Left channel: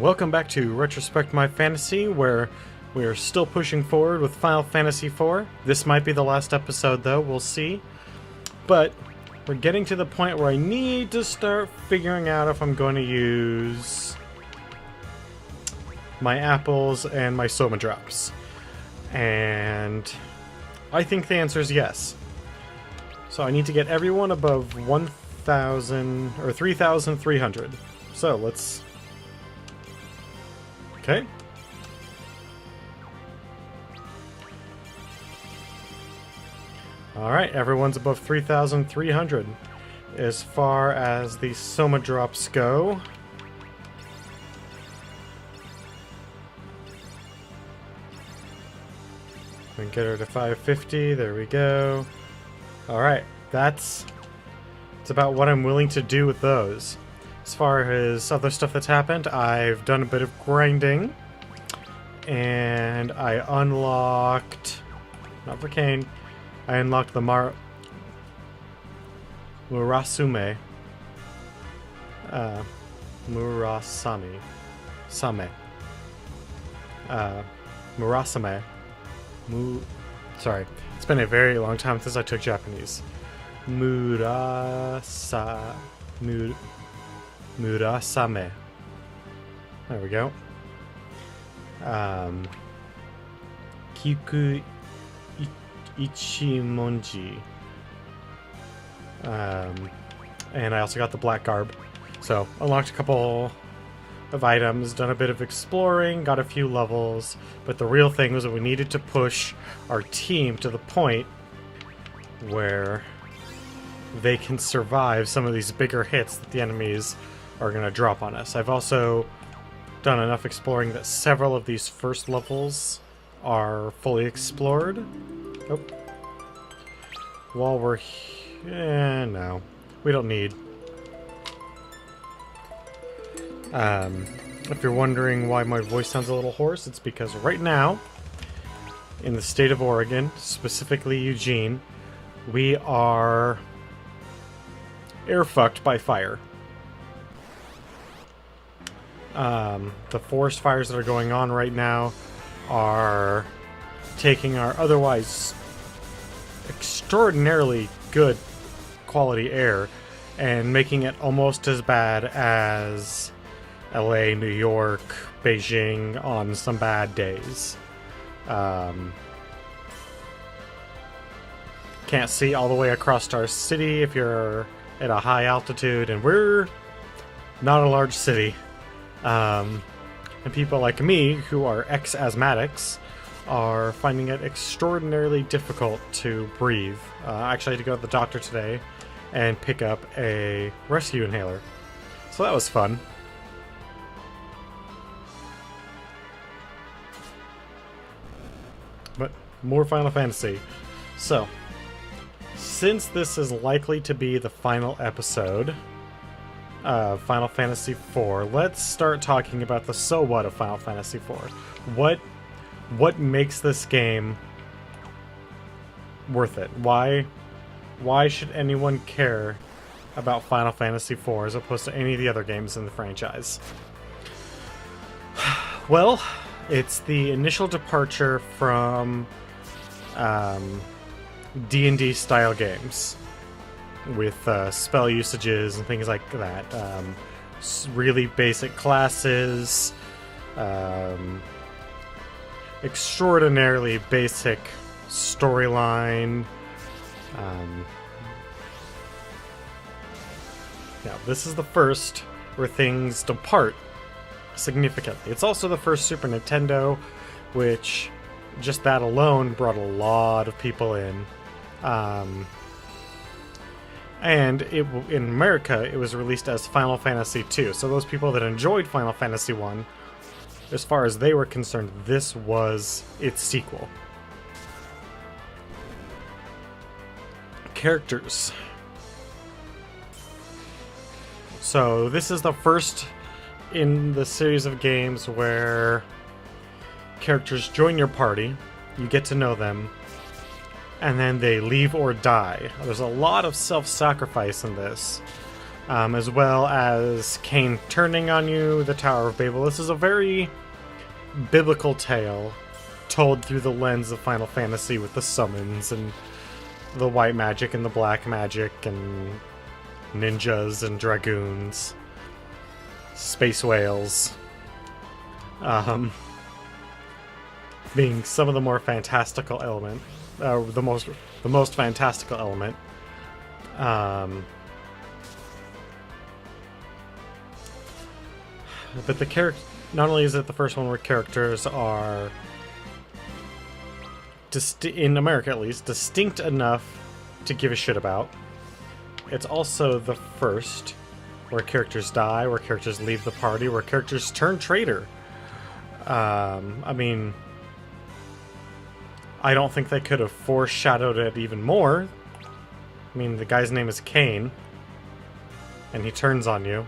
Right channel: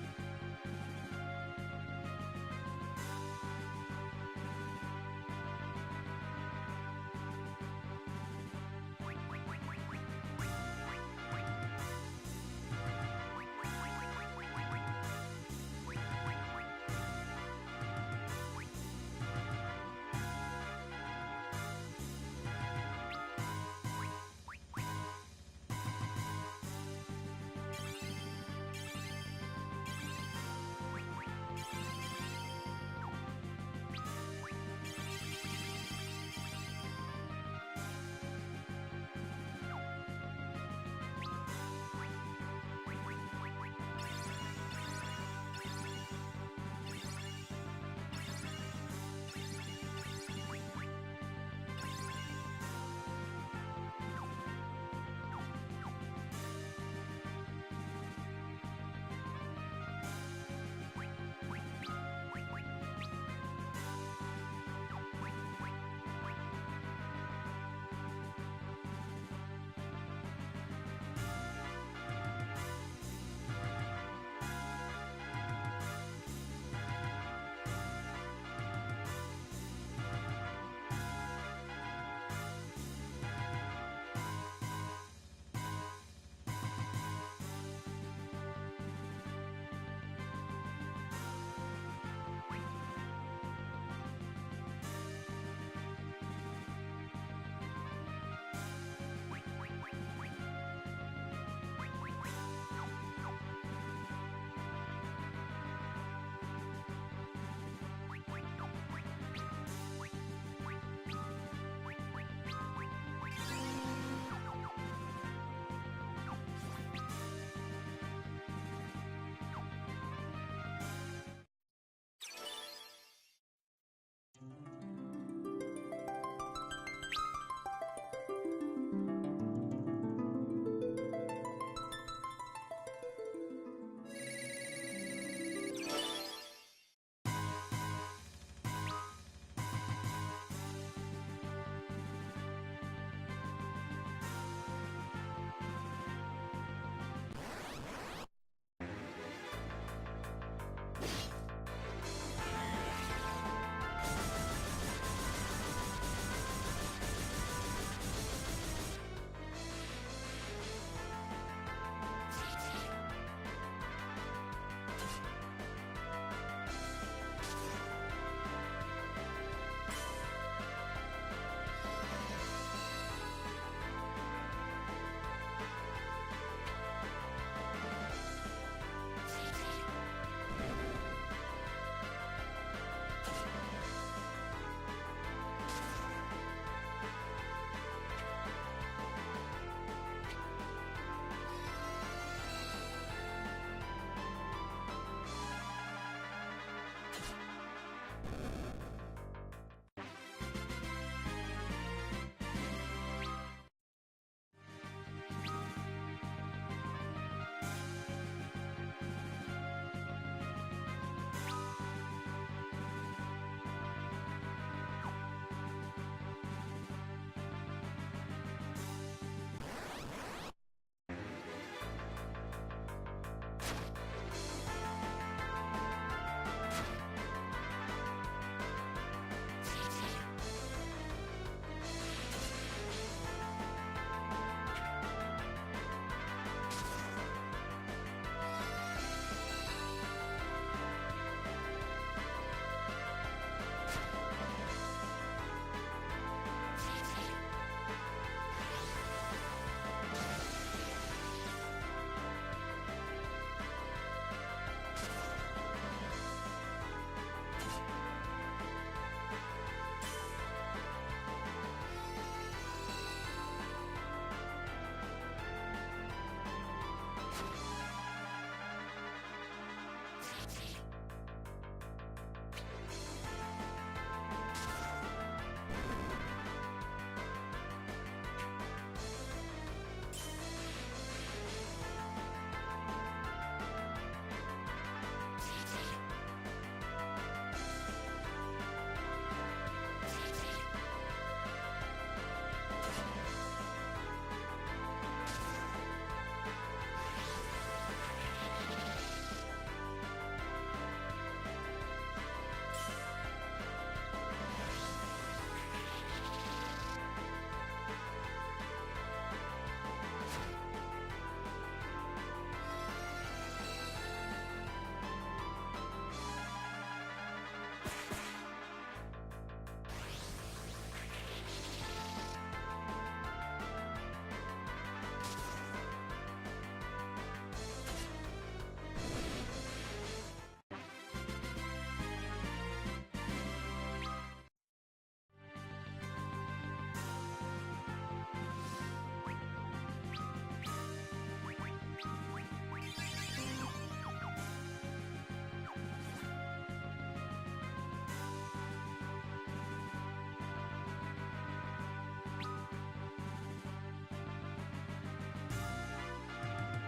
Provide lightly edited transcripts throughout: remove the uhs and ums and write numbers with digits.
Welcome back to Retrospect My Fantasy, where we are still pushing forward with Final Fantasy IV. This might be the last episode, though, we'll see. But we're getting to the point where I need to start figuring out if I'm going to use my apples and my Soma drops. And I think the answer is yes. So I need to get everyone above 1,000 or 3,300. So let's... Okay. Alright, everyone's above 3,300. As far as the Soma drops go, and get her to 550, there we go. Alright, that's about what I'm willing to do with those. As far as other stuff that's happened, I've done a bit of grinding, and I unlocked, not for Kane, I unlocked the Murasame. Murasame. Sorry, it's been a very long time since I took Japanese. Murasame. There we go. Kiku Ichimonji. And I also got the black garb. So, unlocked a couple of items, done a bit of exploring, got a few levels, but the real thing was that we needed to push our team to the point where they can survive some of these bigger hits that the enemies are going to drop on us. I've also done enough exploring that several of these first levels are fully explored. Oh. While we're here... no. We don't need... if you're wondering why my voice sounds a little hoarse, it's because right now, in the state of Oregon, specifically Eugene, we are air-fucked by fire. The forest fires that are going on right now are taking our otherwise extraordinarily good quality air and making it almost as bad as LA, New York, Beijing on some bad days. Can't see all the way across our city if you're at a high altitude, and we're not a large city. And people like me, who are ex-asthmatics, are finding it extraordinarily difficult to breathe. I actually had to go to the doctor today and pick up a rescue inhaler. So that was fun. But more Final Fantasy. So, since this is likely to be the final episode of Final Fantasy IV, let's start talking about the so what of Final Fantasy IV. What makes this game worth it? Why should anyone care about Final Fantasy IV as opposed to any of the other games in the franchise? Well, it's the initial departure from D&D style games with spell usages and things like that. Really basic classes, extraordinarily basic storyline. Now, this is the first where things depart significantly. It's also the first Super Nintendo, which just that alone brought a lot of people in. And in America, it was released as Final Fantasy II. So those people that enjoyed Final Fantasy I, as far as they were concerned, this was its sequel. Characters. So this is the first in the series of games where characters join your party, you get to know them, and then they leave or die. There's a lot of self-sacrifice in this, as well as Cain turning on you, the Tower of Babel. This is a very biblical tale told through the lens of Final Fantasy with the summons and the white magic and the black magic and ninjas and dragoons, space whales, being some of the more fantastical element, the most fantastical element. But the character, not only is it the first one where characters are, in America at least, distinct enough to give a shit about, it's also the first where characters die, where characters leave the party, where characters turn traitor. I mean, I don't think they could have foreshadowed it even more. I mean, the guy's name is Cain, and he turns on you.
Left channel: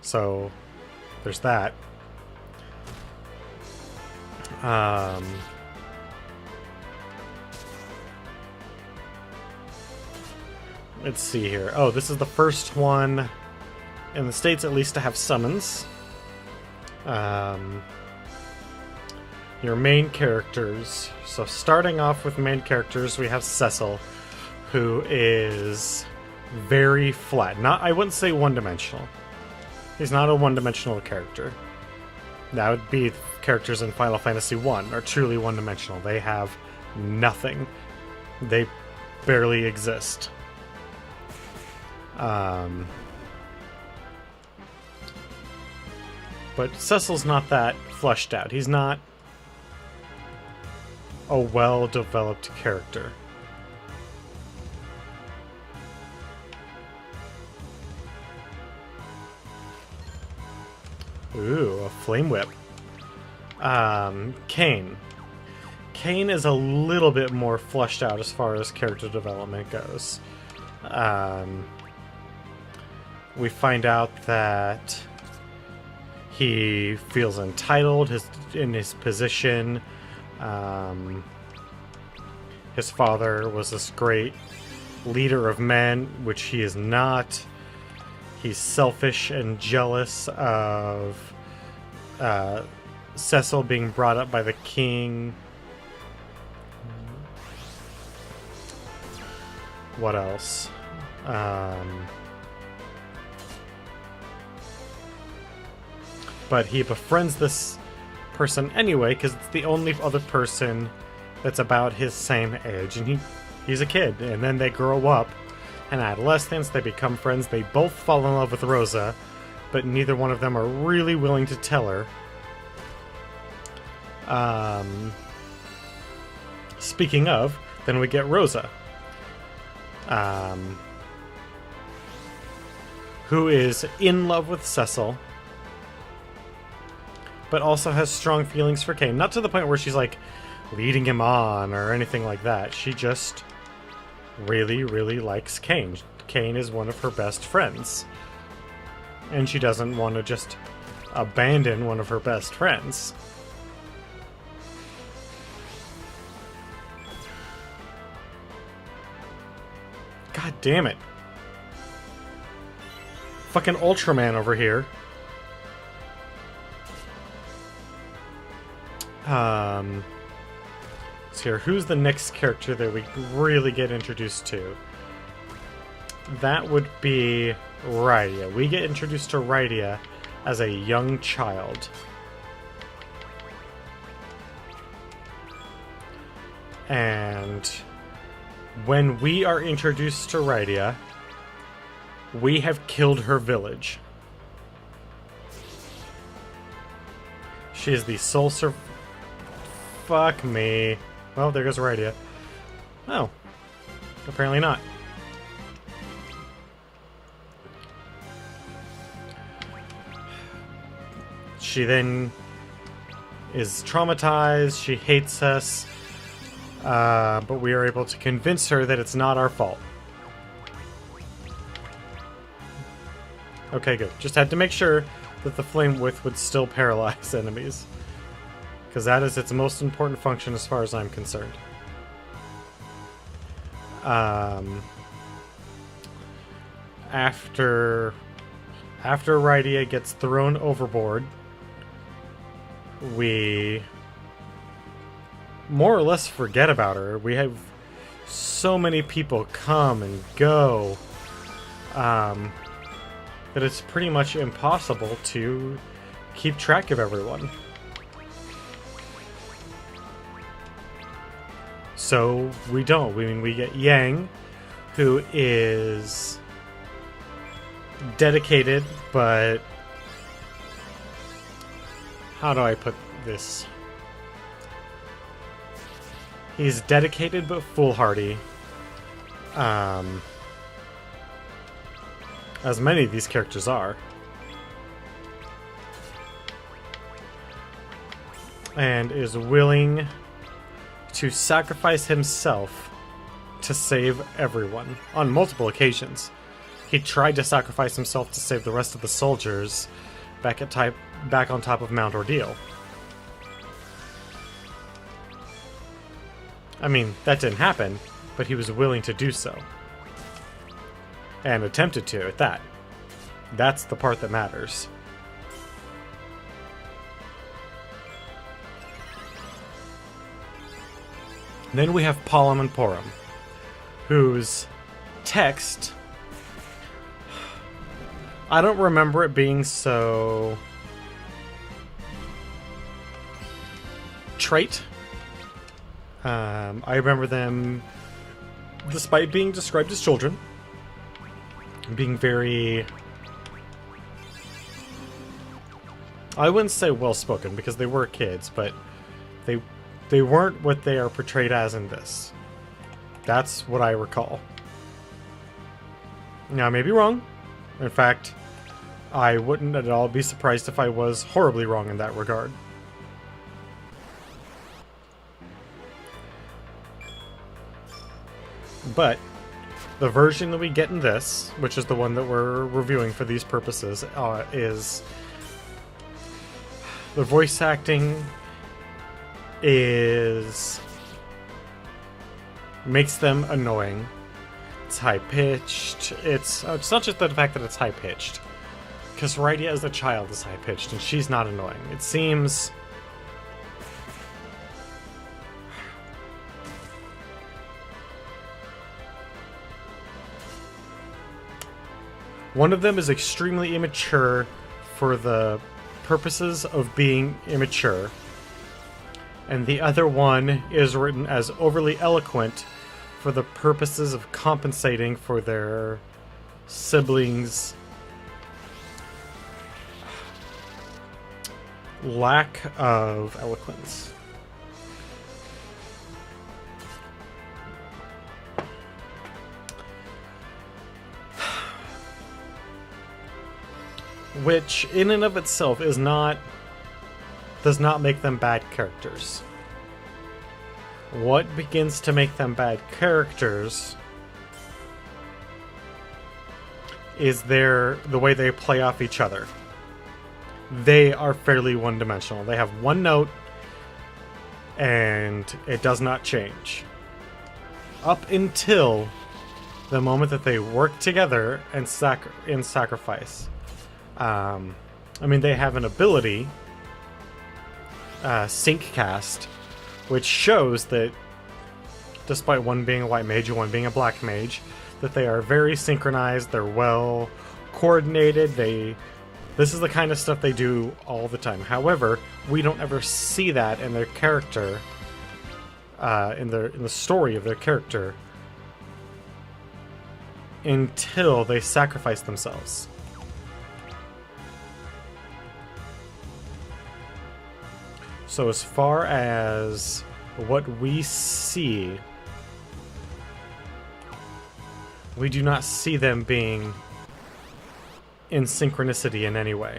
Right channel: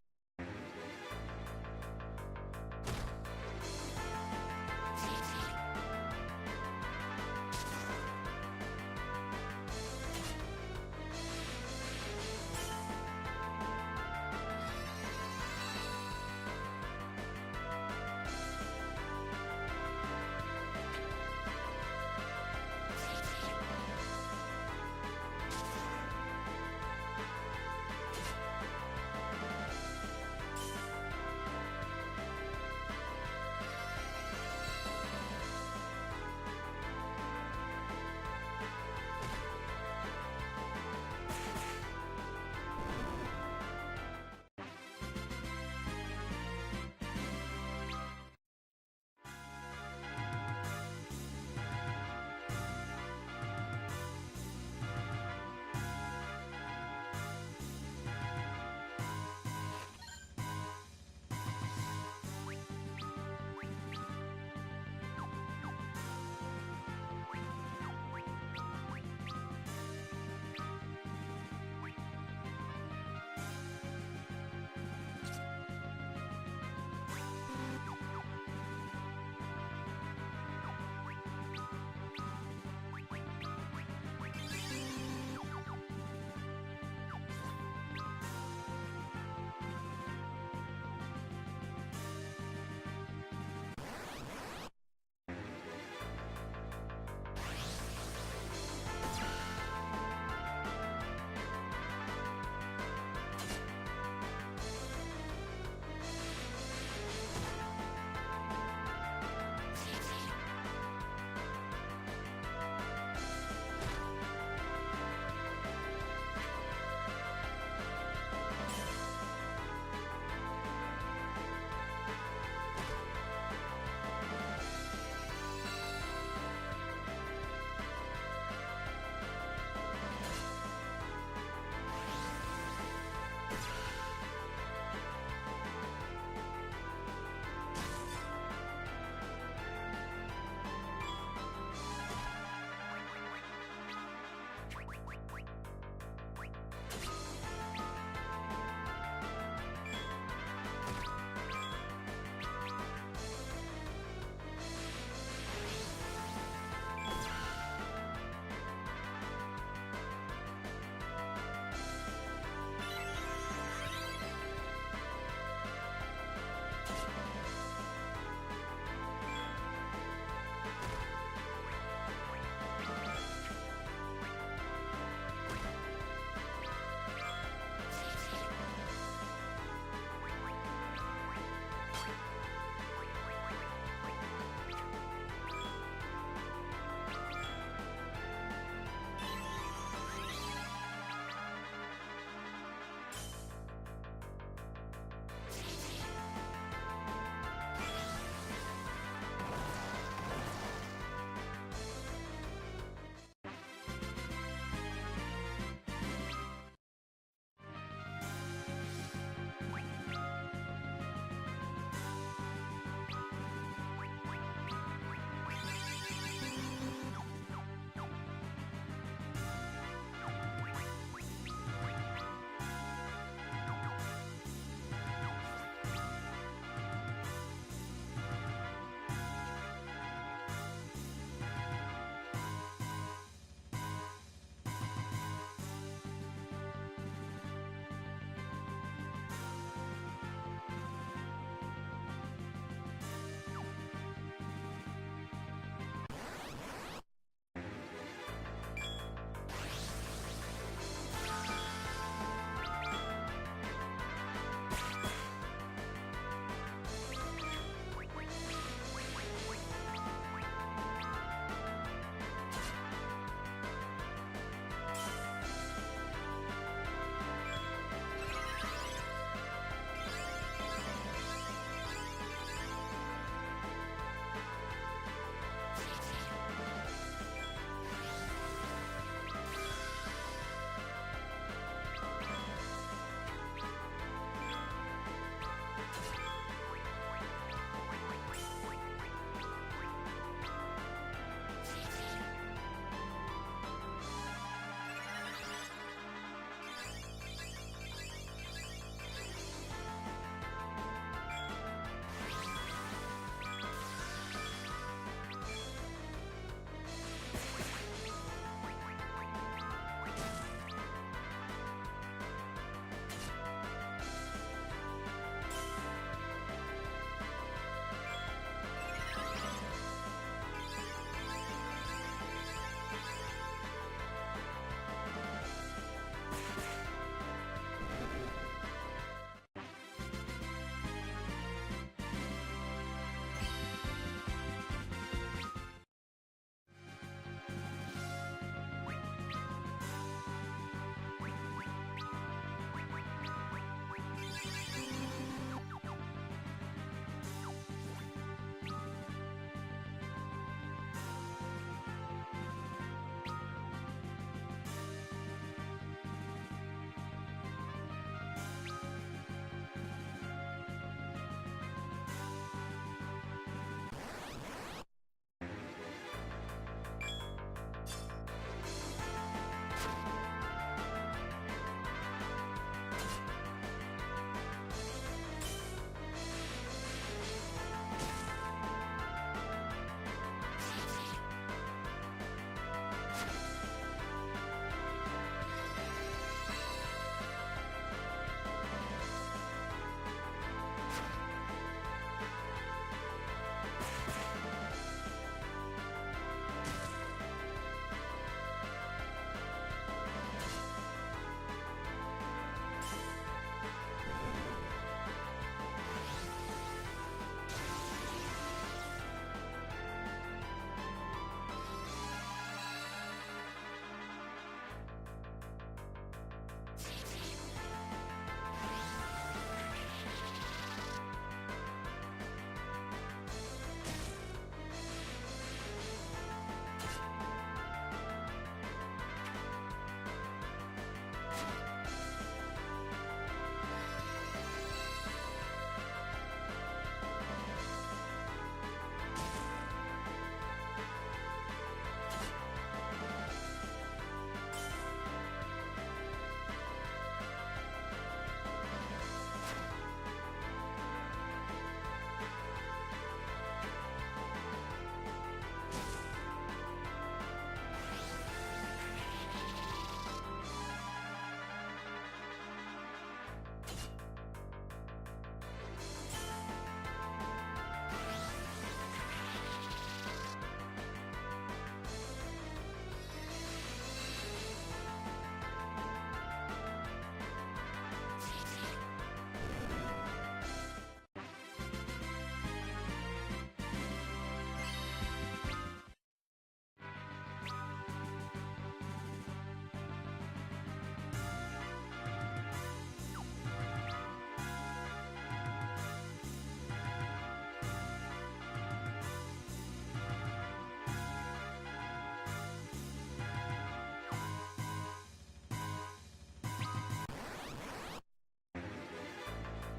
So, there's that. Let's see here. Oh, this is the first one, in the States at least, to have summons. Your main characters. So starting off with main characters, we have Cecil, who is very flat. I wouldn't say one-dimensional. He's not a one-dimensional character. That would be characters in Final Fantasy I are truly one-dimensional. They have nothing. They barely exist. But Cecil's not that fleshed out. He's not a well-developed character. Ooh, a flame whip. Cain. Cain is a little bit more fleshed out as far as character development goes. We find out that he feels entitled in his position. His father was this great leader of men, which he is not. He's selfish and jealous of Cecil being brought up by the king. What else? But he befriends this person anyway, because it's the only other person that's about his same age. And he's a kid, and then they grow up. In adolescence, they become friends. They both fall in love with Rosa, but neither one of them are really willing to tell her. Speaking of, then we get Rosa, who is in love with Cecil, but also has strong feelings for Cain. Not to the point where she's like leading him on or anything like that. She just really, really likes Cain. Cain is one of her best friends. And she doesn't want to just abandon one of her best friends. God damn it. Fucking Ultraman over here. So here, who's the next character that we really get introduced to? That would be Rydia. We get introduced to Rydia as a young child. And when we are introduced to Rydia, we have killed her village. She is the sole survivor. Fuck me. Well, there goes Rydia. Oh. Apparently not. She then is traumatized. She hates us. But we are able to convince her that it's not our fault. Okay, good. Just had to make sure that the flame whip would still paralyze enemies. Because that is its most important function as far as I'm concerned. After Rydia gets thrown overboard, we more or less forget about her. We have so many people come and go that it's pretty much impossible to keep track of everyone. So we don't. I mean, we get Yang, who is dedicated, but how do I put this? He's dedicated but foolhardy. As many of these characters are. And is willing to sacrifice himself to save everyone on multiple occasions. He tried to sacrifice himself to save the rest of the soldiers back on top of Mount Ordeal. I mean, that didn't happen, but he was willing to do so. And attempted to, at that. That's the part that matters. Then we have Palom and Porom, whose text, I don't remember it being so trite. I remember them, despite being described as children, being very, I wouldn't say well-spoken because they were kids, but they weren't what they are portrayed as in this. That's what I recall. Now, I may be wrong. In fact, I wouldn't at all be surprised if I was horribly wrong in that regard. But the version that we get in this, which is the one that we're reviewing for these purposes, is the voice acting makes them annoying. It's high-pitched. It's not just the fact that it's high-pitched, because Rydia as a child is high-pitched, and she's not annoying. It seems one of them is extremely immature for the purposes of being immature, and the other one is written as overly eloquent for the purposes of compensating for their siblings' lack of eloquence. Which, in and of itself, does not make them bad characters. What begins to make them bad characters is the way they play off each other. They are fairly one-dimensional. They have one note, and it does not change. Up until the moment that they work together and in sacrifice. I mean, they have an ability, Sync Cast, which shows that despite one being a white mage and one being a black mage, that they are very synchronized, they're well coordinated, this is the kind of stuff they do all the time. However, we don't ever see that in their character, in the story of their character, until they sacrifice themselves. So as far as what we see, we do not see them being in synchronicity in any way.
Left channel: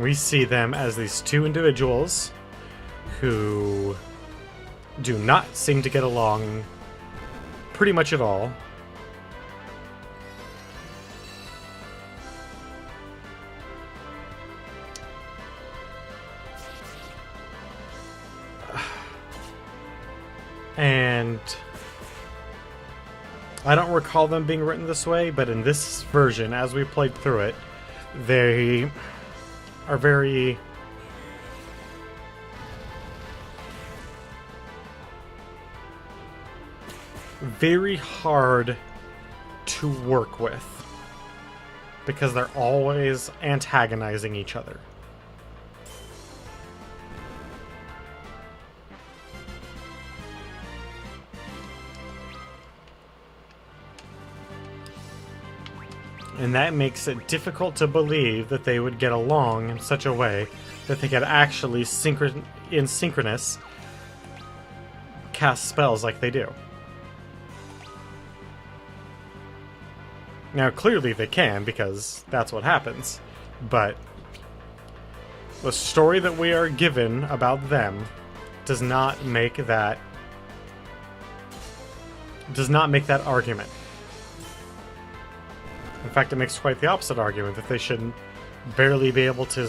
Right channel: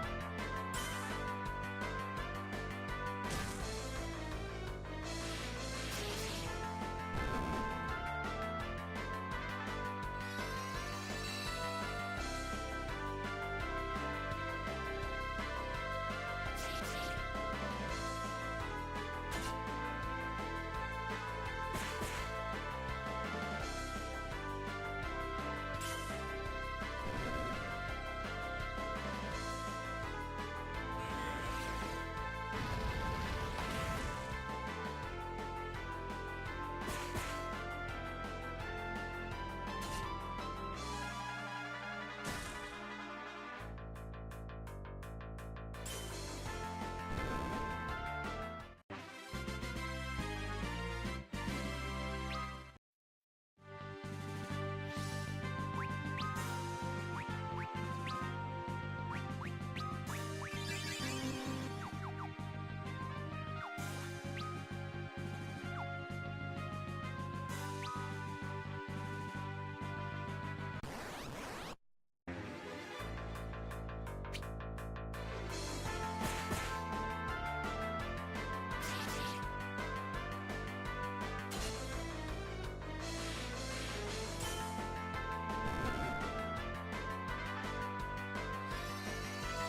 We see them as these two individuals who do not seem to get along pretty much at all. And I don't recall them being written this way, but in this version, as we played through it, they are very hard to work with because they're always antagonizing each other. And that makes it difficult to believe that they would get along in such a way that they could actually in synchronous cast spells like they do. Now, clearly they can, because that's what happens. But the story that we are given about them does not make that argument. In fact, it makes quite the opposite argument, that they should barely be able to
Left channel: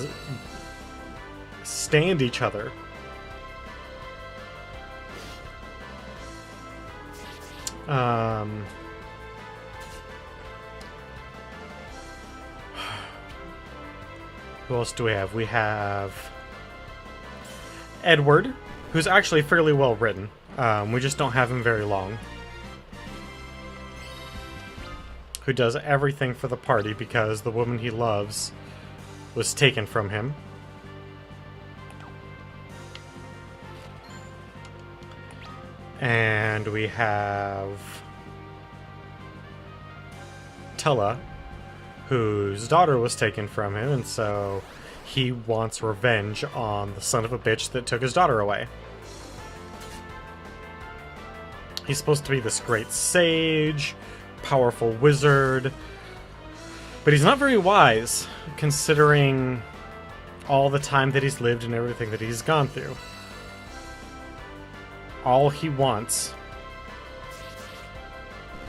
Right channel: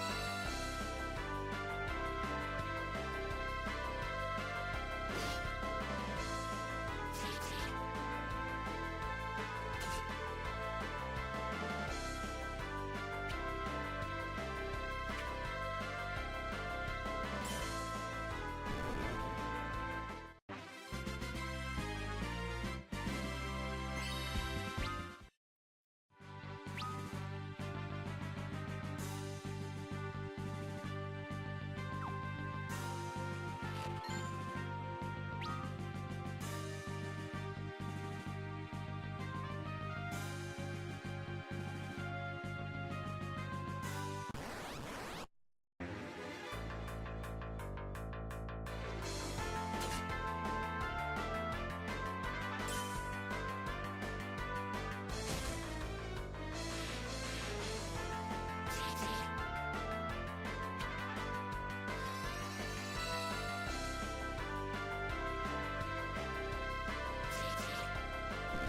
stand each other. Who else do we have? We have Edward, who's actually fairly well written. We just don't have him very long. Who does everything for the party because the woman he loves was taken from him. And we have Tella, whose daughter was taken from him, and so he wants revenge on the son of a bitch that took his daughter away. He's supposed to be this great sage, powerful wizard, but he's not very wise, considering all the time that he's lived and everything that he's gone through. All he wants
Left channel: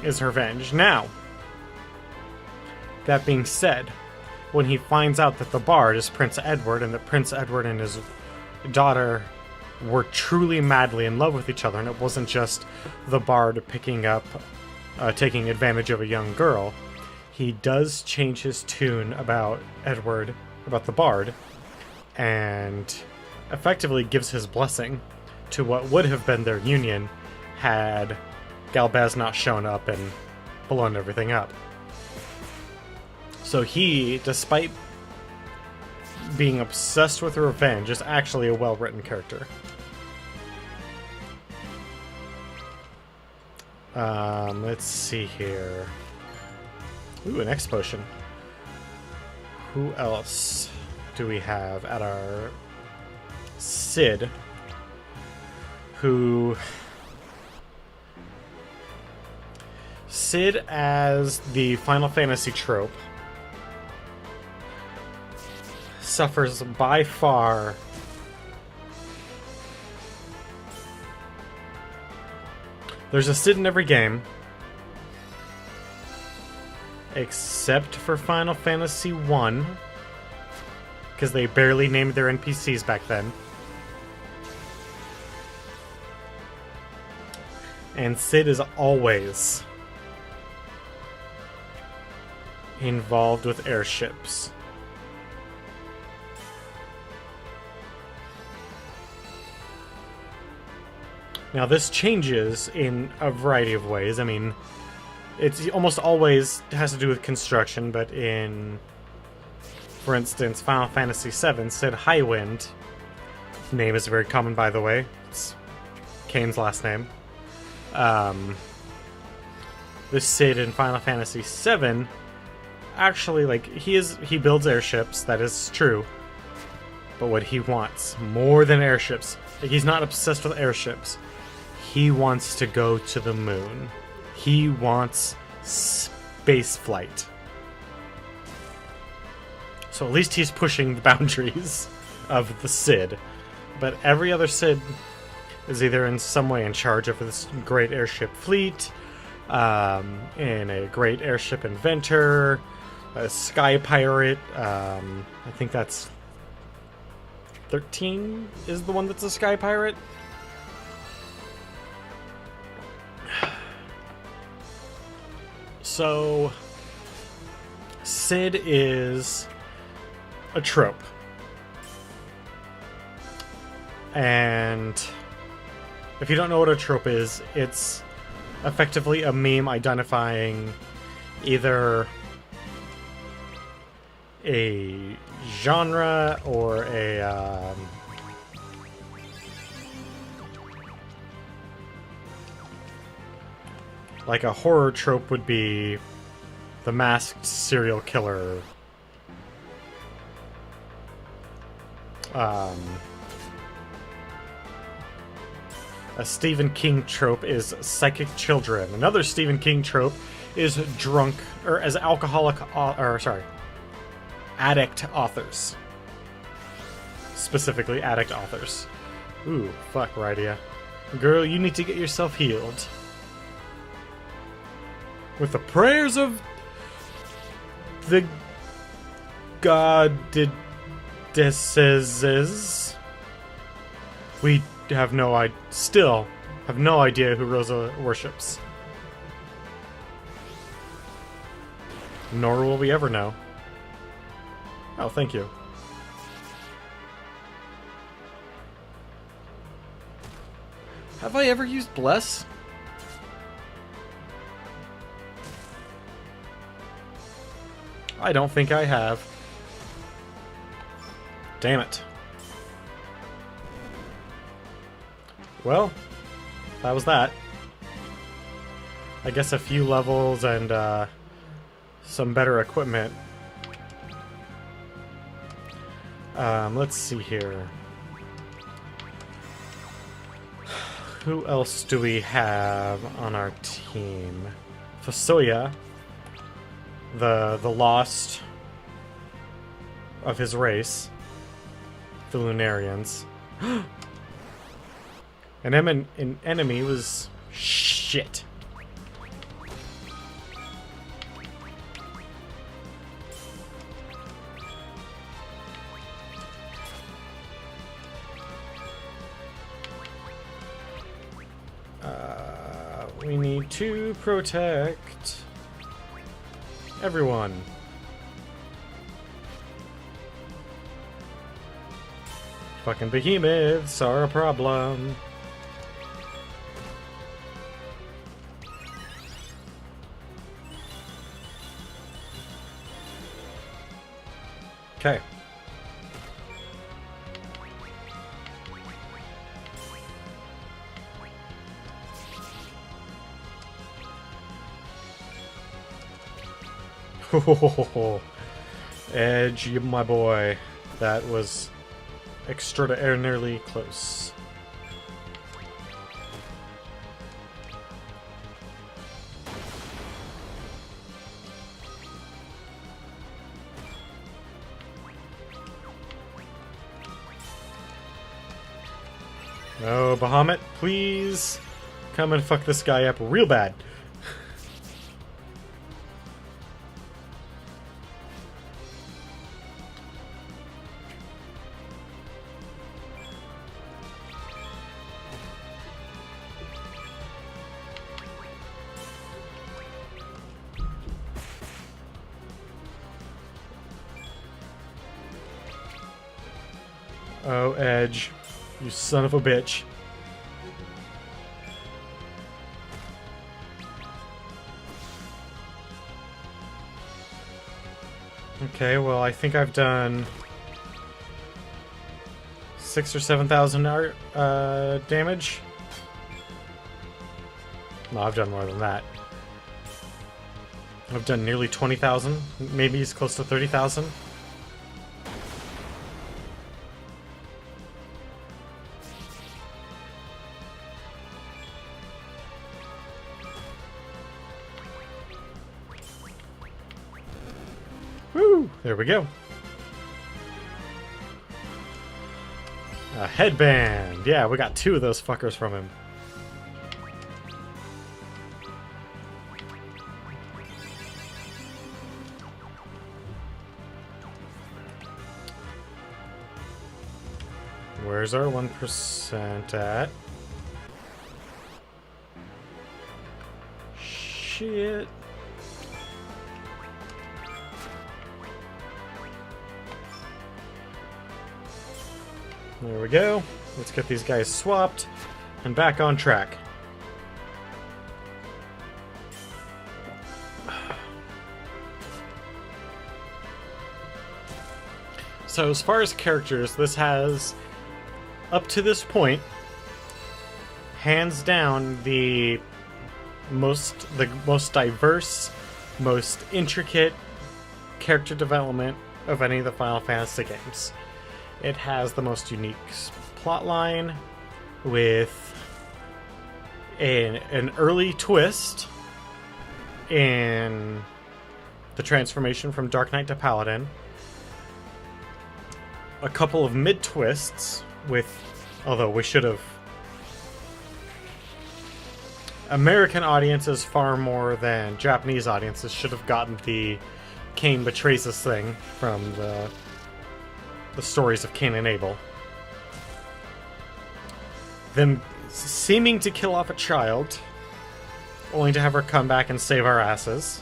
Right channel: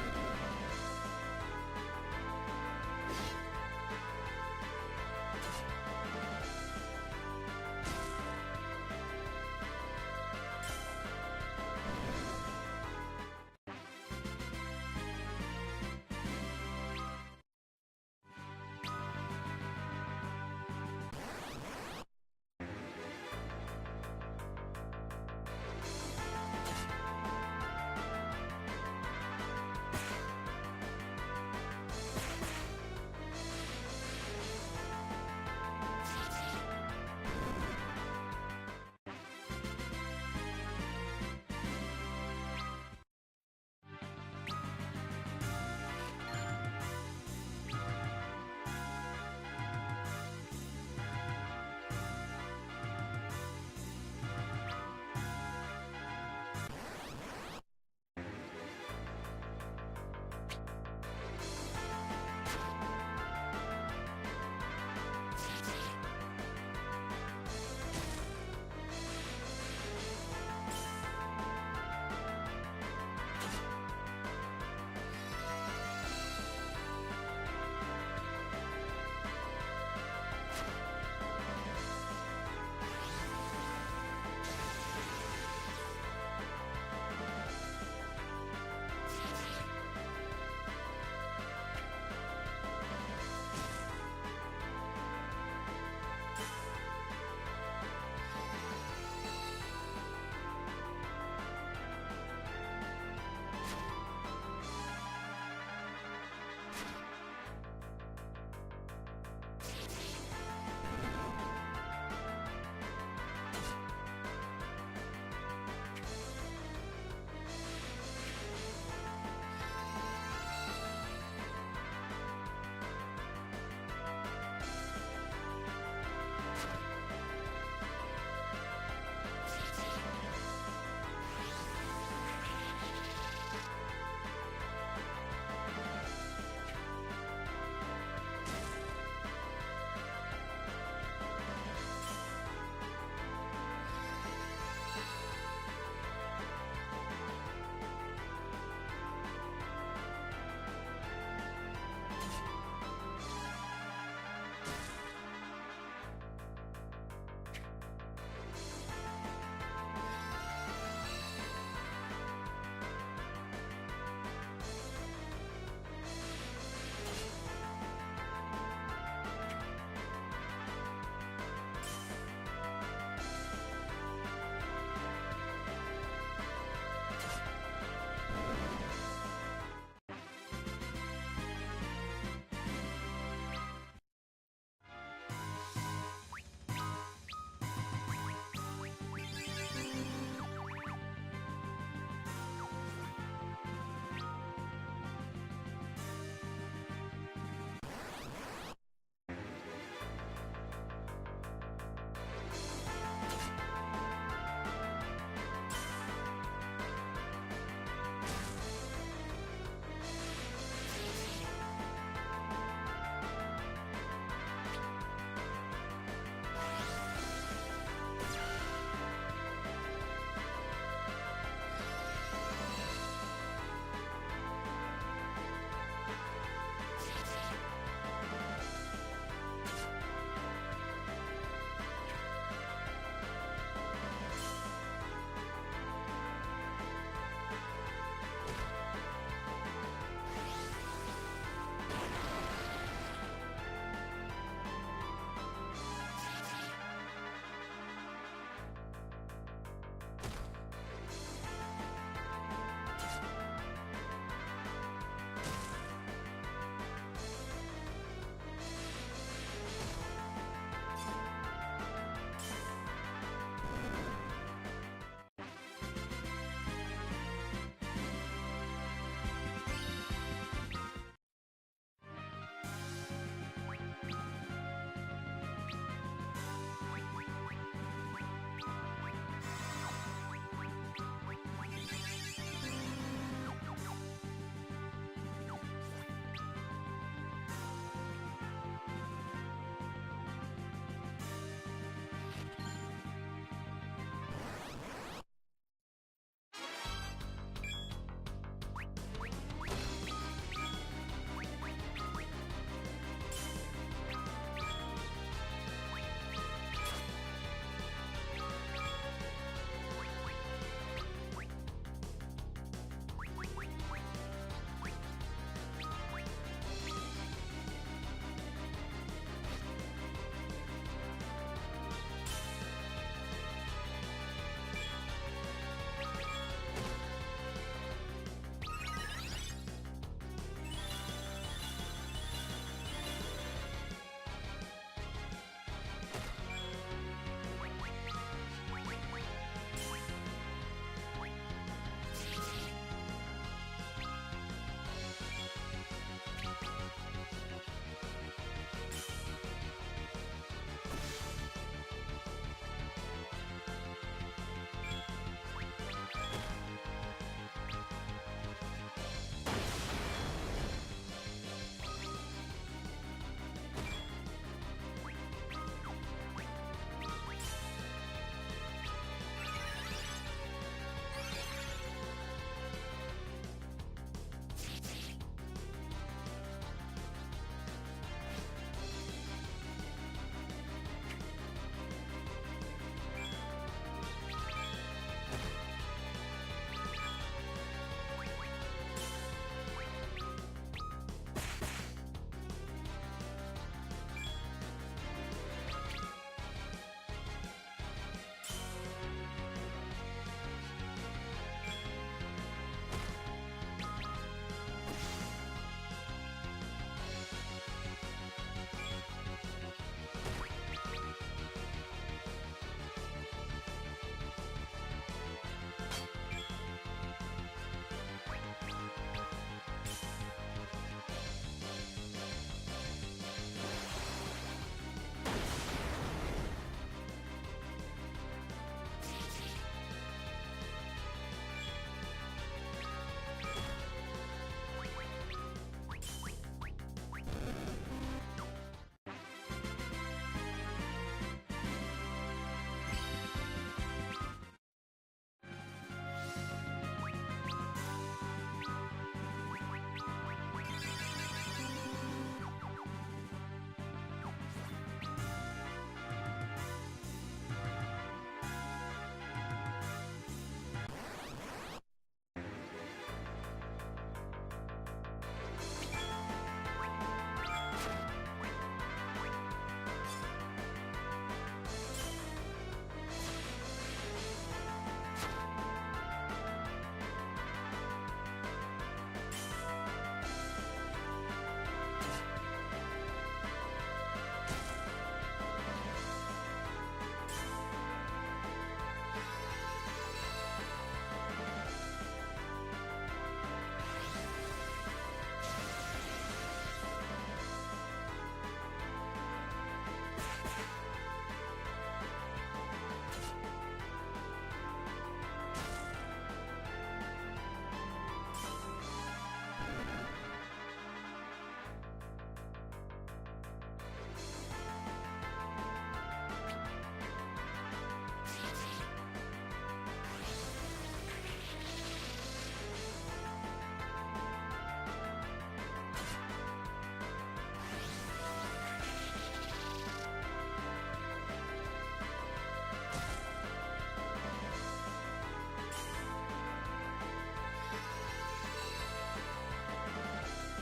is revenge. Now, that being said, when he finds out that the bard is Prince Edward, and that Prince Edward and his daughter were truly madly in love with each other, and it wasn't just the bard taking advantage of a young girl, he does change his tune about the bard, and effectively gives his blessing to what would have been their union had Galbaz not shown up and blown everything up. So he, despite being obsessed with revenge, is actually a well-written character. Let's see here. Ooh, an X potion. Who else do we have at our... Sid, who... Sid as the Final Fantasy trope suffers by far there's a Sid in every game except for Final Fantasy 1, because they barely named their NPCs back then. And Sid is always involved with airships. Now, this changes in a variety of ways. I mean, it's almost always has to do with construction, but in, for instance, Final Fantasy VII, Sid Highwind, name is very common, by the way. It's Kane's last name. This Sid in Final Fantasy VII, actually, like, he builds airships, that is true. But what he wants, more than airships, like, he's not obsessed with airships. He wants to go to the moon. He wants space flight. So at least he's pushing the boundaries of the Sid. But every other Sid is either in some way in charge of this great airship fleet, in a great airship inventor, a sky pirate. I think that's 13 is the one that's a sky pirate. So, Sid is a trope. And if you don't know what a trope is, it's effectively a meme identifying either a genre or a like a horror trope would be the masked serial killer. A Stephen King trope is psychic children. Another Stephen King trope is drunk or as alcoholic addict authors. Specifically addict authors. Ooh, fuck, Rydia. Girl, you need to get yourself healed. With the prayers of the goddesses. We have still have no idea who Rosa worships. Nor will we ever know. Oh, thank you. Have I ever used Bless? I don't think I have. Damn it. Well, that was that. I guess a few levels and some better equipment. Let's see here. Who else do we have on our team? Fasoya, the lost of his race, the Lunarians. An enemy was shit. We need to protect everyone. Fucking behemoths are a problem. Okay. Edge, you my boy. That was extraordinarily close. No, Bahamut, please come and fuck this guy up real bad. Oh, Edge. You son of a bitch. Okay, well, I think I've done 6,000 or 7,000 damage. No, I've done more than that. I've done nearly 20,000. Maybe it's close to 30,000. Woo! There we go. A headband. Yeah, we got 2 of those fuckers from him. Where's our 1% at? Shit. There we go. Let's get these guys swapped and back on track. So as far as characters, this has, up to this point, hands down the most diverse, most intricate character development of any of the Final Fantasy games. It has the most unique plotline with an early twist in the transformation from Dark Knight to Paladin, a couple of mid-twists with, although we should have, American audiences far more than Japanese audiences should have gotten the Cain betrays us thing from the stories of Cain and Abel. Them seeming to kill off a child, only to have her come back and save our asses.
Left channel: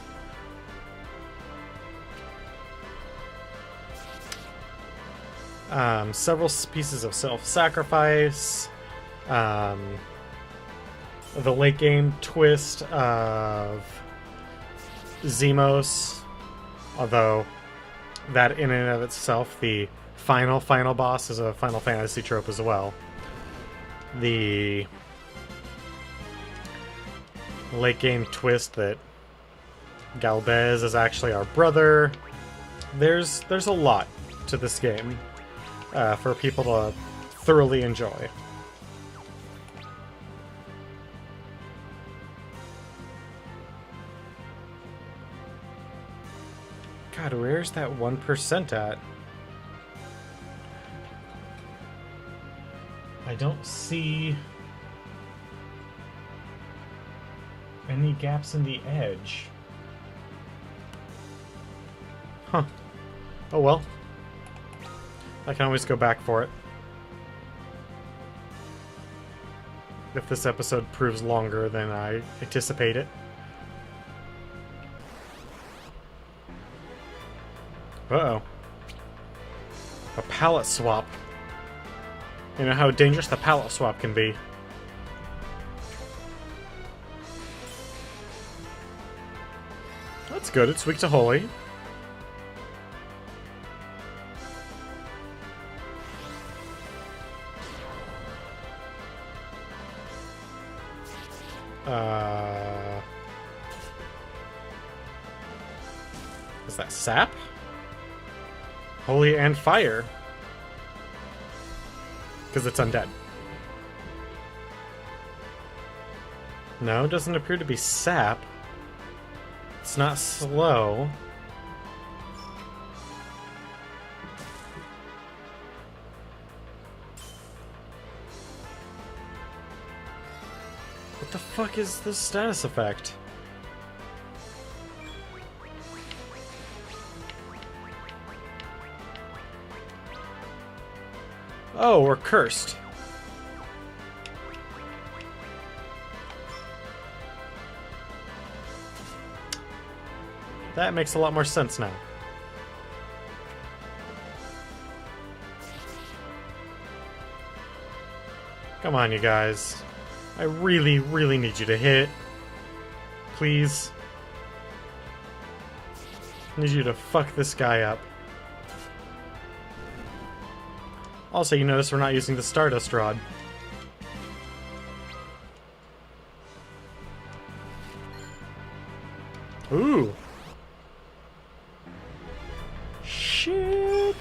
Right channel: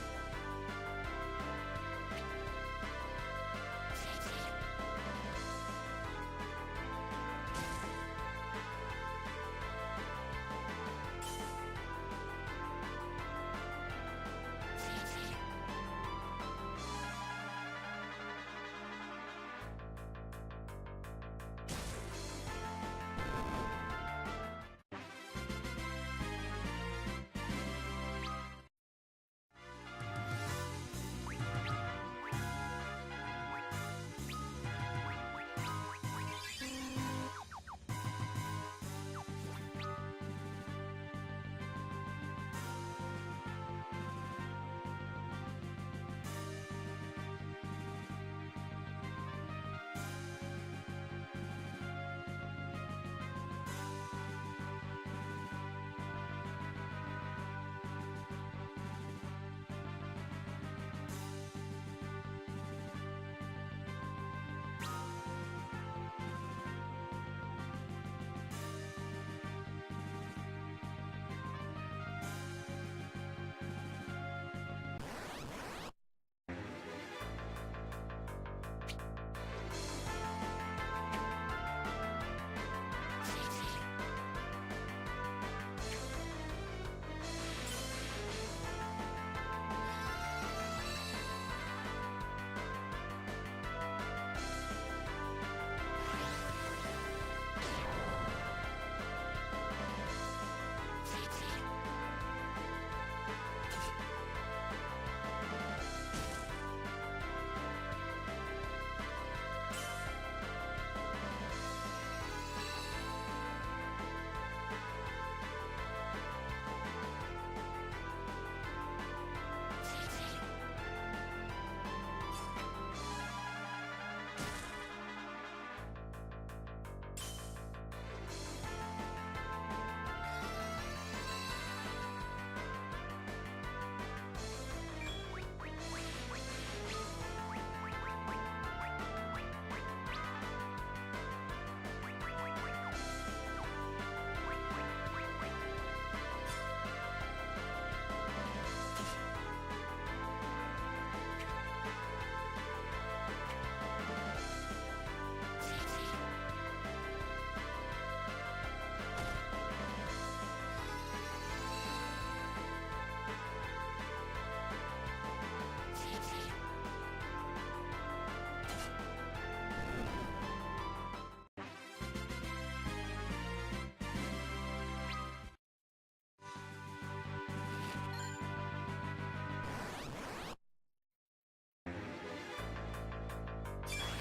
Several pieces of self-sacrifice. The late game twist of Zemos, although that in and of itself, the final boss is a Final Fantasy trope as well. The late game twist that Galvez is actually our brother. There's a lot to this game for people to thoroughly enjoy. God, where's that 1% at? I don't see any gaps in the edge. Huh. Oh well. I can always go back for it. If this episode proves longer than I anticipate it. Uh-oh. A palette swap. You know how dangerous the palette swap can be. That's good, it's weak to holy. Is that sap? Holy and fire. Because it's undead. No, it doesn't appear to be sap. It's not slow. What the fuck is the status effect? Oh, we're cursed. That makes a lot more sense now. Come on, you guys. I really, really need you to hit. Please. I need you to fuck this guy up. Also, you notice we're not using the Stardust Rod. Ooh. Shit.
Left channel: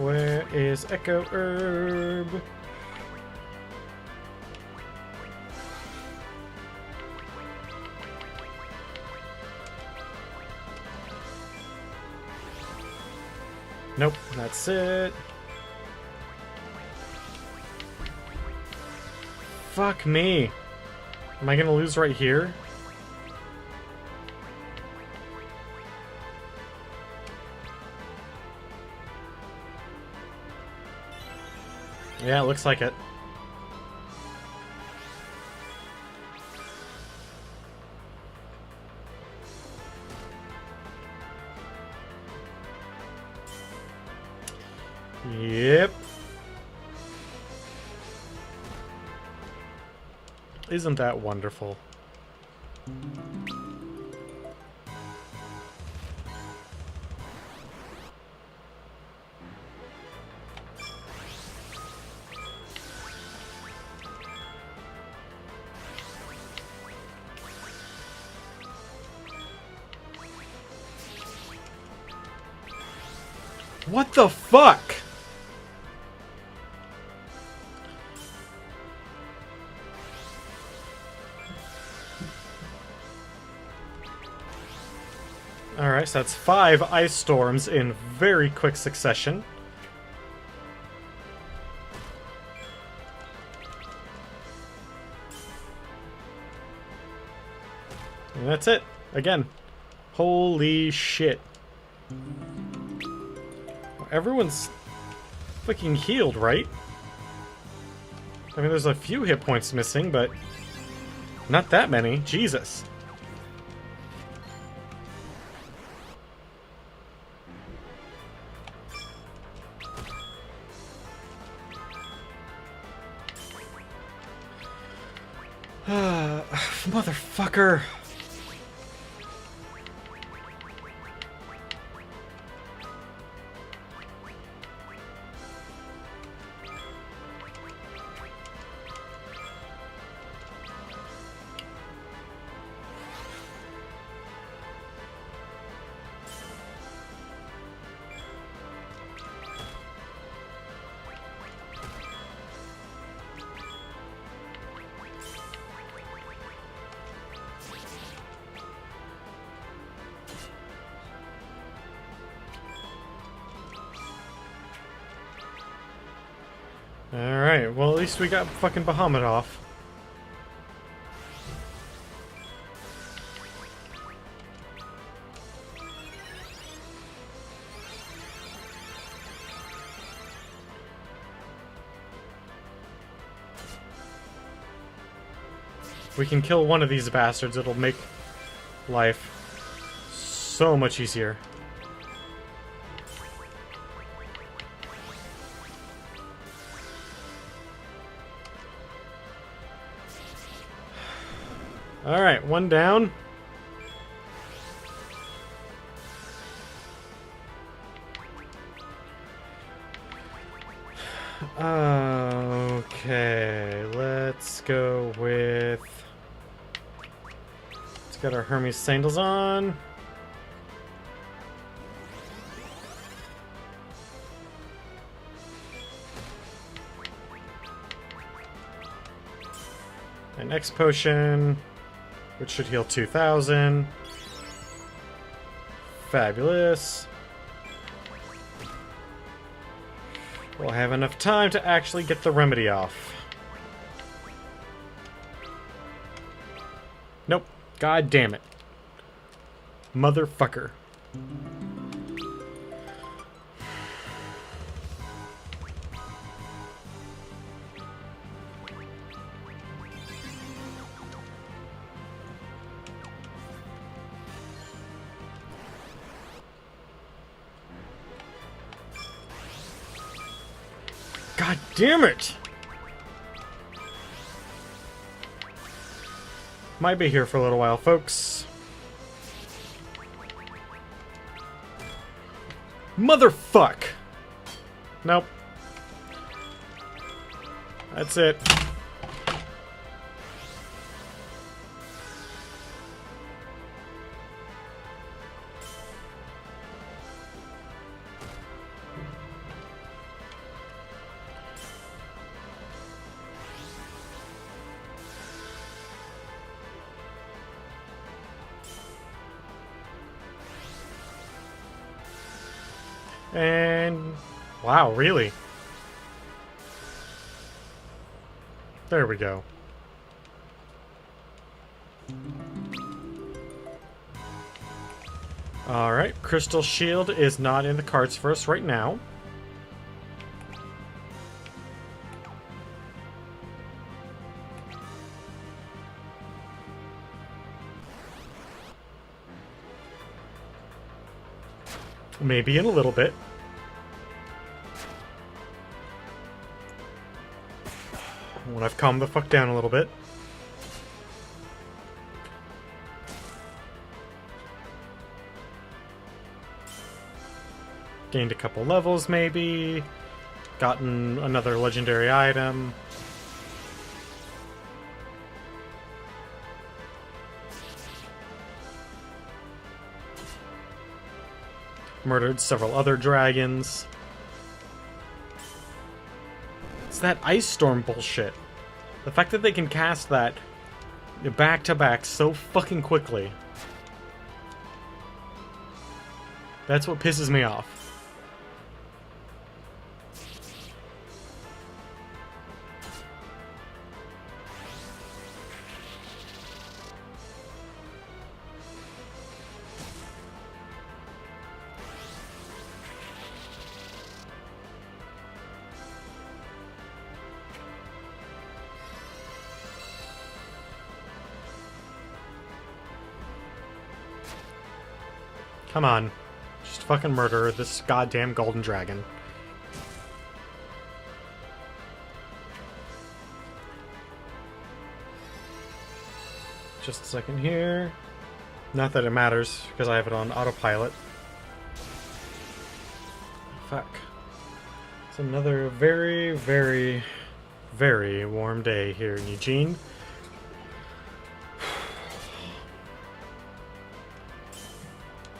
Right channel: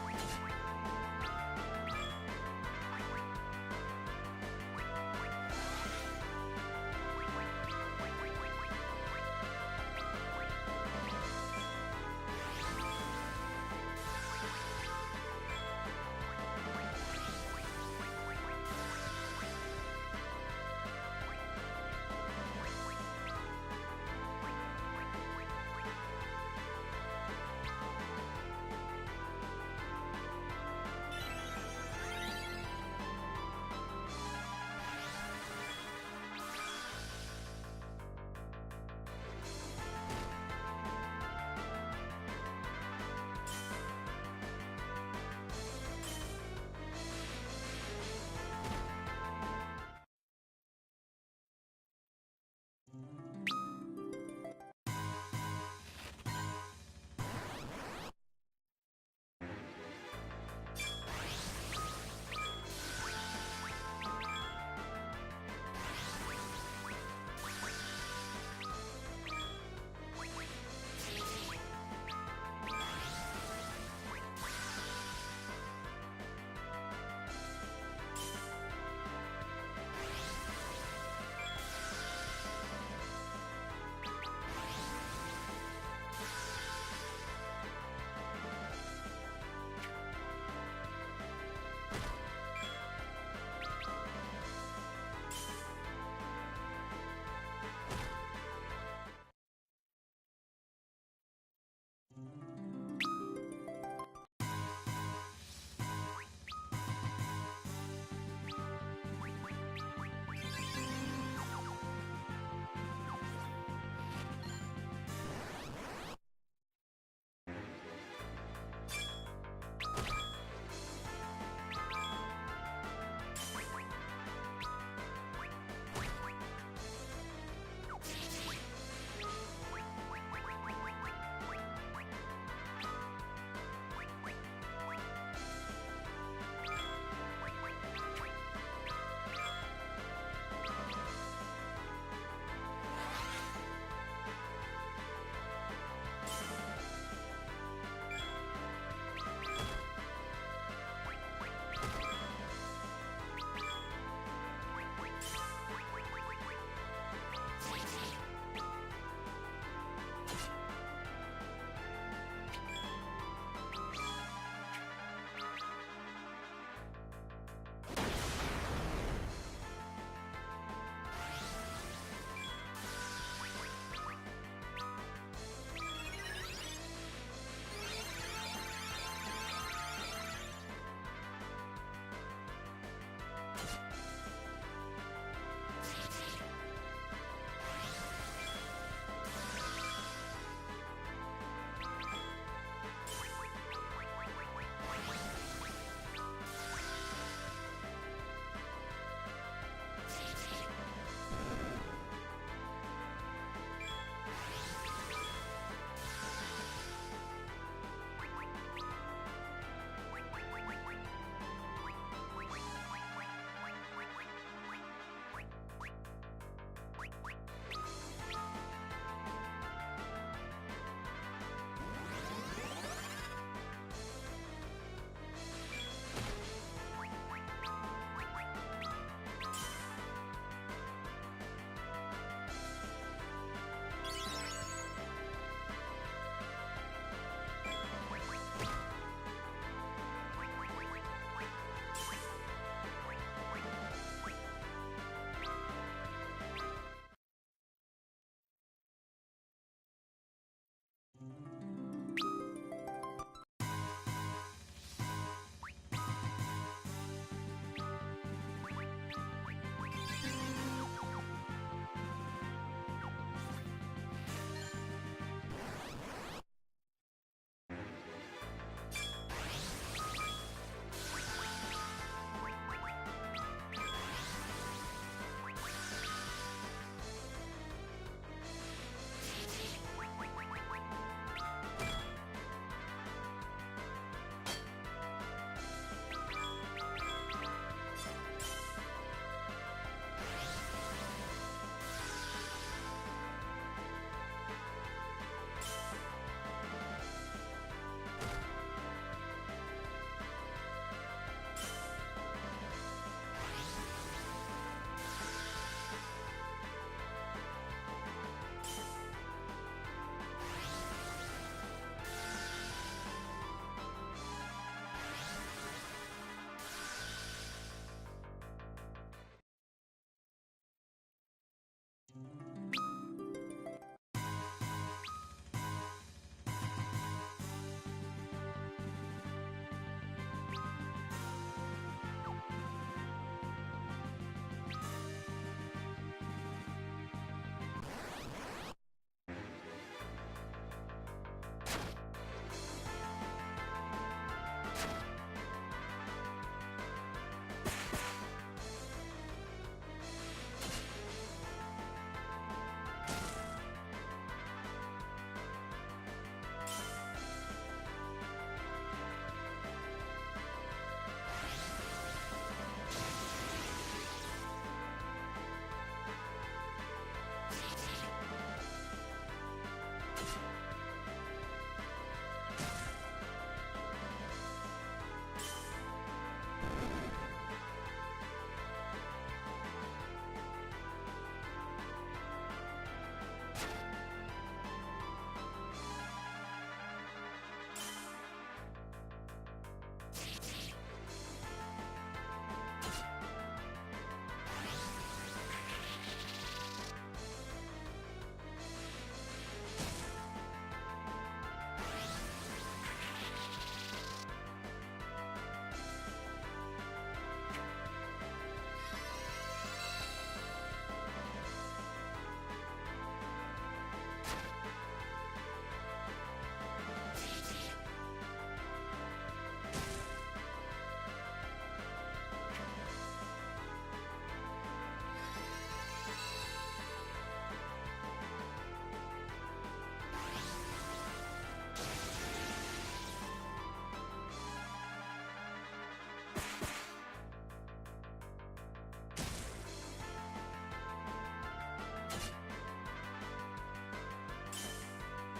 Where is Echo Herb? Nope, that's it. Fuck me. Am I gonna lose right here? Yeah, it looks like it. Yep. Isn't that wonderful? What the fuck? Alright, so that's 5 ice storms in very quick succession. And that's it. Again. Holy shit. Everyone's fucking healed, right? I mean, there's a few hit points missing, but not that many. Jesus. Motherfucker. Alright, well at least we got fucking Bahamut off. If we can kill one of these bastards, it'll make life so much easier. Alright, one down. Okay, let's go with... Let's get our Hermes sandals on. An X potion, which should heal 2,000. Fabulous. We'll have enough time to actually get the remedy off. Nope. God damn it. Motherfucker. God damn it! Might be here for a little while, folks. Motherfuck! Nope. That's it. And... wow, really? There we go. Alright, Crystal Shield is not in the cards for us right now. Maybe in a little bit. when I've calmed the fuck down a little bit. Gained a couple levels, maybe. Gotten another legendary item. Murdered several other dragons. It's that ice storm bullshit. The fact that they can cast that back to back so fucking quickly. That's what pisses me off. Come on. Just fucking murder this goddamn golden dragon. Just a second here. Not that it matters, because I have it on autopilot. Fuck. It's another very, very, very warm day here in Eugene.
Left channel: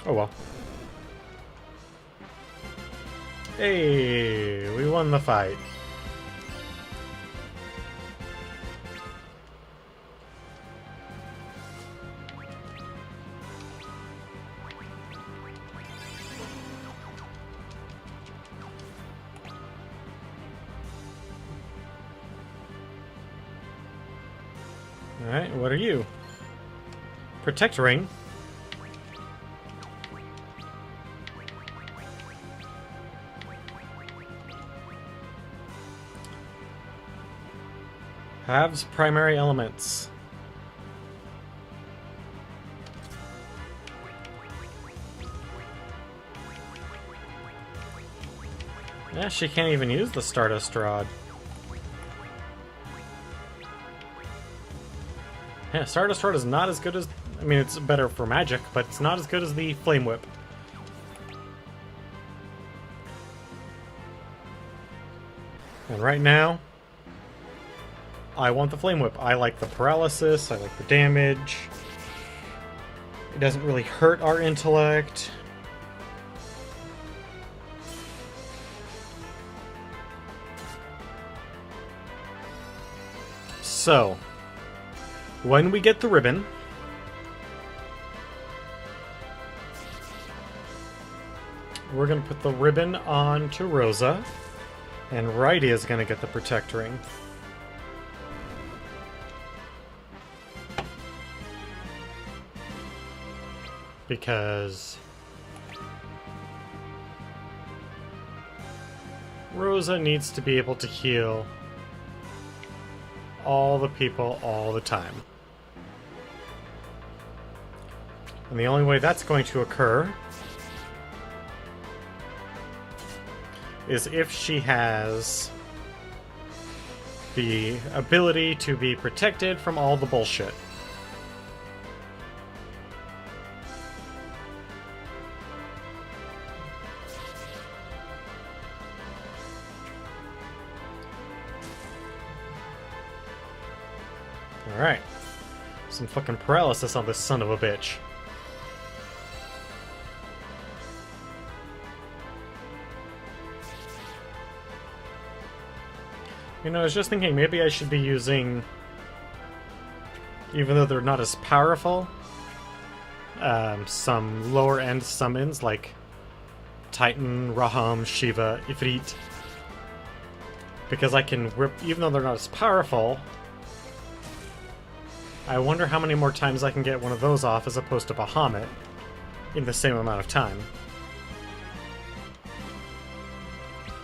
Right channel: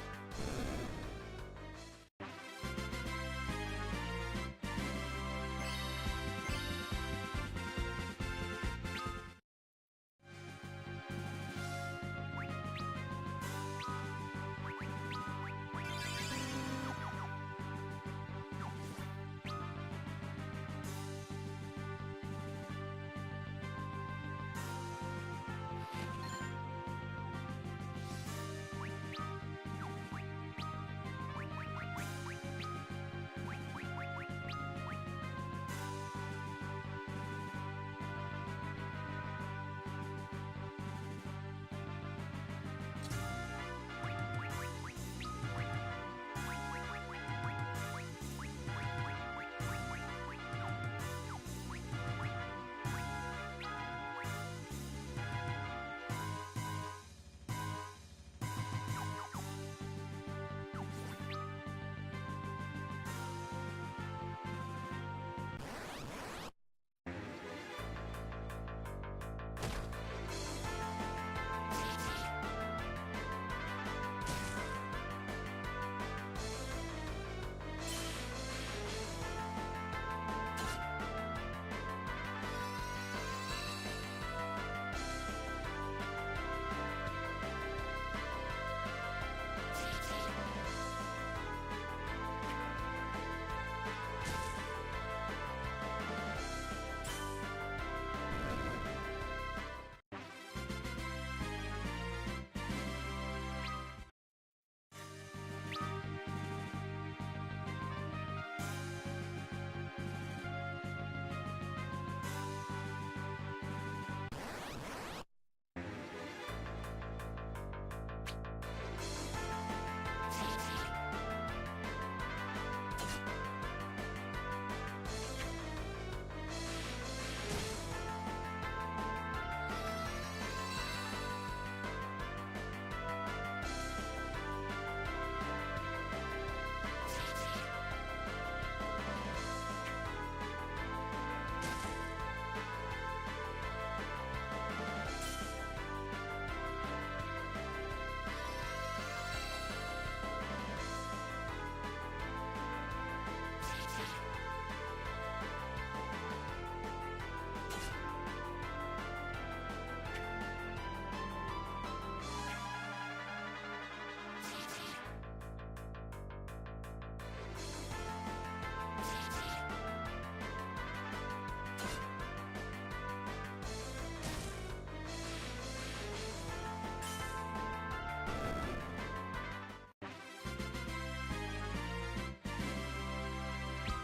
Oh well. Hey, we won the fight. Alright, what are you? Protect ring. Halves primary elements. Yeah, she can't even use the Stardust Rod. Yeah, Stardust Rod is not as good as... I mean, it's better for magic, but it's not as good as the Flame Whip. And right now, I want the Flame Whip. I like the paralysis, I like the damage. It doesn't really hurt our intellect. So, when we get the ribbon, we're going to put the ribbon on to Rosa, and Righty is going to get the Protect Ring. Because Rosa needs to be able to heal all the people all the time. And the only way that's going to occur is if she has the ability to be protected from all the bullshit. Alright. Some fucking paralysis on this son of a bitch. You know, I was just thinking maybe I should be using, even though they're not as powerful, some lower end summons like Titan, Raham, Shiva, Ifrit. Because I can rip, even though they're not as powerful, I wonder how many more times I can get one of those off as opposed to Bahamut in the same amount of time.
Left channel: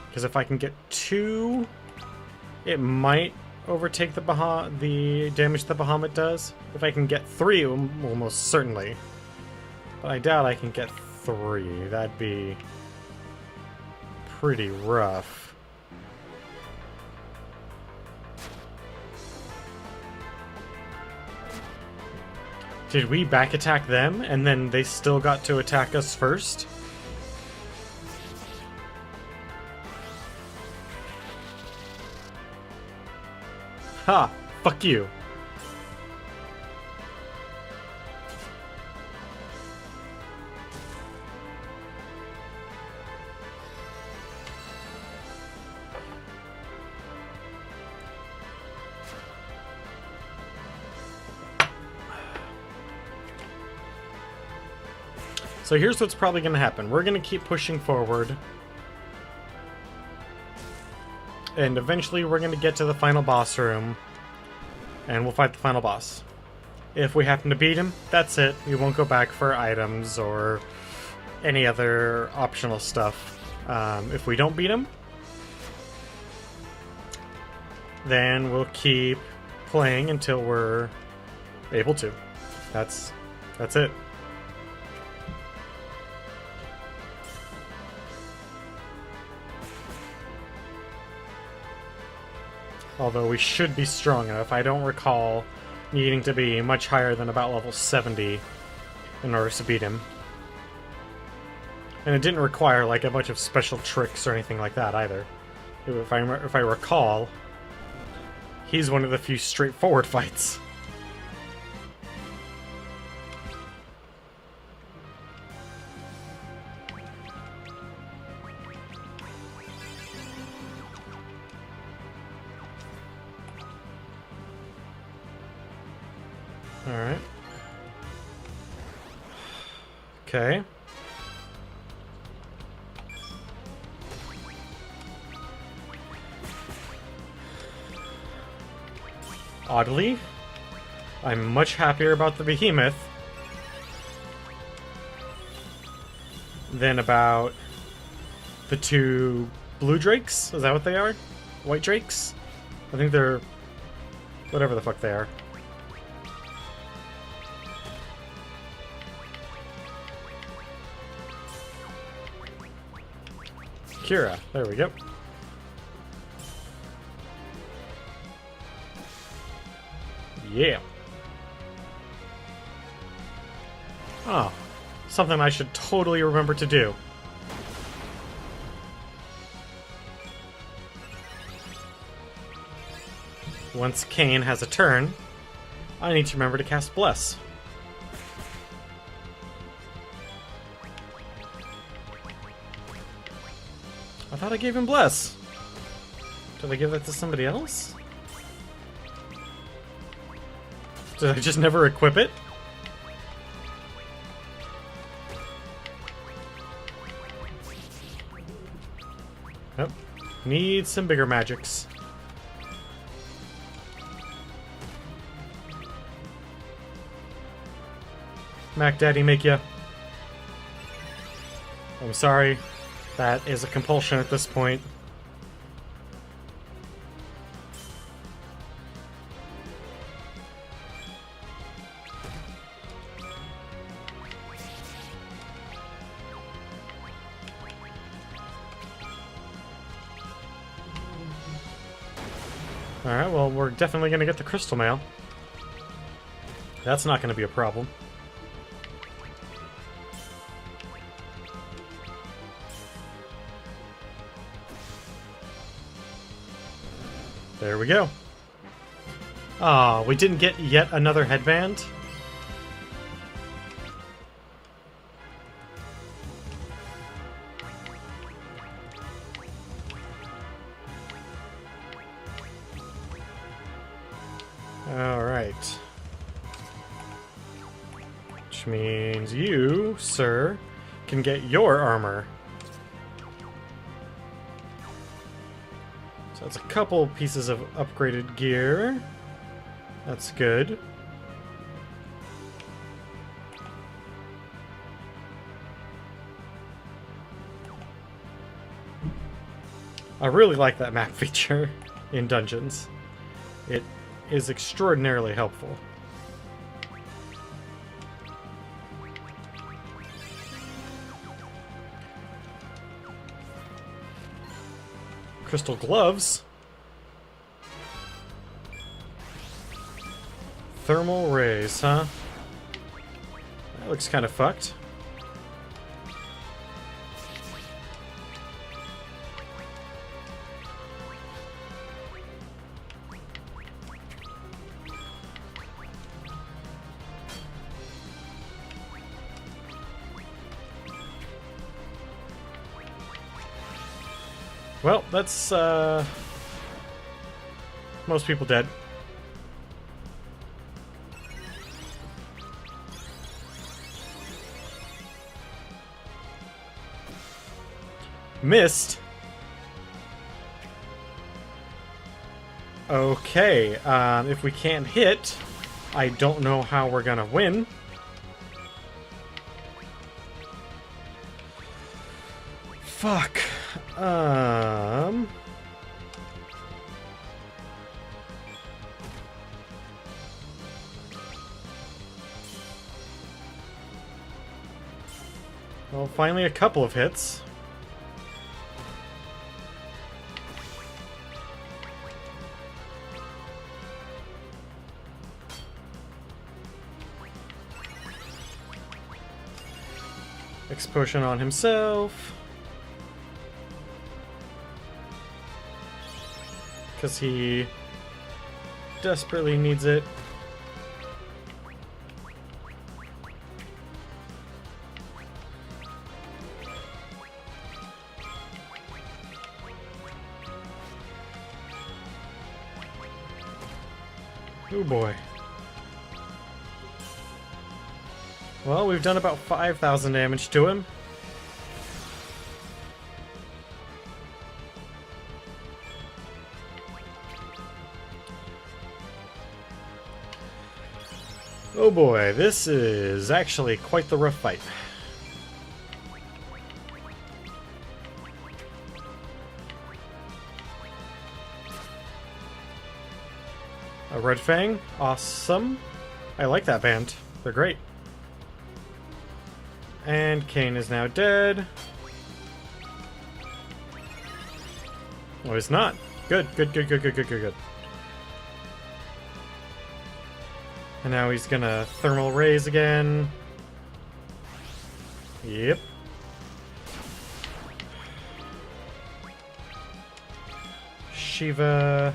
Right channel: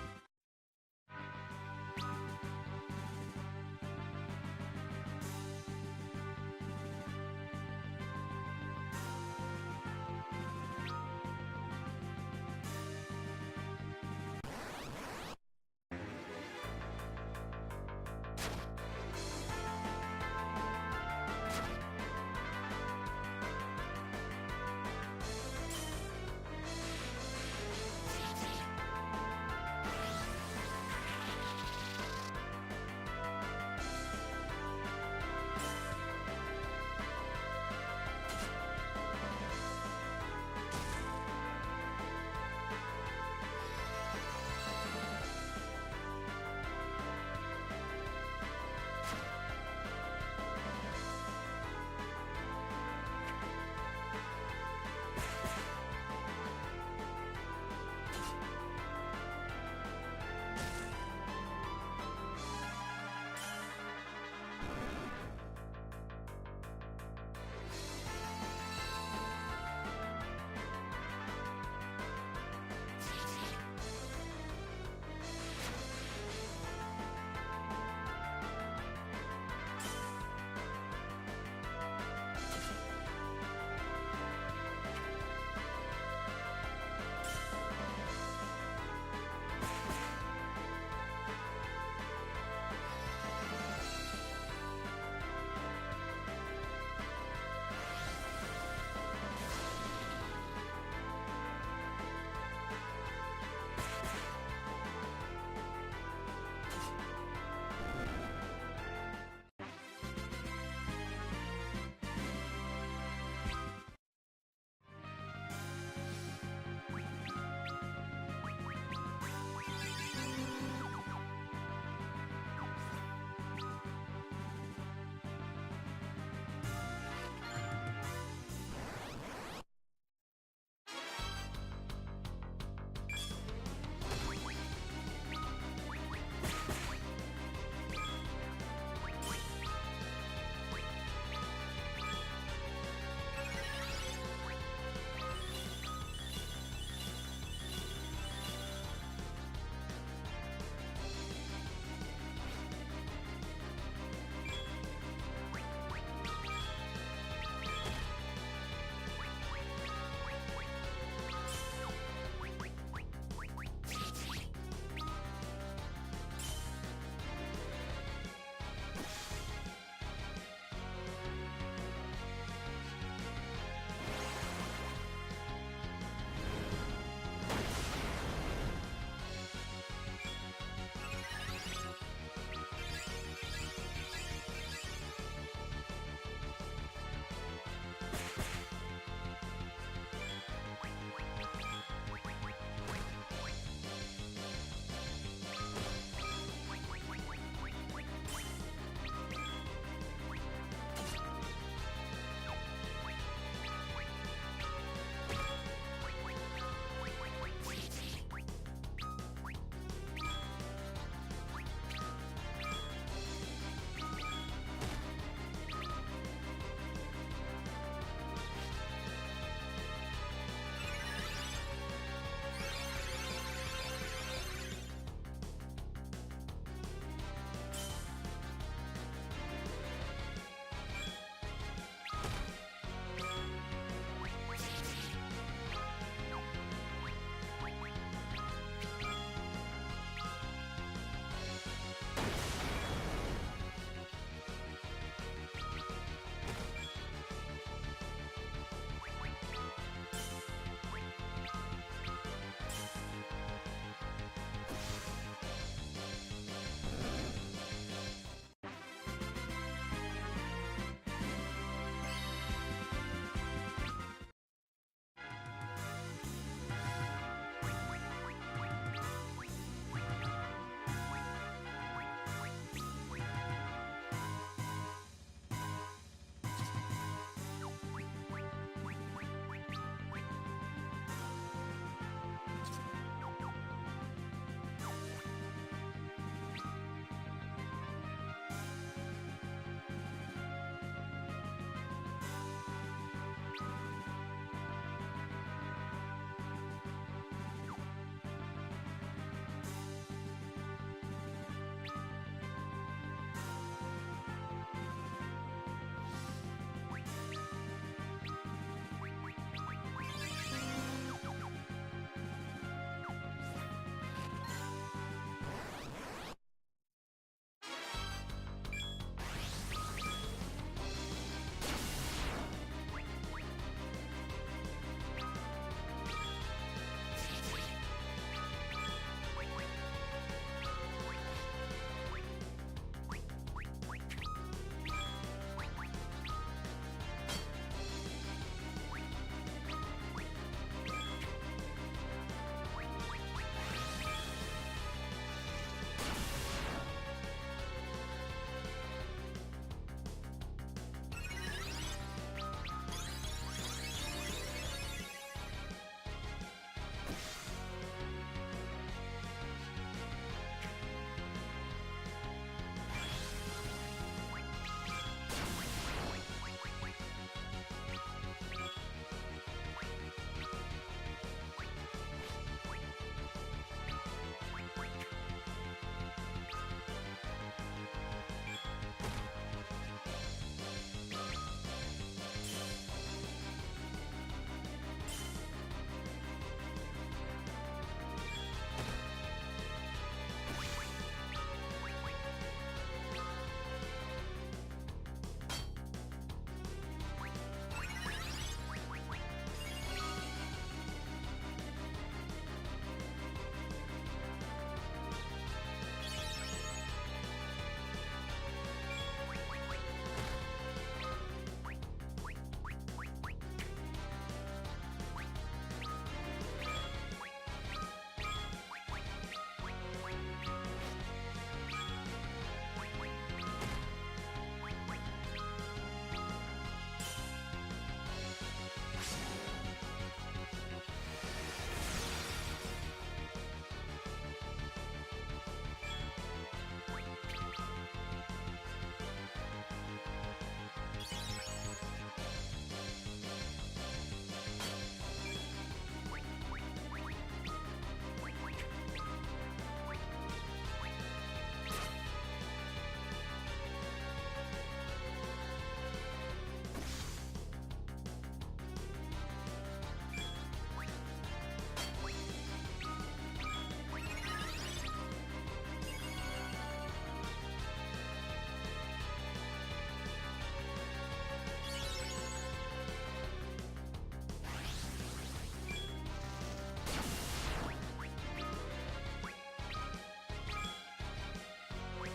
Because if I can get 2, it might overtake the damage the Bahamut does. If I can get 3, it will most certainly. But I doubt I can get 3. That'd be pretty rough. Did we back attack them and then they still got to attack us first? Ha! Fuck you. So here's what's probably going to happen. We're going to keep pushing forward. And eventually we're going to get to the final boss room. And we'll fight the final boss. If we happen to beat him, that's it. We won't go back for items or any other optional stuff. If we don't beat him, then we'll keep playing until we're able to. That's it. Although we should be strong enough. I don't recall needing to be much higher than about level 70 in order to beat him. And it didn't require like a bunch of special tricks or anything like that either. If I recall, he's one of the few straightforward fights. Alright. Okay. Oddly, I'm much happier about the behemoth than about the two blue drakes. Is that what they are? White drakes? I think they're whatever the fuck they are. Kira, there we go. Yeah. Oh, something I should totally remember to do. Once Cain has a turn, I need to remember to cast Bless. I thought I gave him Bless. Did I give that to somebody else? Did I just never equip it? Nope. Need some bigger magics. Mac Daddy make ya. I'm sorry. That is a compulsion at this point. Alright, well, we're definitely going to get the crystal mail. That's not going to be a problem. There we go. Ah, we didn't get yet another headband? Alright. Which means you, sir, can get your armor. So that's a couple pieces of upgraded gear. That's good. I really like that map feature in Dungeons. It is extraordinarily helpful. Crystal gloves. Thermal rays, huh? looks kind of fucked. Well, that's most people dead. Missed. Okay, if we can't hit, I don't know how we're gonna win. Fuck. Well, finally a couple of hits. Potion on himself. Because he desperately needs it. Oh boy. Well, we've done about 5,000 damage to him. Oh boy, this is actually quite the rough fight. A Red Fang, awesome. I like that band, they're great. And Kane is now dead. Oh, he's not. Good, good, good, good, good, good, good, good. And now he's gonna thermal raise again. Yep. Shiva.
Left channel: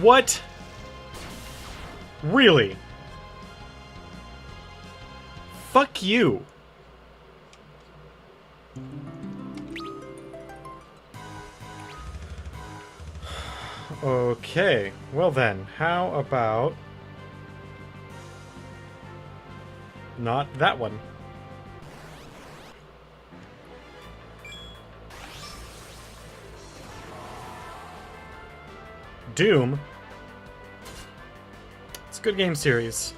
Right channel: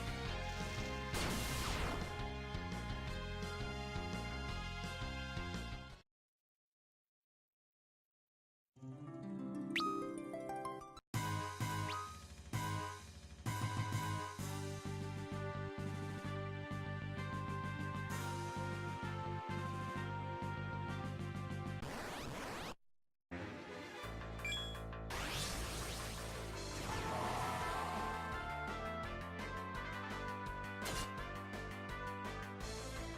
What? Really? Fuck you. Okay, well then, how about not that one? Doom? It's a good game series.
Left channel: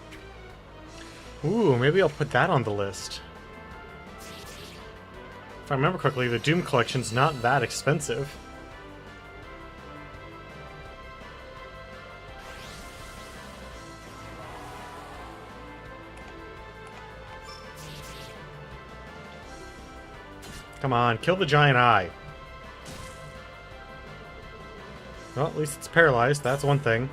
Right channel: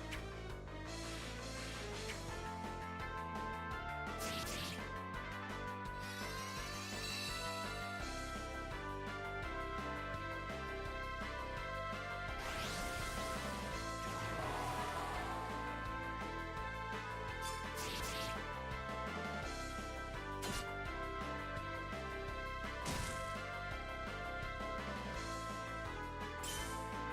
Ooh, maybe I'll put that on the list. If I remember correctly, the Doom collection's not that expensive. Come on, kill the giant eye. Well, at least it's paralyzed, that's one thing.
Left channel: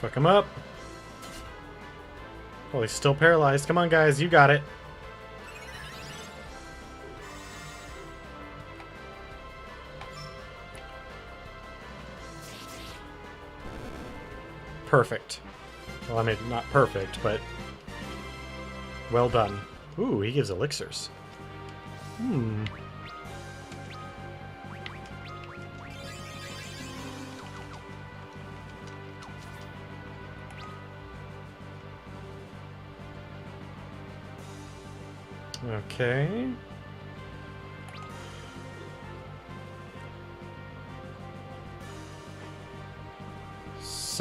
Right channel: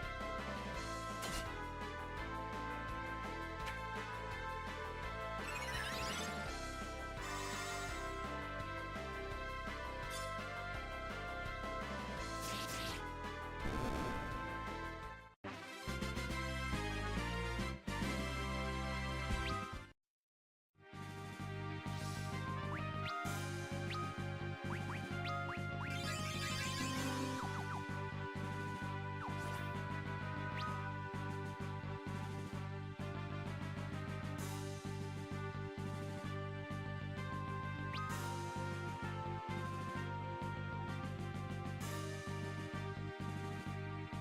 Fuck him up. Oh, he's still paralyzed. Come on, guys, you got it. Perfect. Well, I mean, not perfect, but well done. Ooh, he gives elixirs. Okay.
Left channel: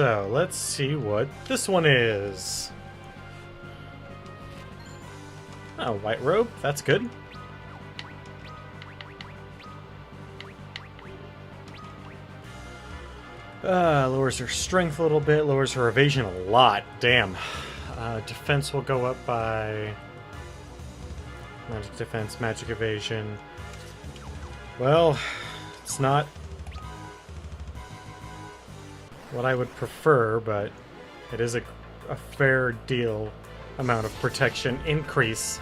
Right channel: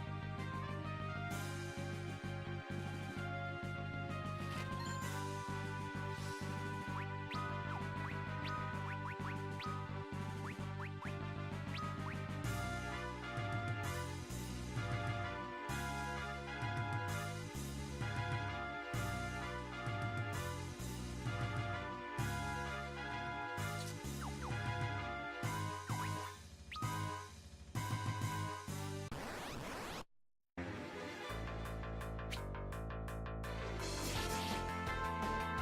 So, let's see what this one is. Oh, white robe. That's good. Lowers her strength a little bit, lowers her evasion a lot. Damn. Defense will go up by... Magic defense, magic evasion. Well, it's not what I would prefer, but it is a fair deal amount of protection increase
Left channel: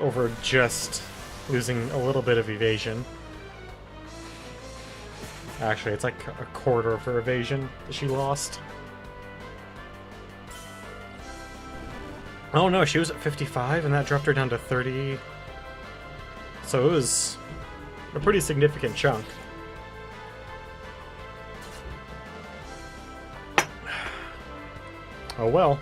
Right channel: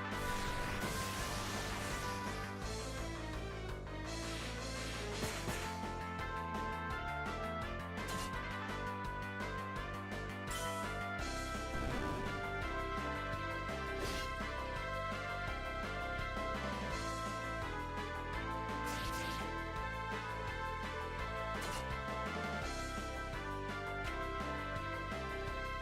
over just losing a little bit of evasion. Actually, it's like a quarter of her evasion that she lost. Oh no, she was at 55 and that dropped her down to 30. So it was a pretty significant chunk. Oh well.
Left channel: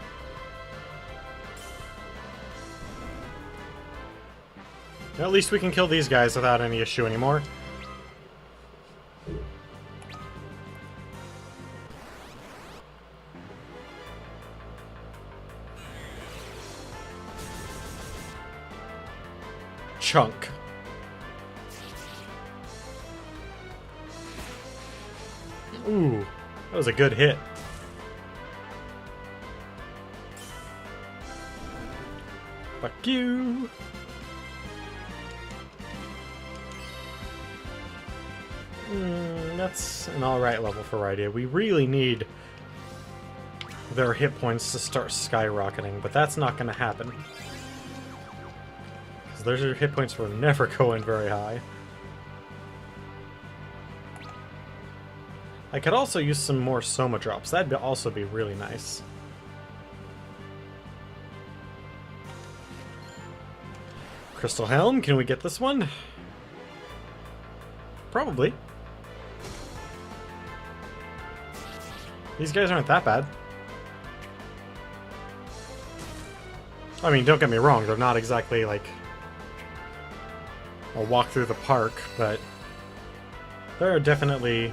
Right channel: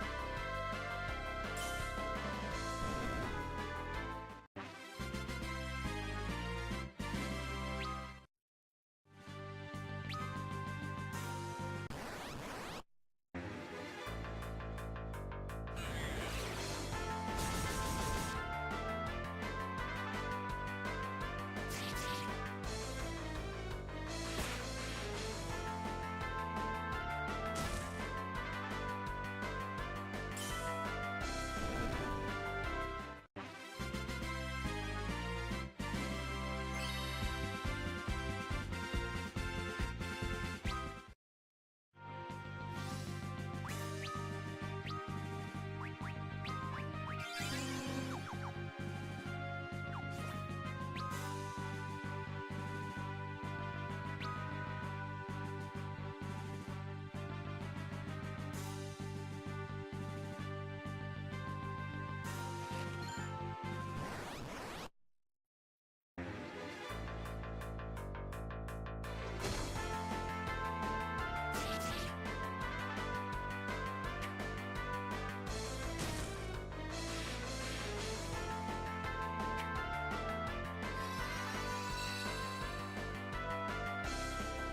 At least we can kill these guys without any issue anymore. Chunk. Ooh, that was a good hit. Fuck you. That's an alright level for Rydia. We really need their hit points to start skyrocketing, but that's not going to happen. Because their hit points were never going very high. I could also use some more Soma drops. That'd also be really nice. Crystal Helm, can we get this one? Probably. These guys aren't that bad. I mean, don't get me wrong, they're not exactly like a walk through the park, but there are definitely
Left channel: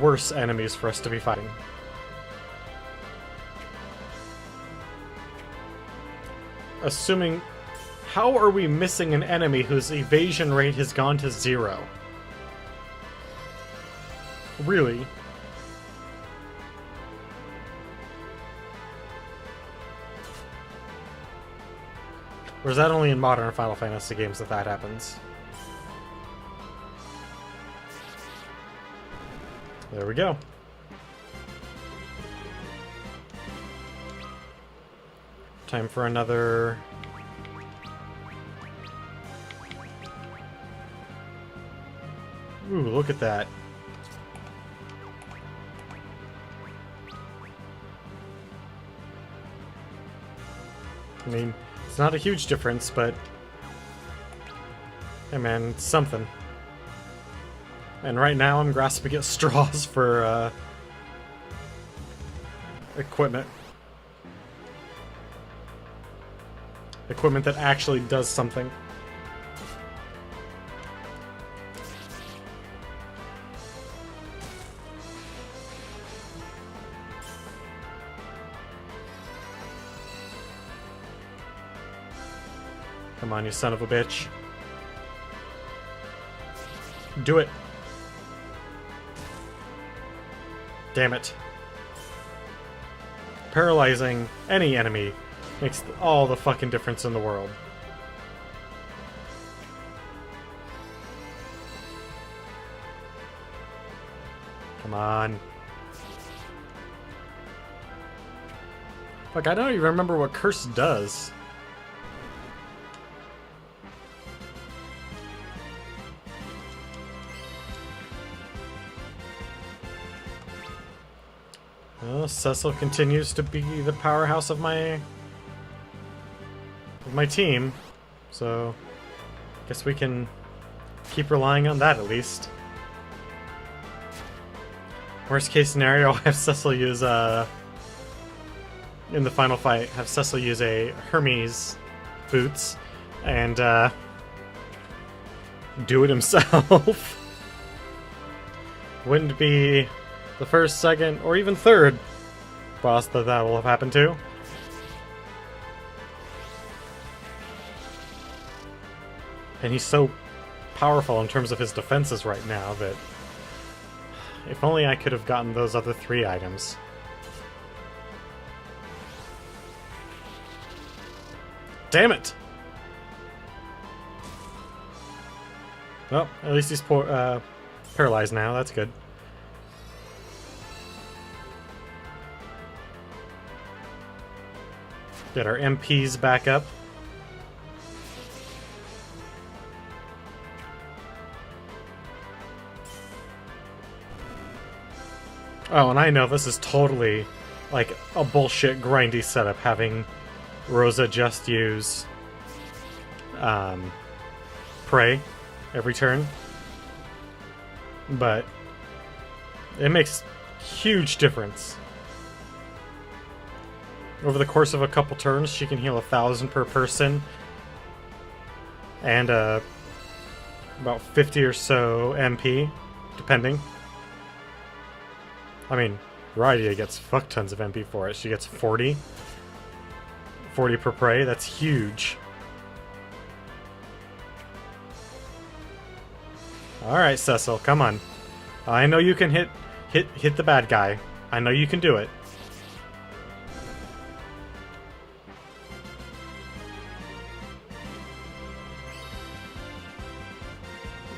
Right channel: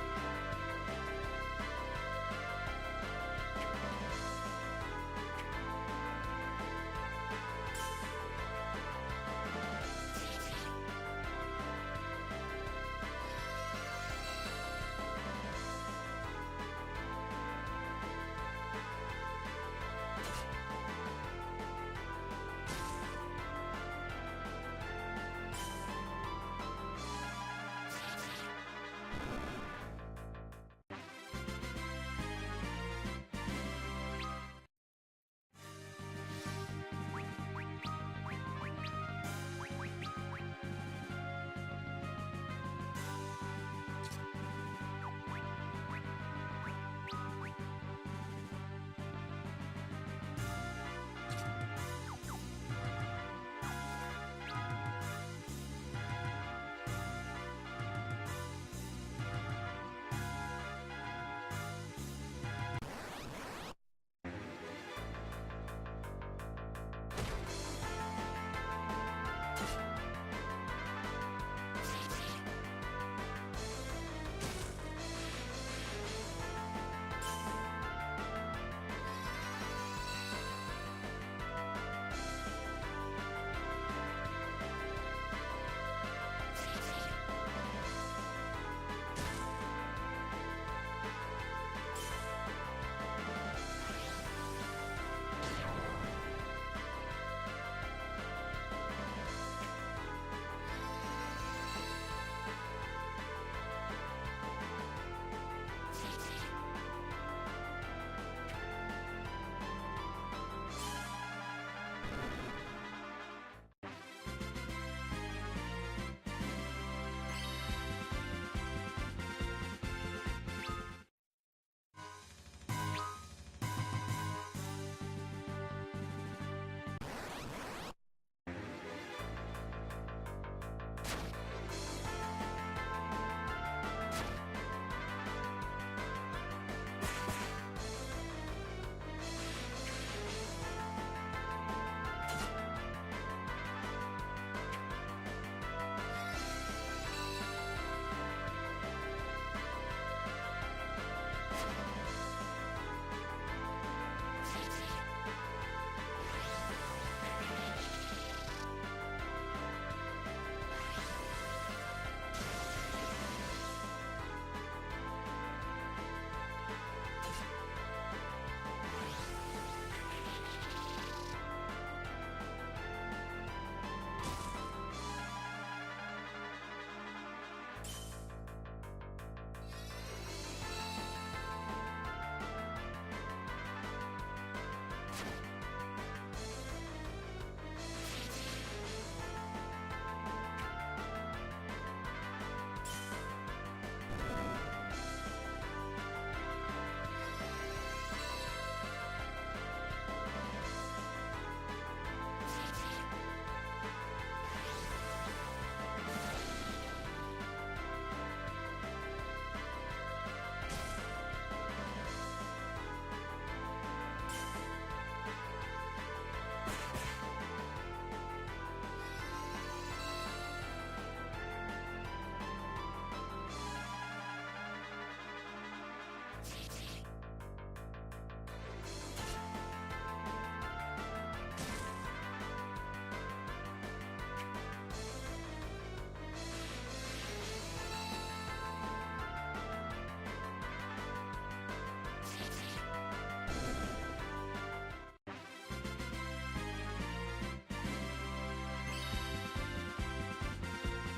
worse enemies for us to be fighting. Assuming... How are we missing an enemy whose evasion rate has gone to 0? Really? Or is that only in modern Final Fantasy games that happens? There we go. Time for another... Ooh, look at that. I mean, it's not a huge difference, but... Hey man, it's something. And right now I'm grasping at straws for, equipment. Equipment that actually does something. Come on, you son of a bitch. Do it. Damn it. Paralyzing any enemy makes all the fucking difference in the world. Come on. Fuck, I don't even remember what Curse does. Cecil continues to be the powerhouse of my team, so I guess we can keep relying on that at least. Worst case scenario, have Cecil use in the final fight, have Cecil use a Hermes boots and do it himself. Wouldn't be the first, second, or even third boss that will have happened to. And he's so powerful in terms of his defenses right now that if only I could have gotten those other 3 items. Damn it! Well, at least he's paralyzed now. That's good. Get our MPs back up. Oh, and I know this is totally like a bullshit grindy setup, having Rosa just use Prey every turn. But it makes huge difference. Over the course of a couple turns, she can heal 1,000 per person. And about 50 or so MP, depending. I mean, Rydia gets fuck tons of MP for it. She gets 40. 40 per prey, that's huge. Alright, Cecil, come on. I know you can hit the bad guy. I know you can do it.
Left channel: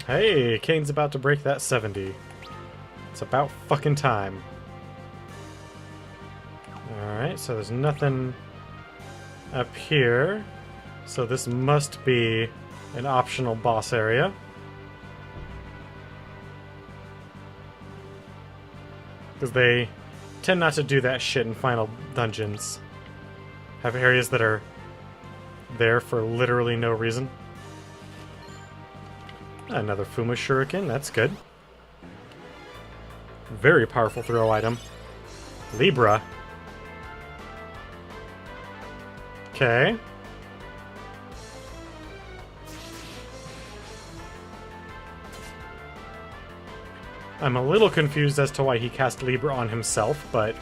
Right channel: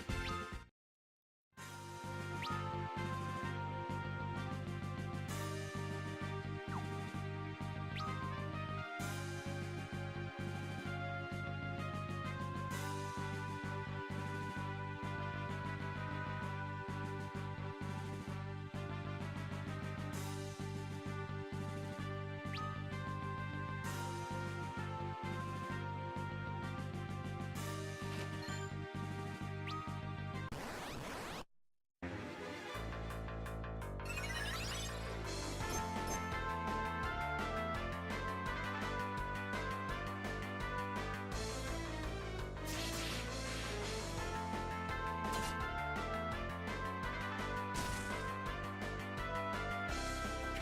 Hey, Kane's about to break that 70. It's about fucking time. Alright, so there's nothing up here. So this must be an optional boss area. Because they tend not to do that shit in final dungeons. Have areas that are there for literally no reason. Another Fuma Shuriken, that's good. Very powerful throw item. Libra. Okay. I'm a little confused as to why he cast Libra on himself, but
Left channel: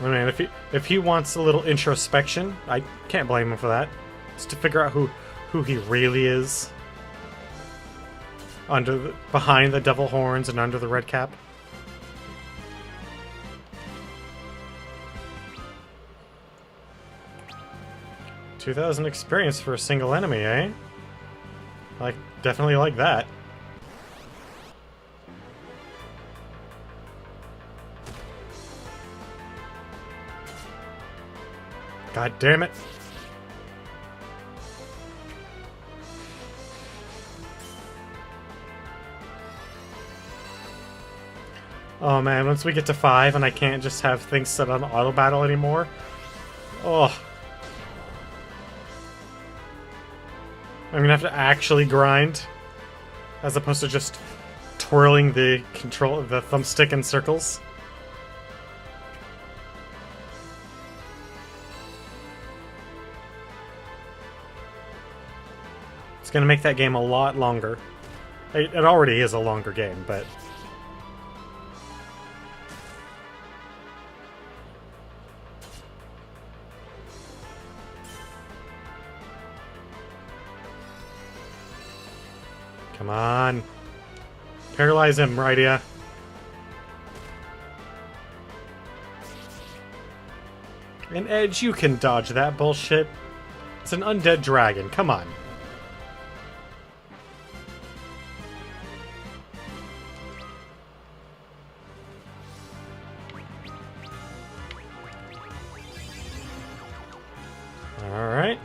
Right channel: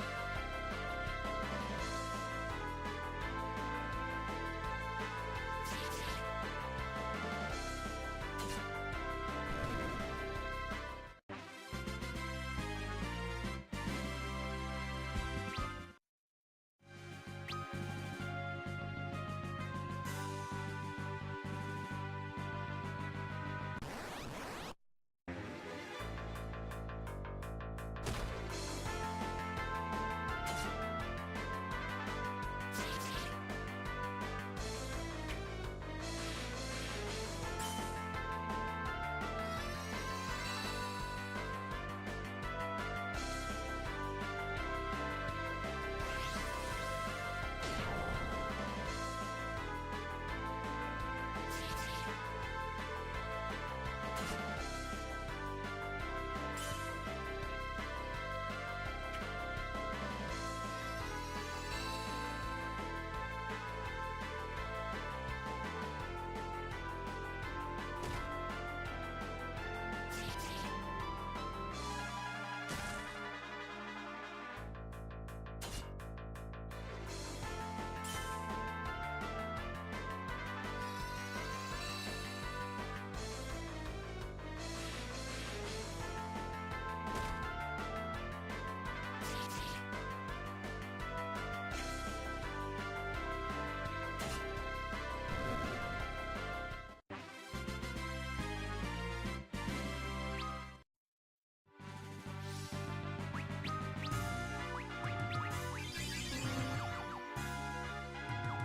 I mean, if he wants a little introspection, I can't blame him for that. It's to figure out who he really is. Behind the devil horns and under the red cap. $2,000 experience for a single enemy, eh? Like, definitely like that. God damn it. Oh man, once we get to 5 and I can't just have things set on auto battle anymore. Oh. I'm gonna have to actually grind as opposed to just twirling the thumbstick in circles. It's gonna make that game a lot longer. It already is a longer game, but come on. Paralyze him, Rydia. And Edge, you can dodge that bullshit. It's an undead dragon. Come on. Alright.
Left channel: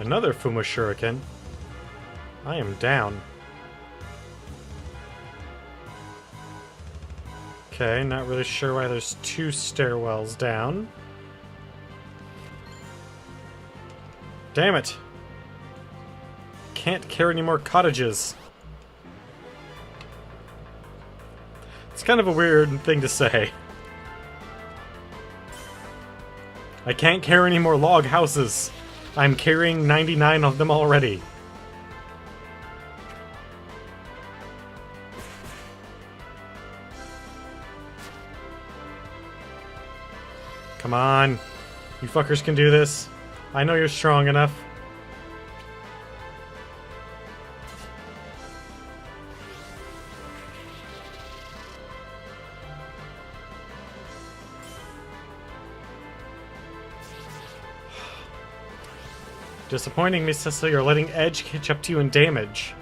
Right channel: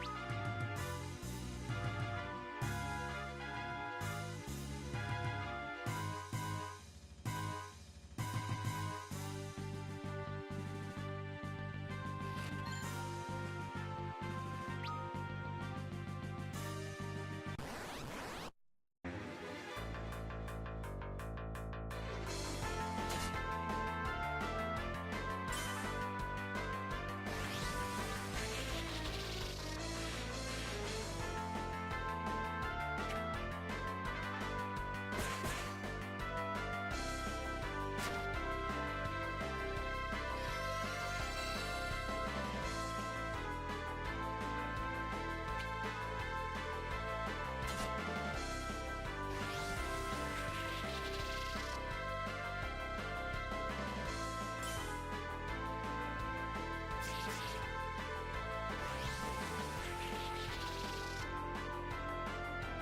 Another Fuma Shuriken. I am down. Okay, not really sure why there's 2 stairwells down. Damn it! Can't carry any more cottages. It's kind of a weird thing to say. I can't carry any more log houses. I'm carrying 99 of them already. Come on. You fuckers can do this. I know you're strong enough. Disappointing me, Cecil. You're letting Edge catch up to you in damage.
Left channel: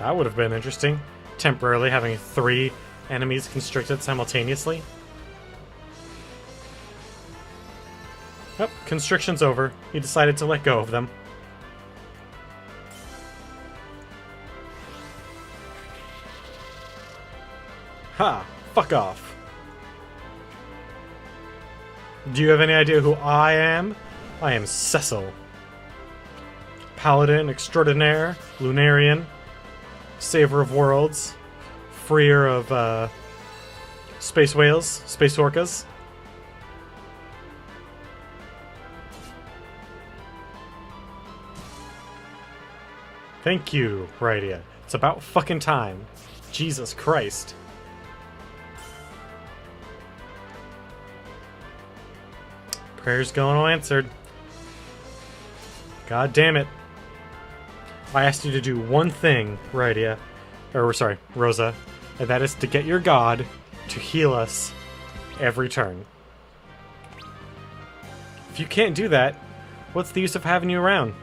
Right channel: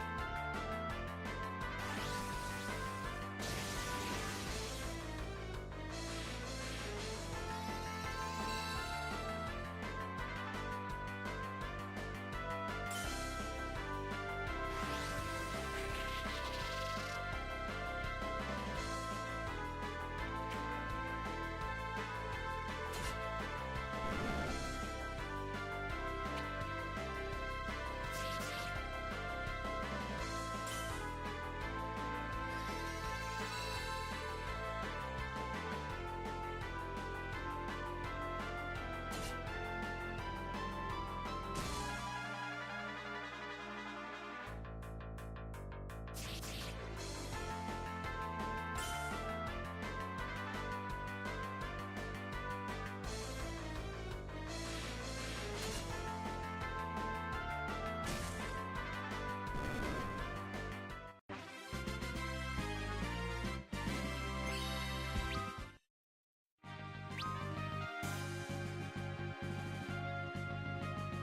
That would have been interesting. Temporarily having 3 enemies constricted simultaneously. Oh, constriction's over. He decided to let go of them. Ha! Fuck off. Do you have any idea who I am? I am Cecil. Paladin extraordinaire, Lunarian, saver of worlds, freer of space whales, space orcas. Thank you, Rydia. It's about fucking time. Jesus Christ. Prayers going unanswered. God damn it. I asked you to do one thing, Rydia. Or, sorry, Rosa. And that is to get your god to heal us every turn. If you can't do that, what's the use of having you around?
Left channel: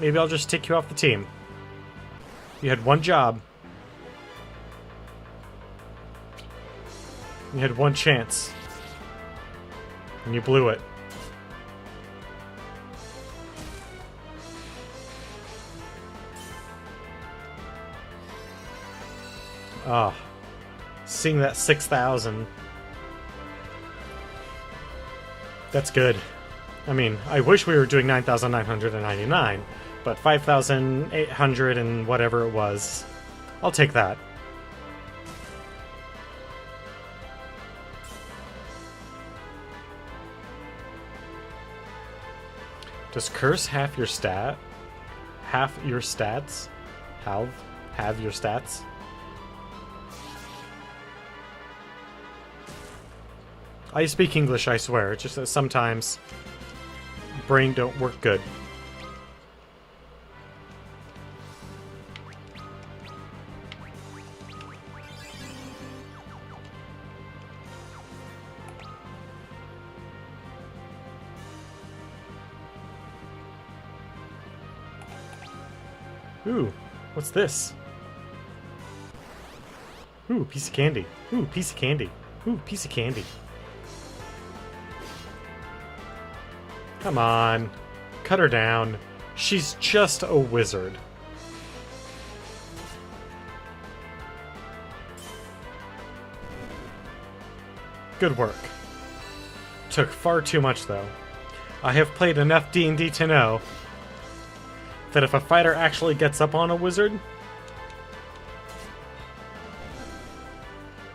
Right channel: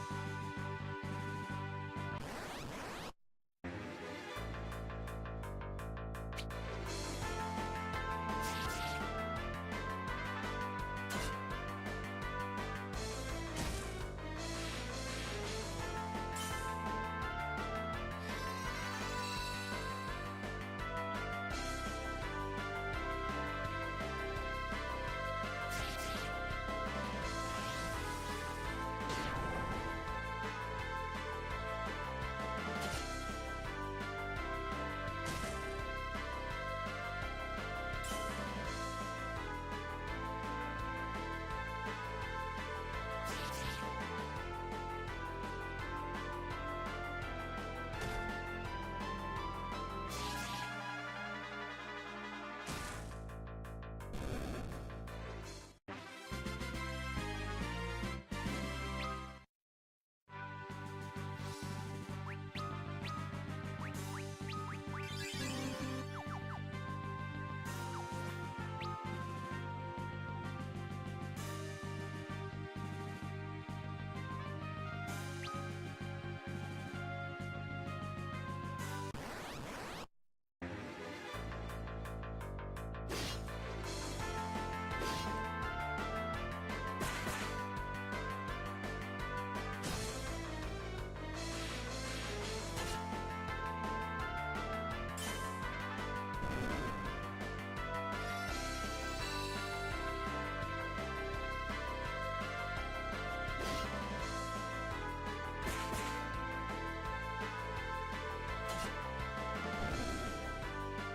Maybe I'll just take you off the team. You had one job. You had one chance. And you blew it. Ah. Seeing that 6,000. That's good. I mean, I wish we were doing 9,999, but 5,800 and whatever it was. I'll take that. Does curse half your stat? Half your stats? Have your stats? I speak English, I swear. It's just that sometimes brain don't work good. Ooh, what's this? Ooh, piece of candy. Ooh, piece of candy. Ooh, piece of candy. Come on. Cut her down. She's just a wizard. Good work. Took far too much, though. I have played enough D&D to know that if a fighter actually gets up on a wizard,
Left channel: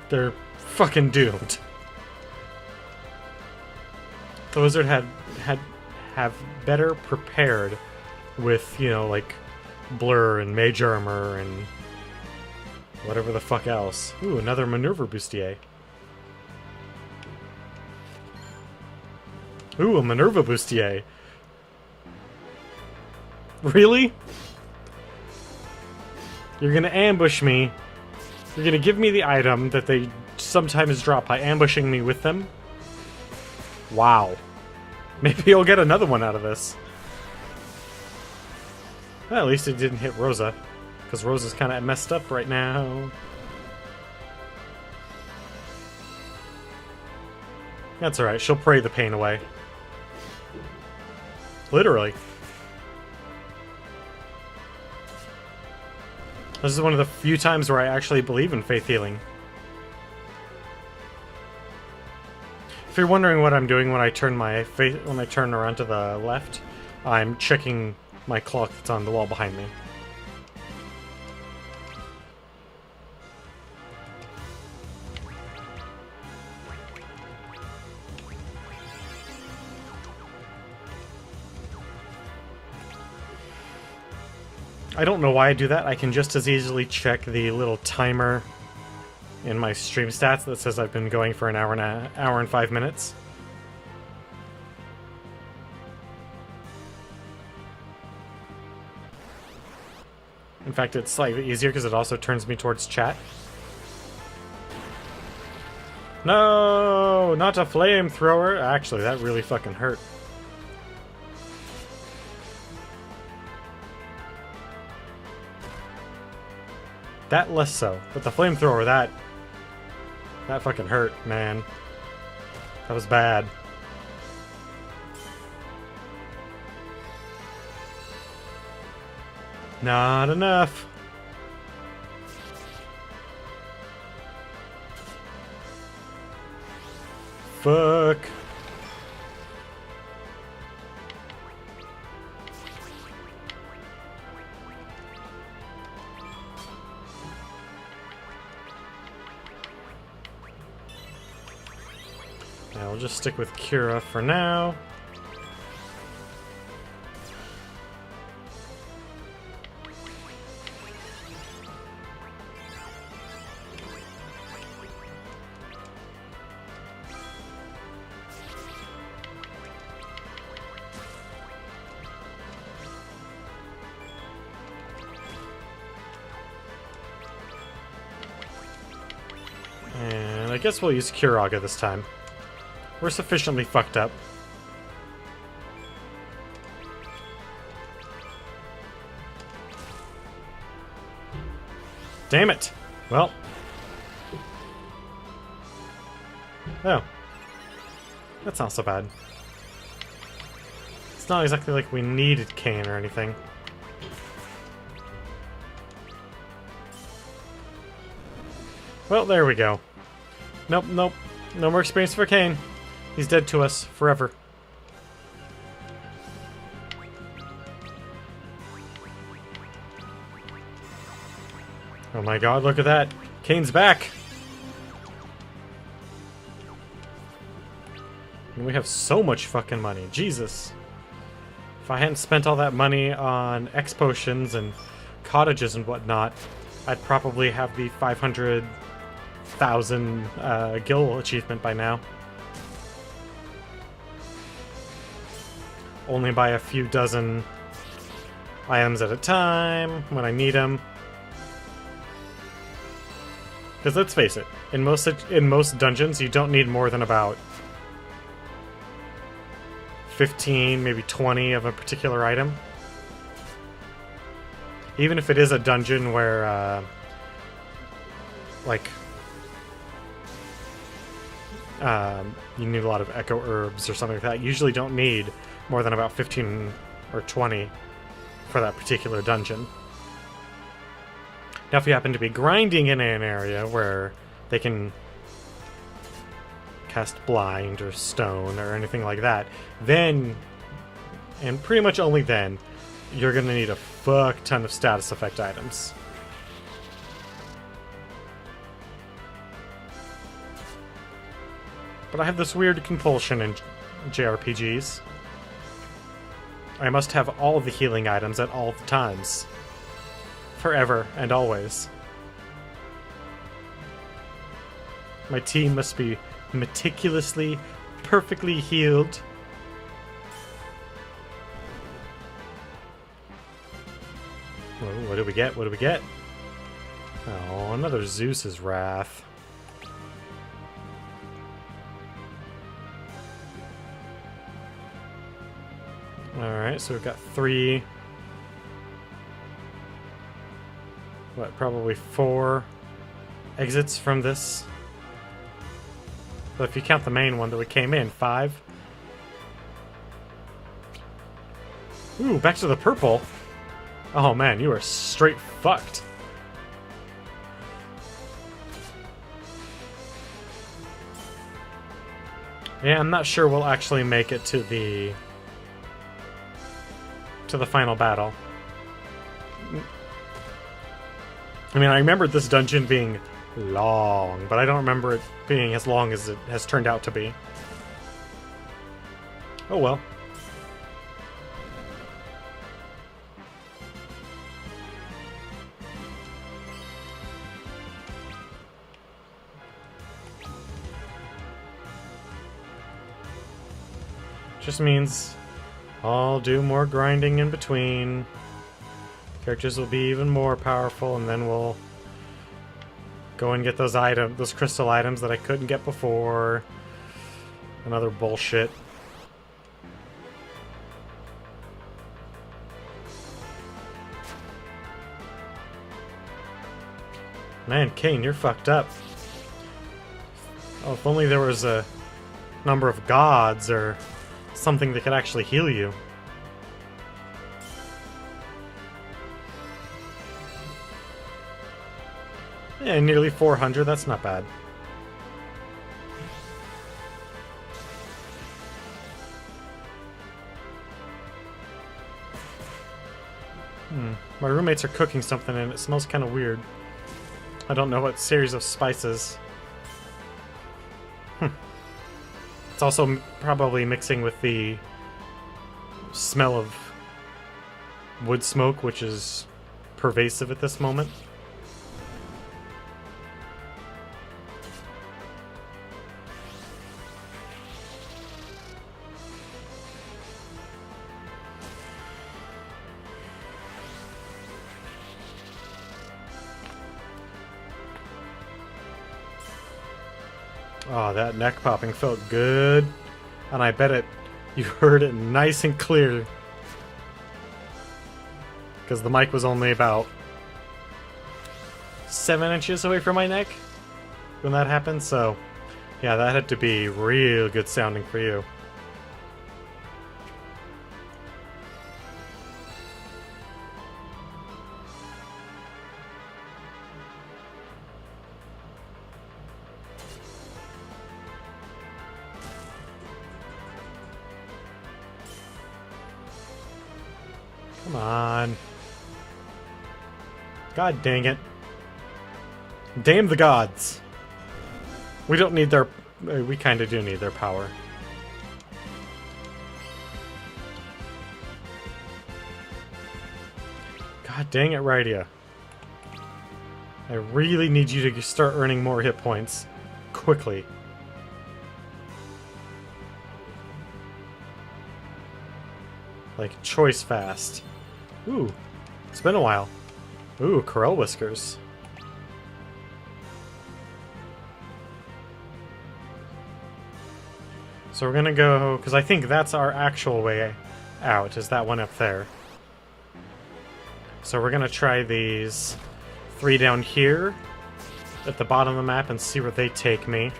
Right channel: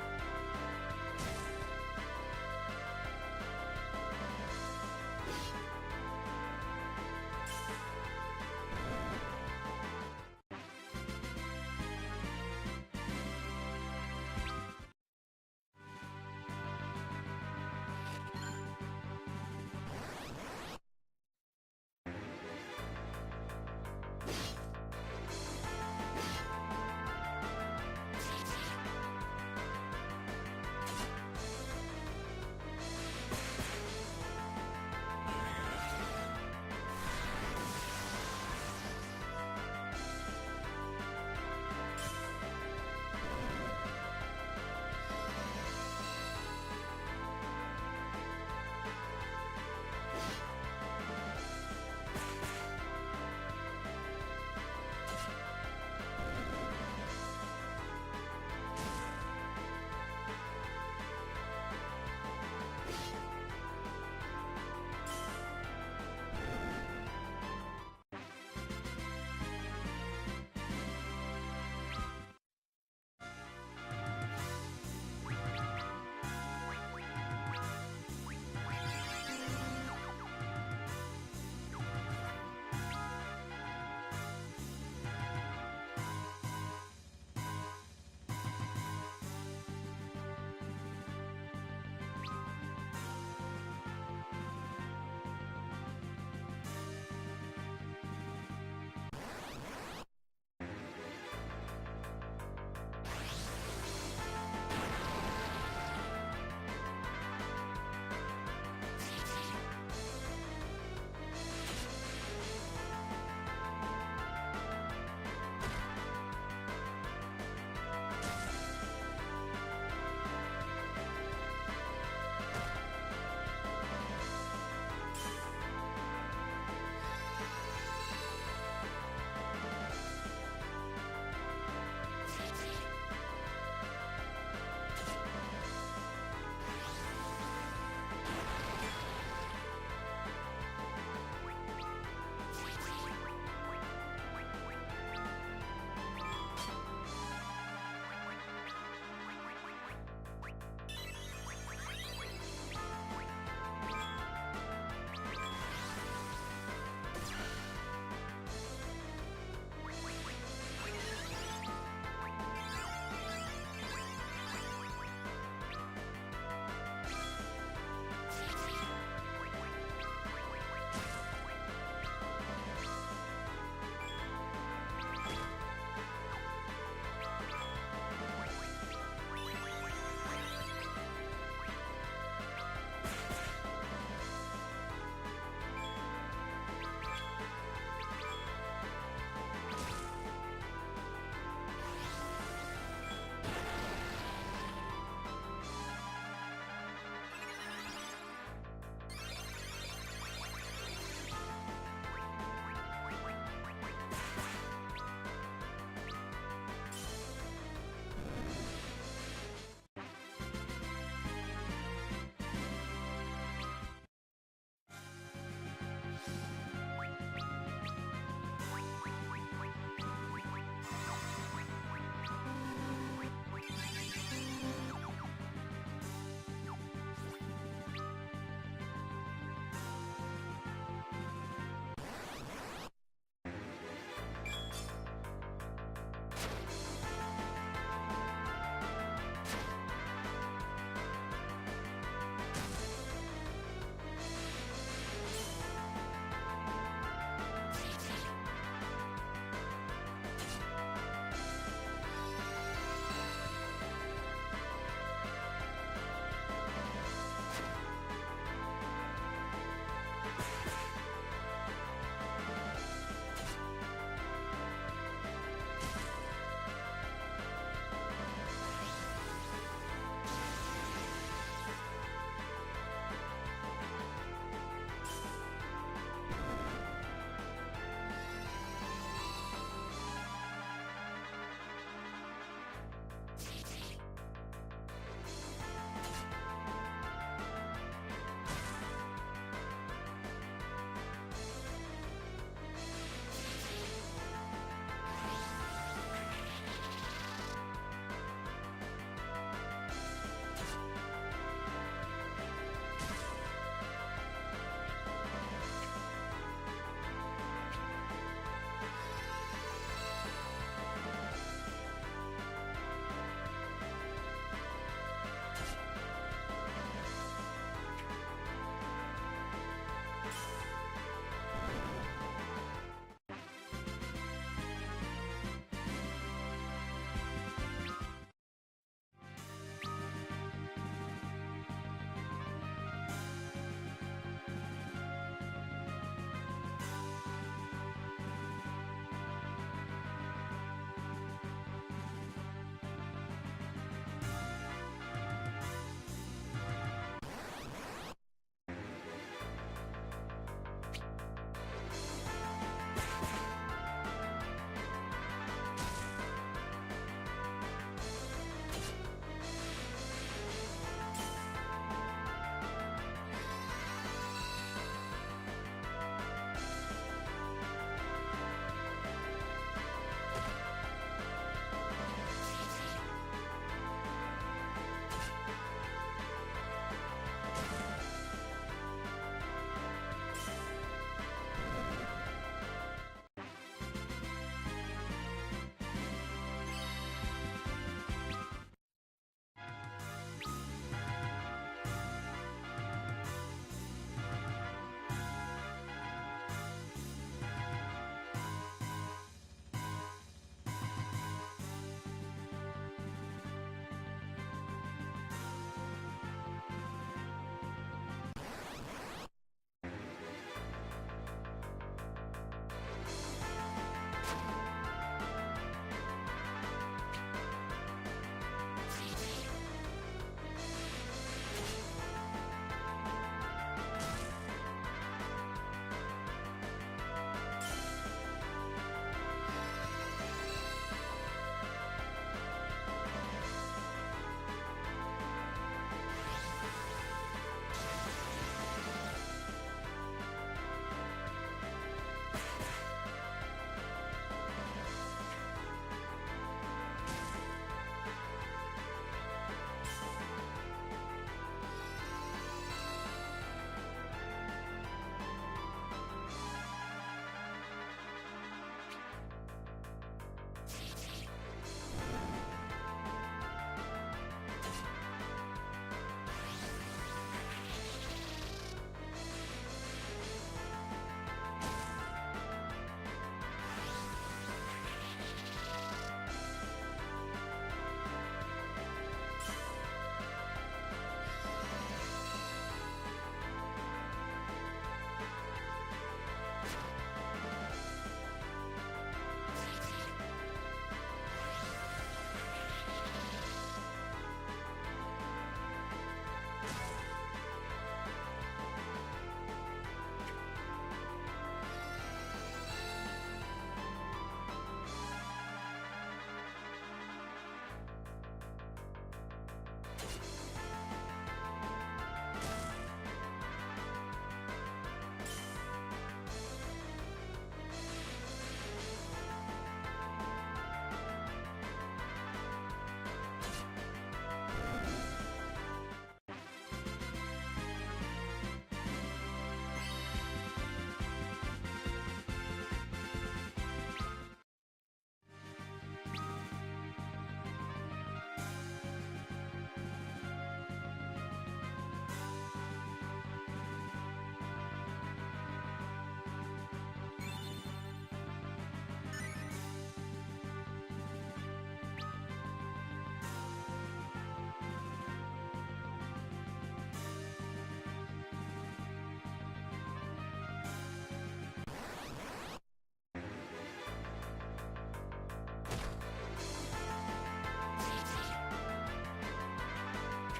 they're fucking doomed. The wizard have better prepared with, you know, like blur and mage armor and whatever the fuck else. Ooh, another maneuver bustier. Ooh, a Minerva bustier. Really? You're gonna ambush me. You're gonna give me the item that they sometimes drop by ambushing me with them? Wow. Maybe I'll get another one out of this. Well, at least it didn't hit Rosa, because Rosa's kind of messed up right now. That's alright, she'll pray the pain away. Literally. This is one of the few times where I actually believe in faith healing. If you're wondering what I'm doing when I turn around to the left, I'm checking my clock that's on the wall behind me. I don't know why I do that. I can just as easily check the little timer in my stream stats that says I've been going for an hour and 5 minutes. In fact, it's slightly easier because it also turns me towards chat. No, not a flamethrower. Actually, that really fucking hurt. That less so, but the flamethrower, that fucking hurt, man. That was bad. Not enough. Fuck. I'll just stick with Kira for now. And I guess we'll use Kiraga this time. We're sufficiently fucked up. Damn it! Well. Oh. That's not so bad. It's not exactly like we needed Kane or anything. Well, there we go. Nope, nope. No more experience for Kane. He's dead to us forever. Oh my god, look at that. Kane's back. And we have so much fucking money. Jesus. If I hadn't spent all that money on X potions and cottages and whatnot, I'd probably have the 500,000 gil achievement by now. Only buy a few dozen items at a time when I need them. Because let's face it, in most dungeons, you don't need more than about 15, maybe 20 of a particular item. Even if it is a dungeon where, you need a lot of echo herbs or something like that, you usually don't need more than about 15 or 20 for that particular dungeon. Now, if you happen to be grinding in an area where they can cast blind or stone or anything like that, then, and pretty much only then, you're going to need a fuck ton of status effect items. But I have this weird compulsion in JRPGs. I must have all the healing items at all times. Forever and always. My team must be meticulously, perfectly healed. What do we get? What do we get? Oh, another Zeus's Wrath. Alright, so we've got 3... what, probably 4 exits from this. So if you count the main one that we came in, 5. Ooh, back to the purple. Oh man, you are straight fucked. Yeah, I'm not sure we'll actually make it to the final battle. I mean, I remember this dungeon being long, but I don't remember it being as long as it has turned out to be. Oh well. Just means I'll do more grinding in between. Characters will be even more powerful, and then we'll go and get those crystal items that I couldn't get before. Another bullshit. Man, Kane, you're fucked up. Oh, if only there was a number of gods or something that could actually heal you. Yeah, nearly 400, that's not bad. My roommates are cooking something and it smells kind of weird. I don't know what series of spices. It's also probably mixing with the smell of wood smoke, which is pervasive at this moment. Oh, that neck popping felt good. And I bet you heard it nice and clear. Because the mic was only about 7 inches away from my neck when that happened, so yeah, that had to be real good sounding for you. Come on. God dang it. Damn the gods. We don't need their... We kind of do need their power. God dang it, Rydia. I really need you to start earning more hit points. Quickly. Like, choice fast. Ooh, it's been a while. Ooh, Corel Whiskers. So we're gonna go, because I think that's our actual way out, is that one up there. So we're gonna try these 3 down here at the bottom of the map and see where they take me.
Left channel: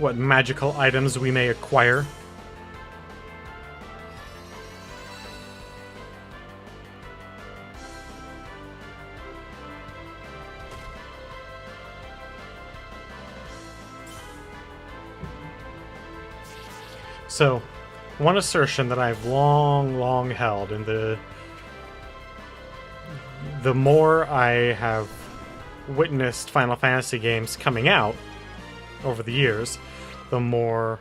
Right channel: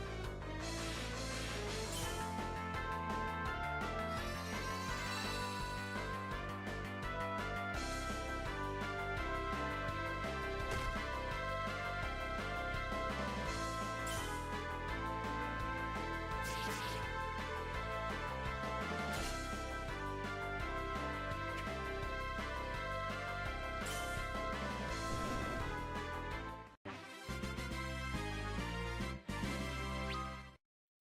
What magical items we may acquire. So, one assertion that I've long held, and the more I have witnessed Final Fantasy games coming out over the years, the more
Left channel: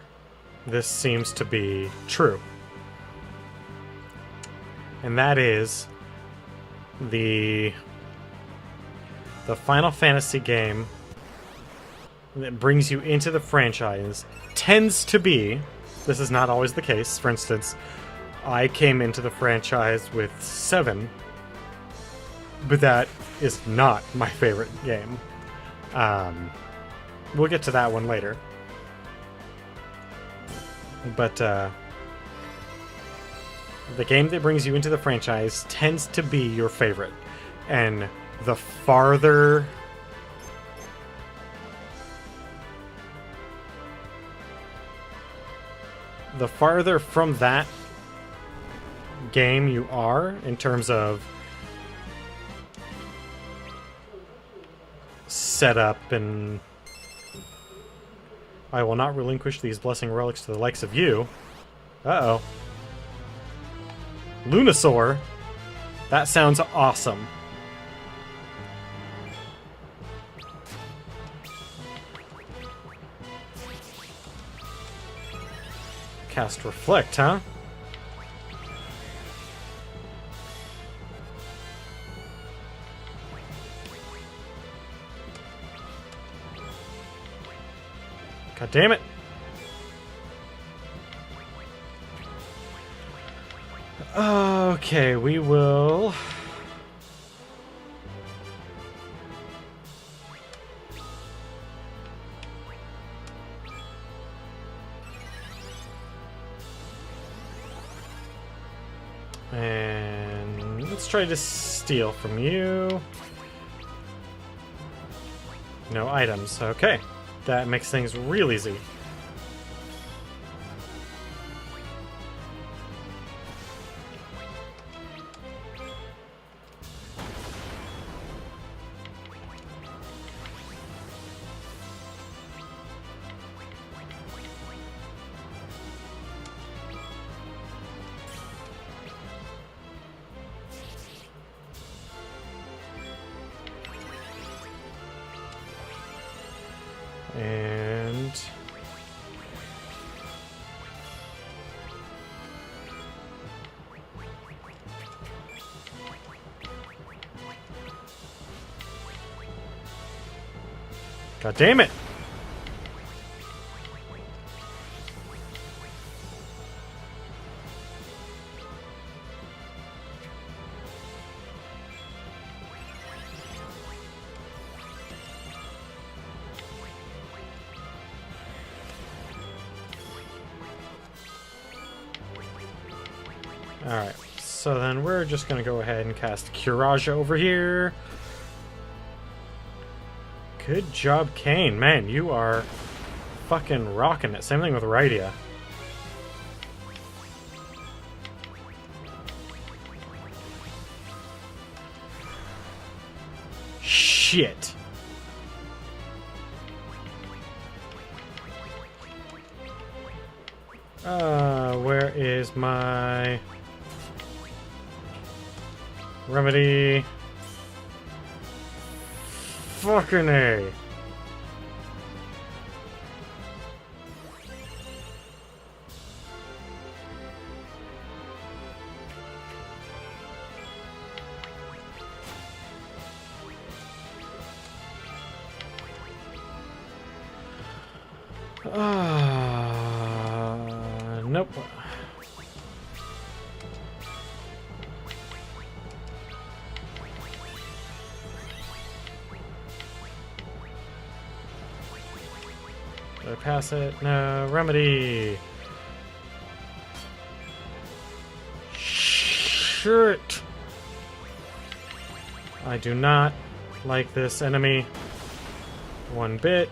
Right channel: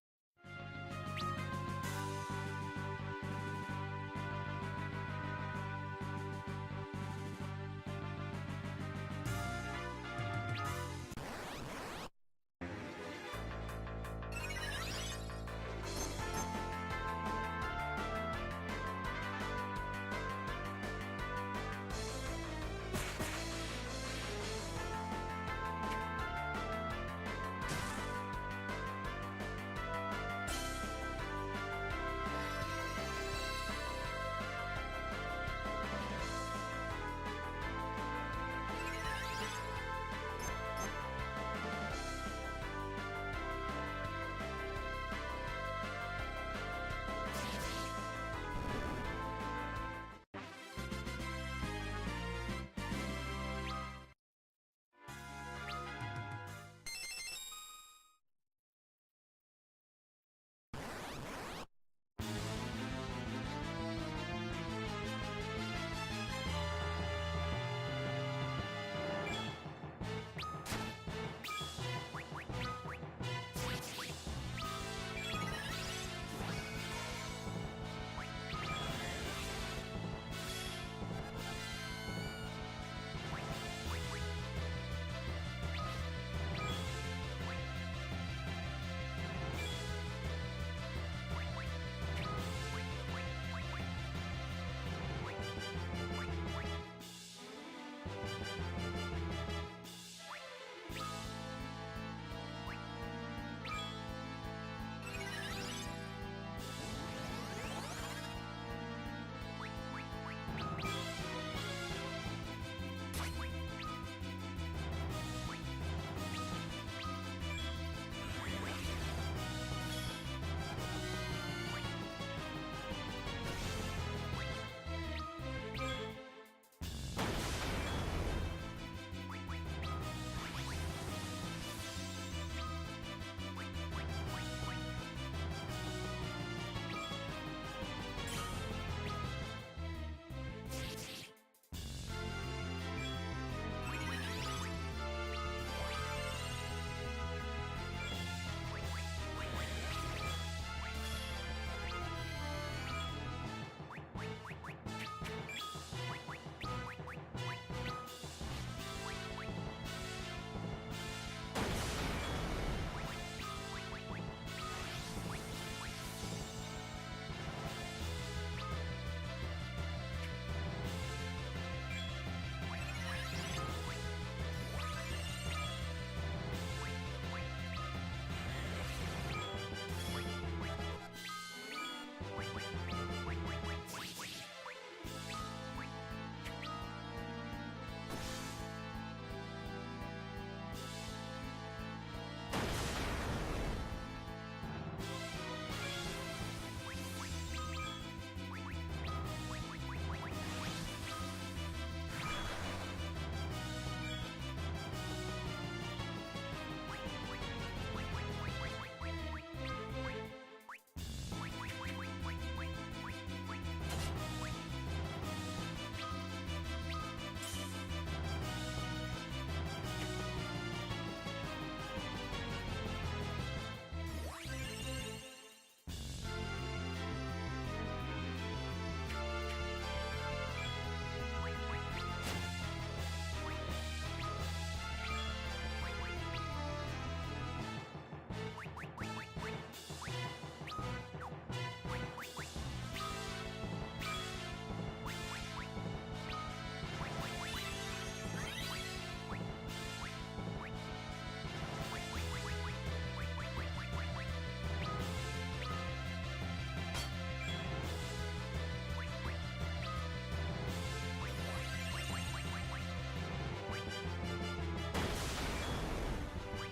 this seems to be true. And that is the Final Fantasy game that brings you into the franchise tends to be... This is not always the case. For instance, I came into the franchise with 7, but that is not my favorite game. We'll get to that one later. But the game that brings you into the franchise tends to be your favorite. And the farther... The farther from that game you are, in terms of setup and... I will not relinquish these blessing relics to the likes of you. Uh-oh. Lunasaur? That sounds awesome. Cast Reflect, huh? God damn it. Okay, we will... And let's try to steal from you. No items. Okay. That makes things real easy. And God damn it! Alright, so then we're just gonna go ahead and cast Courage over here. Good job, Kane. Man, you are fucking rocking it. Same thing with Rydia. Shit. Where is my remedy? Fucking A. Nope. Go pass it. No remedy. Shit. I do not like this enemy one bit.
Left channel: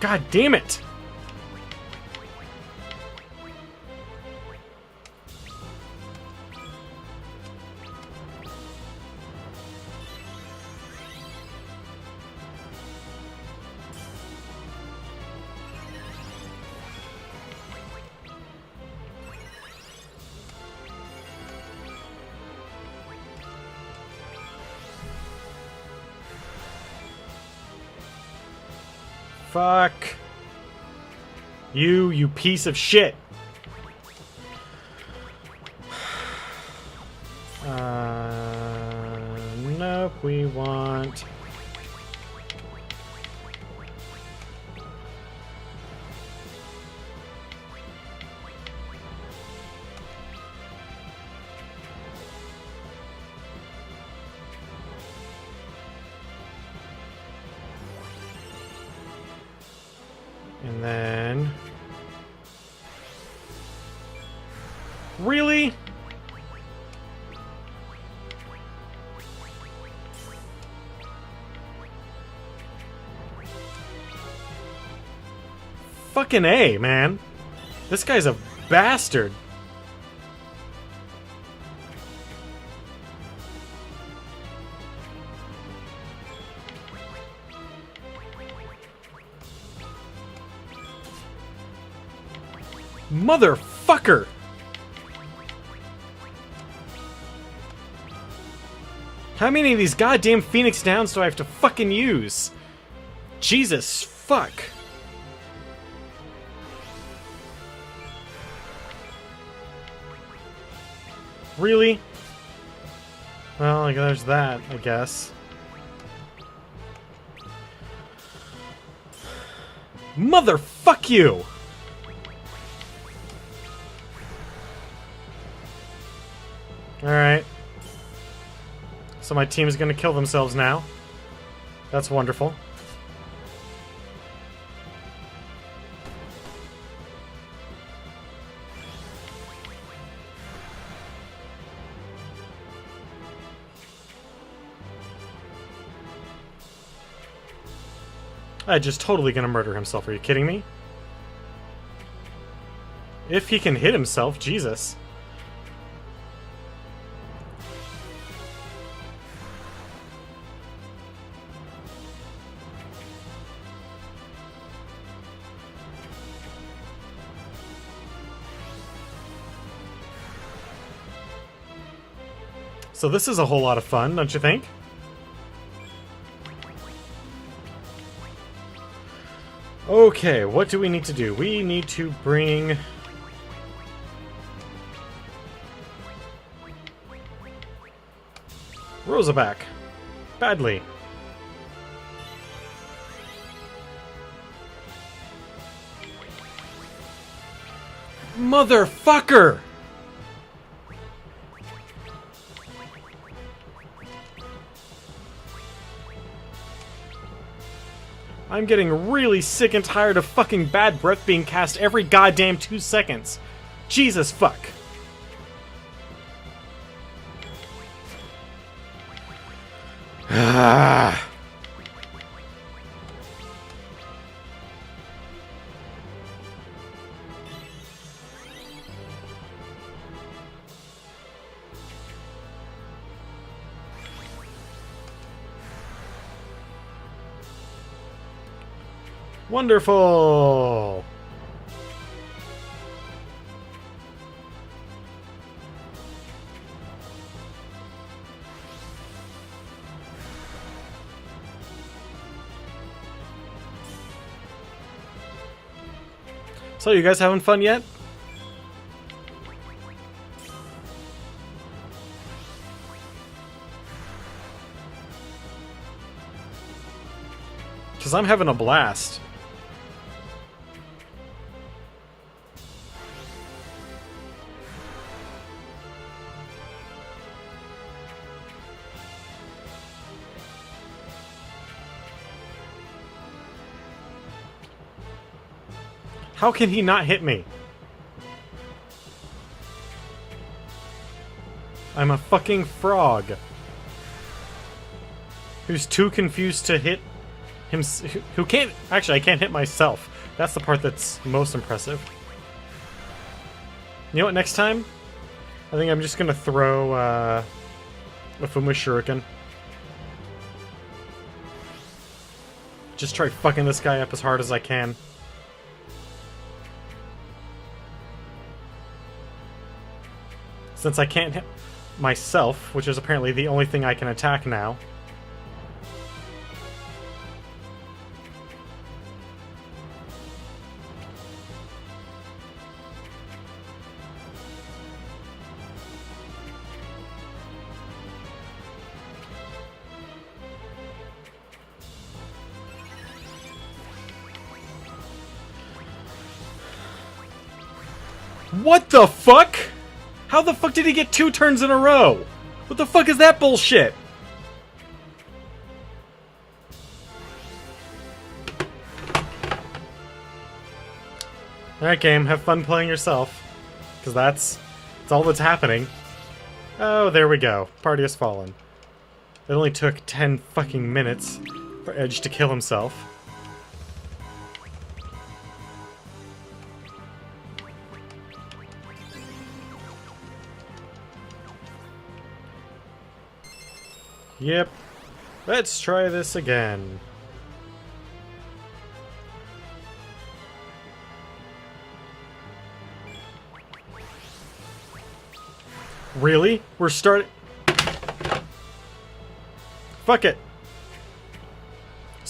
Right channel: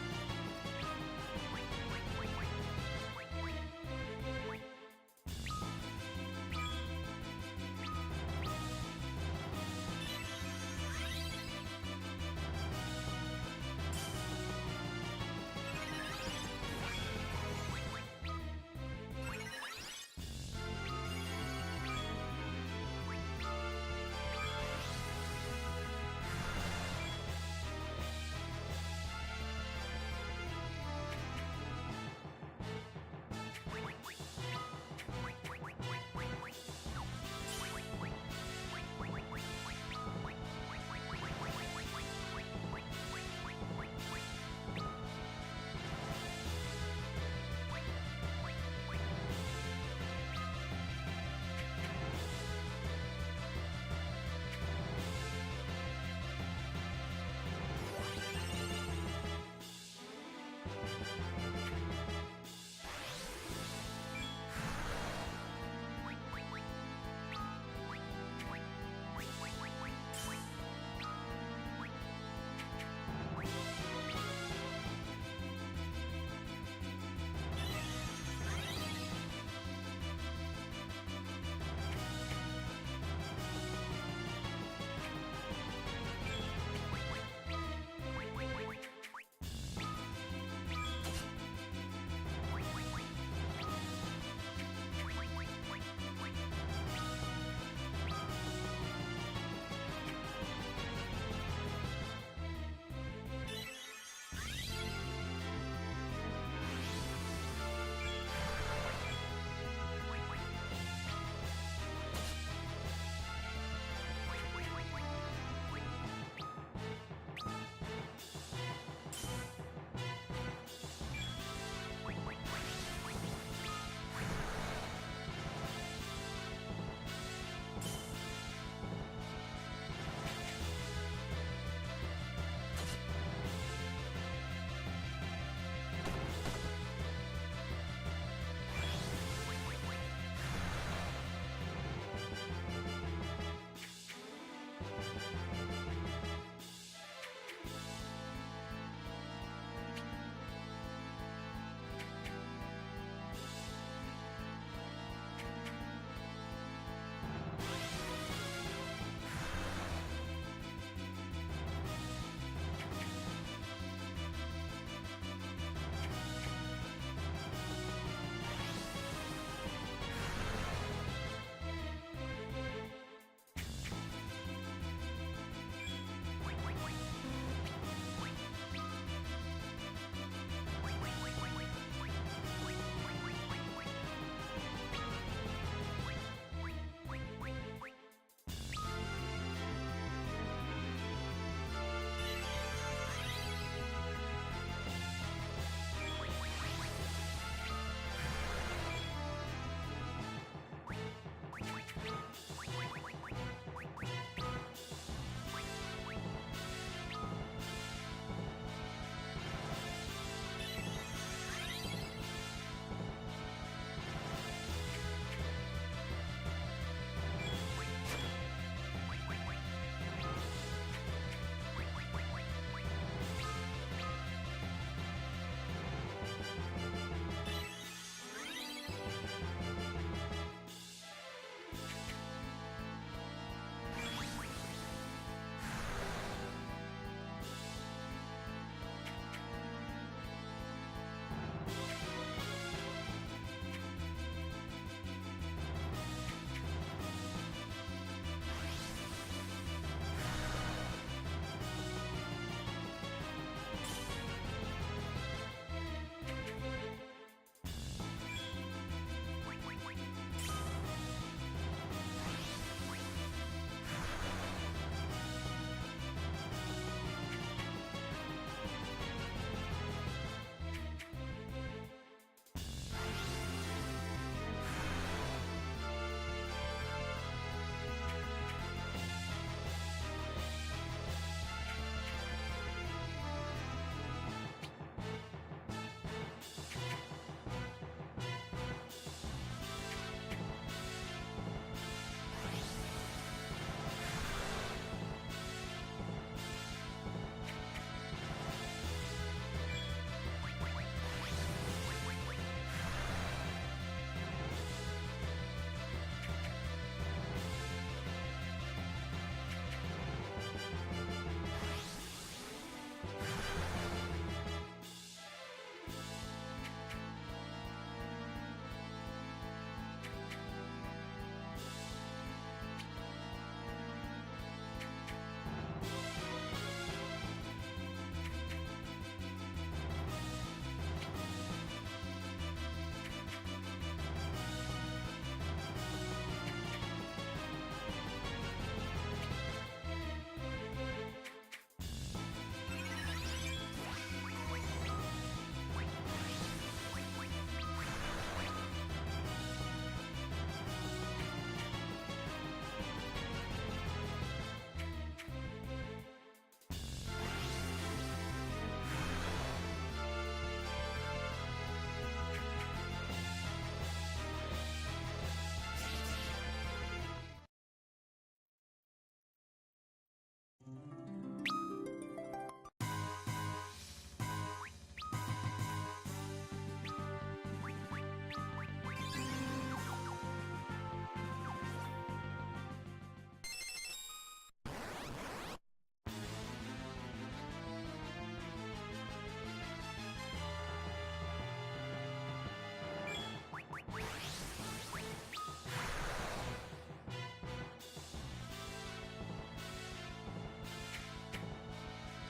God damn it! Fuck. You piece of shit. Nope, we want... And then... Really? Fucking A, man. This guy's a bastard. Motherfucker! How many of these goddamn Phoenix Downs do I have to fucking use? Jesus fuck? Really? Well, like, there's that, I guess. Motherfuck you! Alright. So my team is gonna kill themselves now. That's wonderful. Just totally gonna murder himself. Are you kidding me? If he can hit himself, Jesus. So this is a whole lot of fun, don't you think? Okay, what do we need to do? We need to bring... Rosa back. Badly. Motherfucker! I'm getting really sick and tired of fucking bad breath being cast every goddamn 2 seconds. Jesus fuck. Ah. Wonderful! So, you guys having fun yet? Because I'm having a blast. How can he not hit me? I'm a fucking frog. Who's too confused to hit him. Who can't. Actually, I can't hit myself. That's the part that's most impressive. You know what, next time? I think I'm just gonna throw a Fuma Shuriken. Just try fucking this guy up as hard as I can. Since I can't hit myself, which is apparently the only thing I can attack now. What the fuck? How the fuck did he get 2 turns in a row? What the fuck is that bullshit? Alright, game, have fun playing yourself. Because that's all that's happening. Oh, there we go. Party has fallen. It only took 10 fucking minutes for Edge to kill himself. Yep. Let's try this again. Really? We're starting... Fuck it.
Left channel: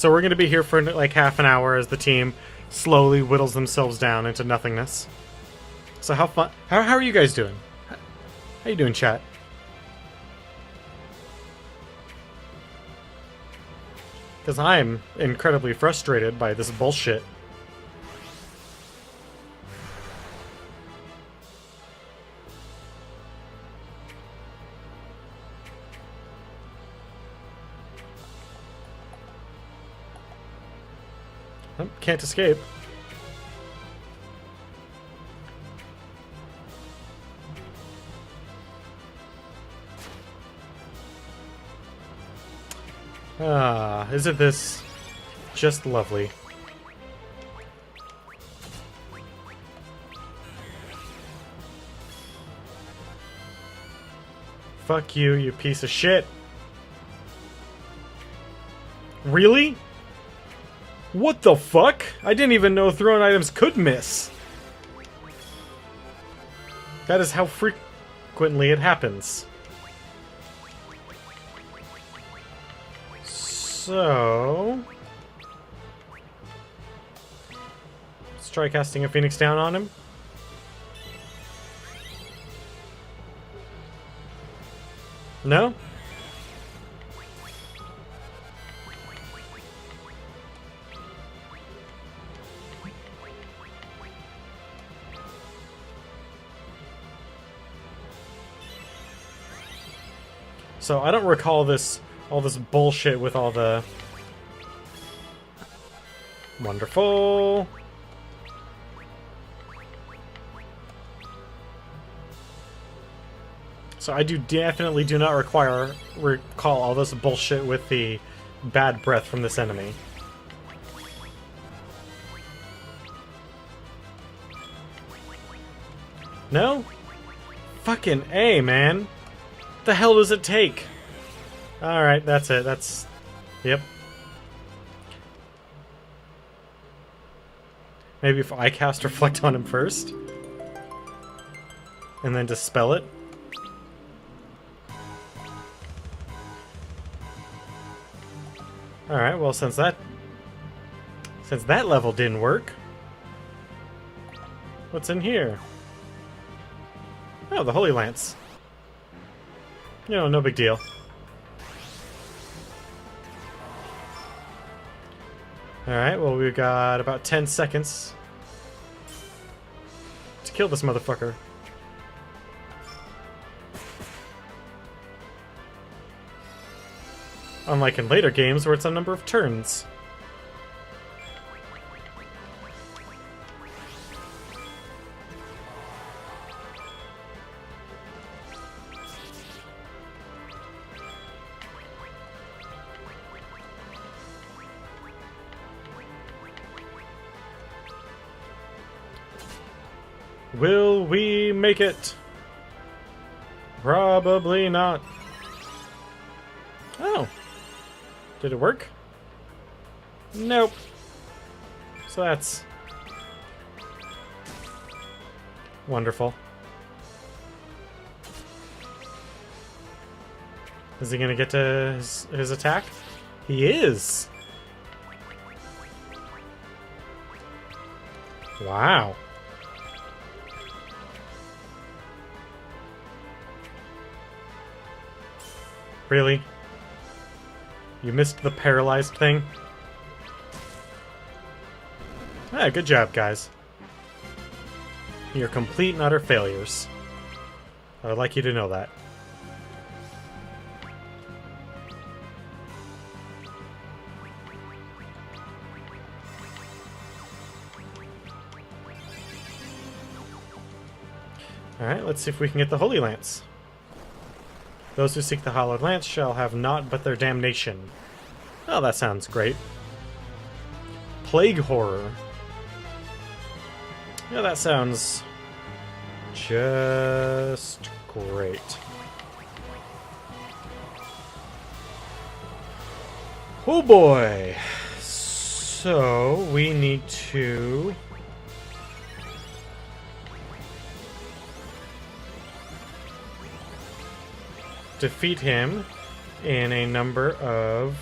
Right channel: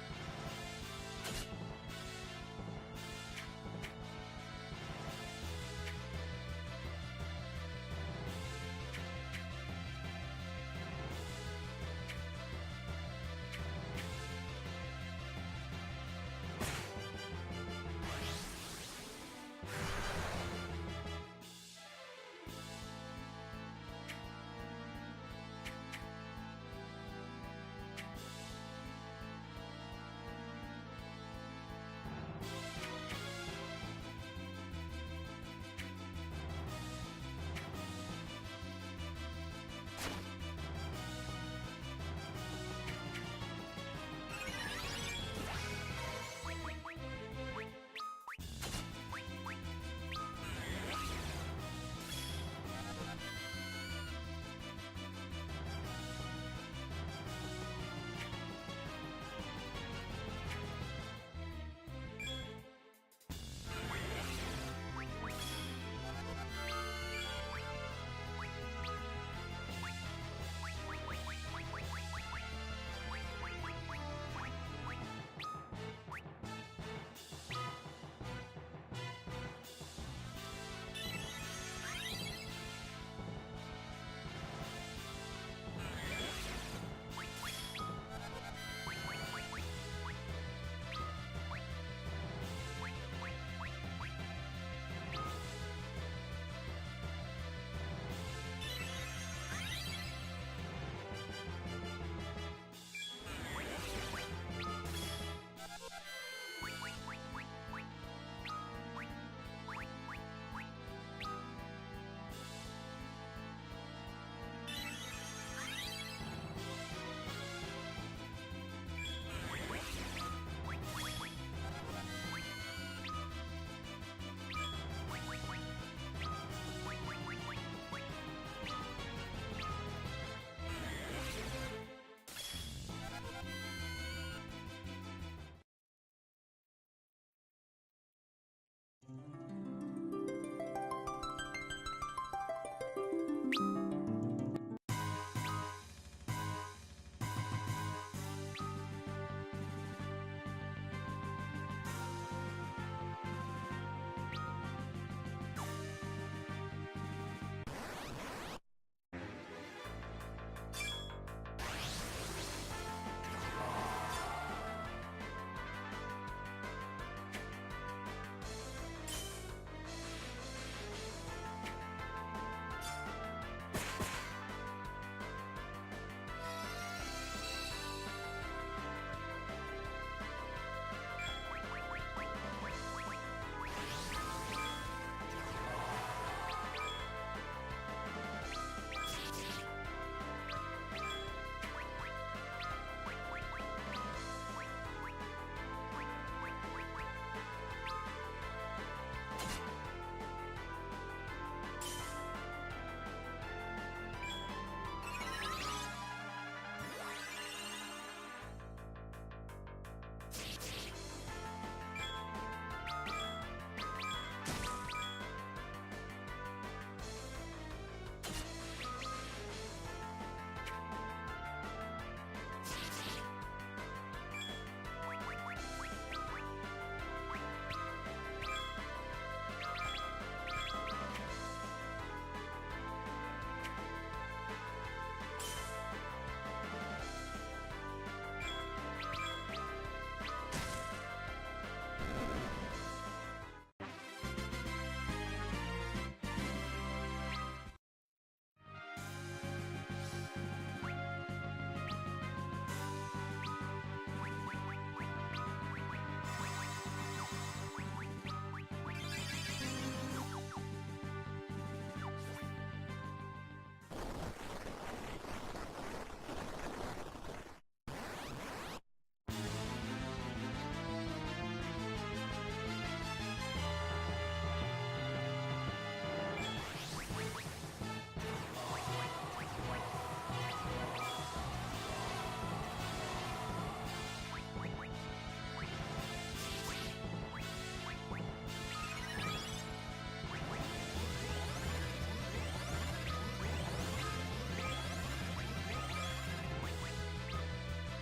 So we're going to be here for like half an hour as the team slowly whittles themselves down into nothingness. So how fun? How are you guys doing? How you doing, chat? Because I'm incredibly frustrated by this bullshit. Oh, can't escape. Ah, isn't this just lovely? Fuck you, you piece of shit. Really? What the fuck? I didn't even know thrown items could miss. That is how frequently it happens. So... let's try casting a Phoenix down on him. No? So I don't recall all this bullshit with all the... Wonderful. So I definitely do not recall all this bullshit with the bad breath from this enemy. No? Fucking A, man. What the hell does it take? Alright, that's it. Yep. Maybe if I cast Reflect on him first. And then Dispel it. Alright, well, since that level didn't work, what's in here? Oh, the Holy Lance. You know, no big deal. Alright, well, we've got about 10 seconds to kill this motherfucker. Unlike in later games where it's a number of turns. Will we make it? Probably not. Oh. Did it work? Nope. So that's wonderful. Is he gonna get to his attack? He is! Wow. Really? You missed the paralyzed thing? Ah, good job, guys. You're complete and utter failures. I would like you to know that. Alright, let's see if we can get the Holy Lance. Those who seek the Hallowed Lance shall have naught but their damnation. Oh, that sounds great. Plague Horror. Yeah, that sounds just great. Oh boy. So, we need to... defeat him in a number of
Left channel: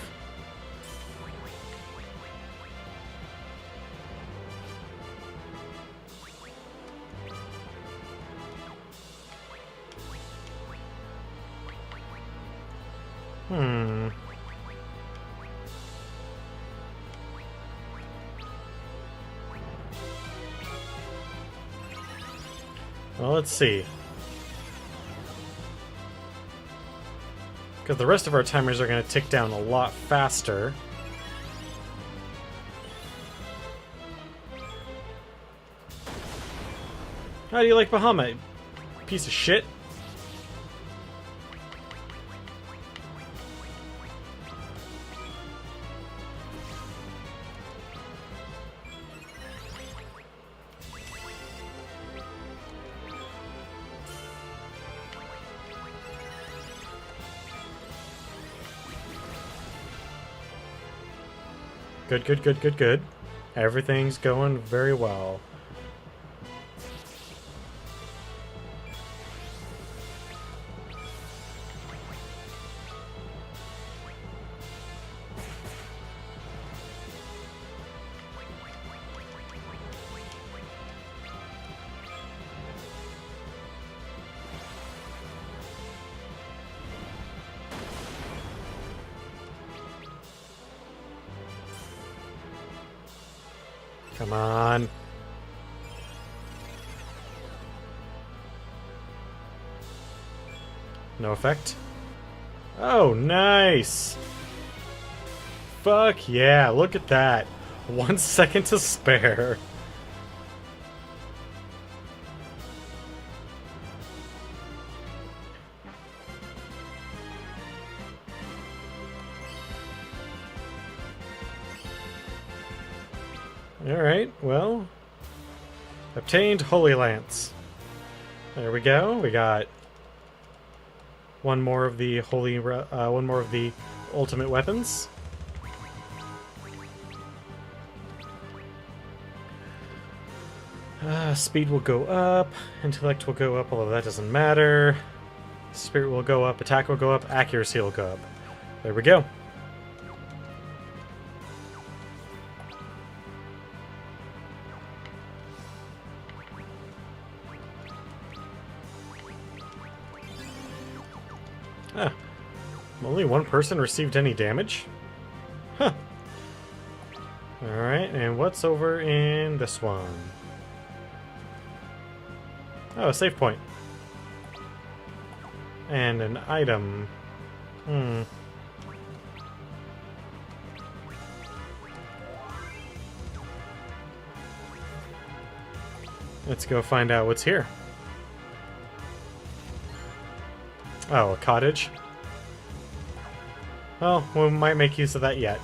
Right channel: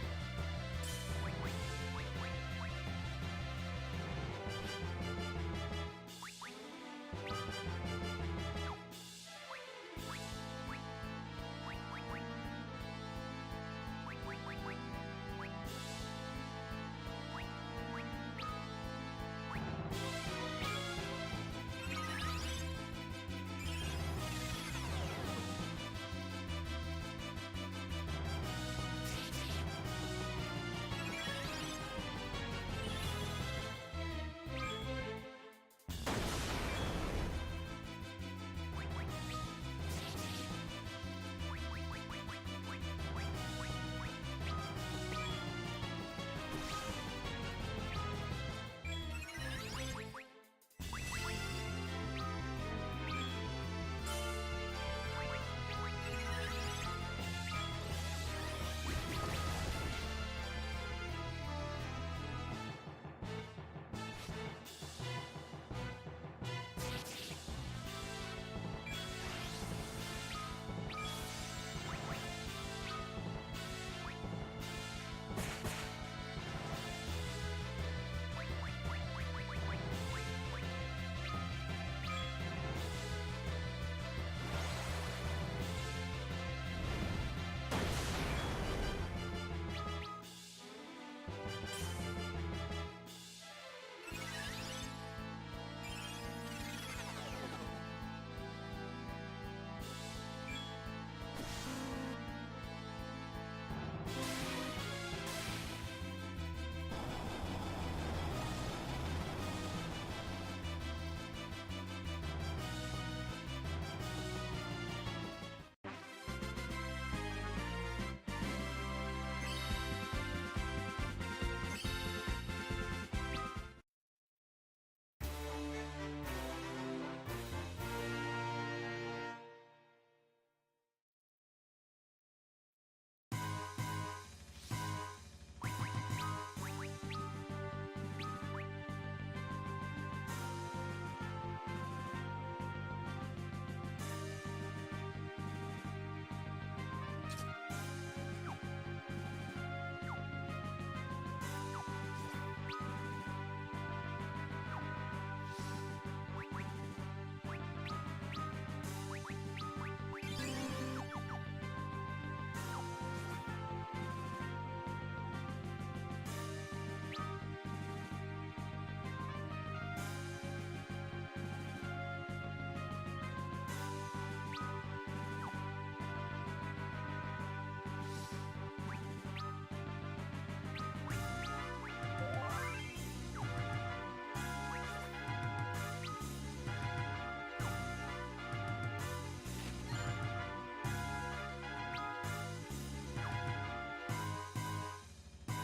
Well, let's see. Because the rest of our timers are going to tick down a lot faster. How do you like Bahamut? Piece of shit. Good, good, good, good, good. Everything's going very well. Come on. No effect. Oh, nice. Fuck yeah, look at that. 1 second to spare. Alright, well, obtained Holy Lance. There we go. We got one more of the one more of the ultimate weapons. Speed will go up, intellect will go up, although that doesn't matter. Spirit will go up, attack will go up, accuracy will go up. There we go. Ah, only one person received any damage? Huh. Alright, and what's over in this one? Oh, a save point. And an item. Let's go find out what's here. Oh, a cottage? Well, we might make use of that yet.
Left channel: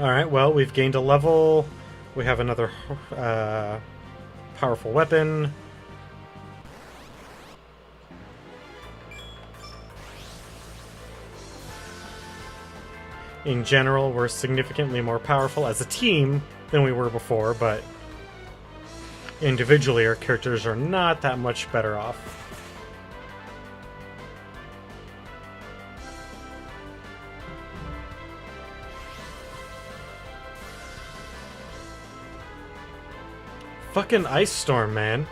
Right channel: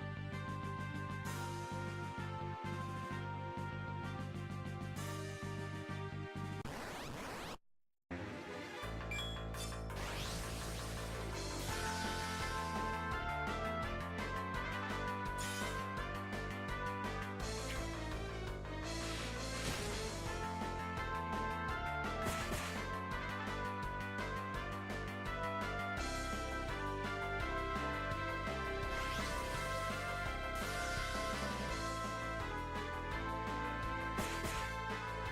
Alright, well, we've gained a level. We have another powerful weapon. In general, we're significantly more powerful as a team than we were before, but individually our characters are not that much better off. Fucking ice storm, man.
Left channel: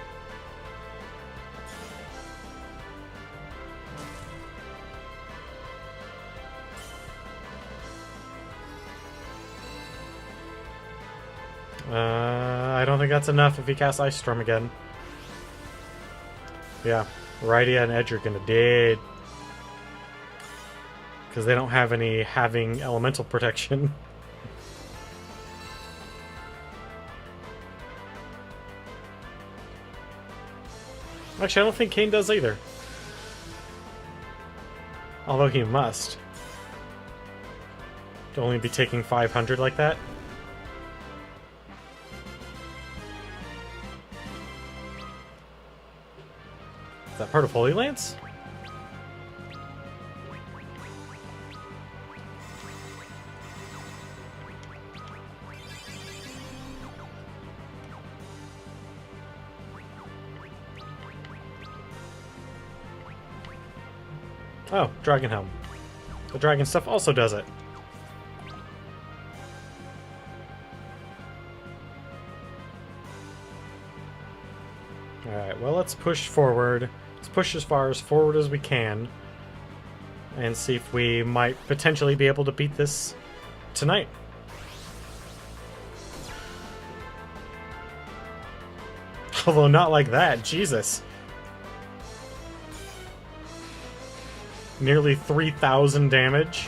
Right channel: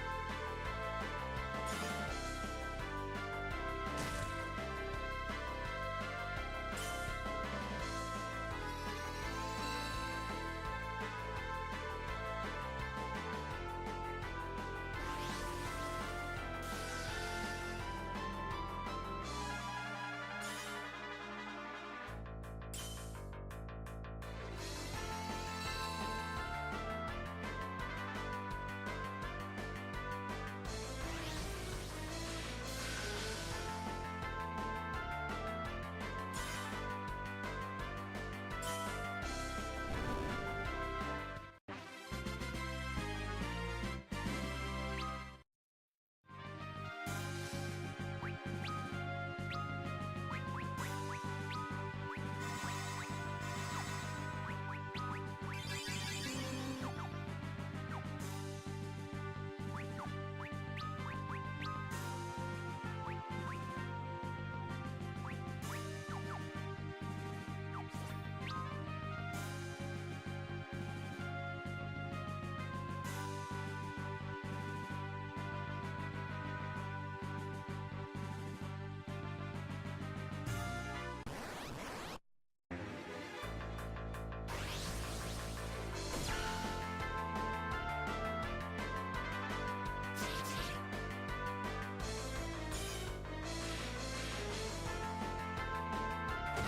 I don't think that's enough if he casts Ice Storm again. Yeah, Rydia and Edge are gonna dead. Because they don't have any having elemental protection. Actually, I don't think Kane does either. Although he must. To only be taking 500 like that. Is that part of Holy Lance? Oh, Dragon Helm. The dragon stuff also does it. Alright, well, let's push forward. Let's push as far as forward as we can. And see if we might potentially be able to beat this tonight. Although not like that, Jesus. Nearly 3,000 damage.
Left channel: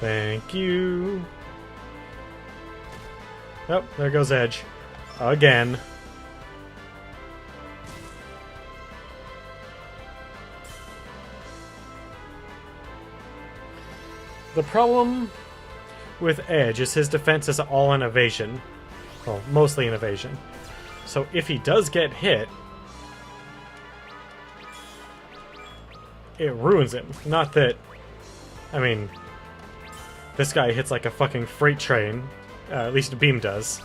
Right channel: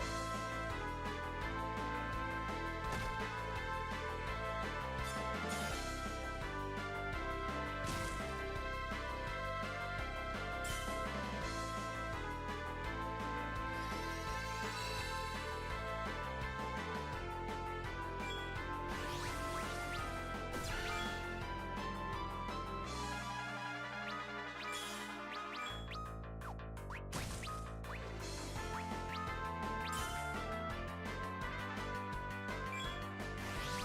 Thank you. Oh, there goes Edge. Again. The problem with Edge is his defense is all in evasion. Well, mostly in evasion. So if he does get hit, it ruins him. Not that... I mean... This guy hits like a fucking freight train. At least Beam does.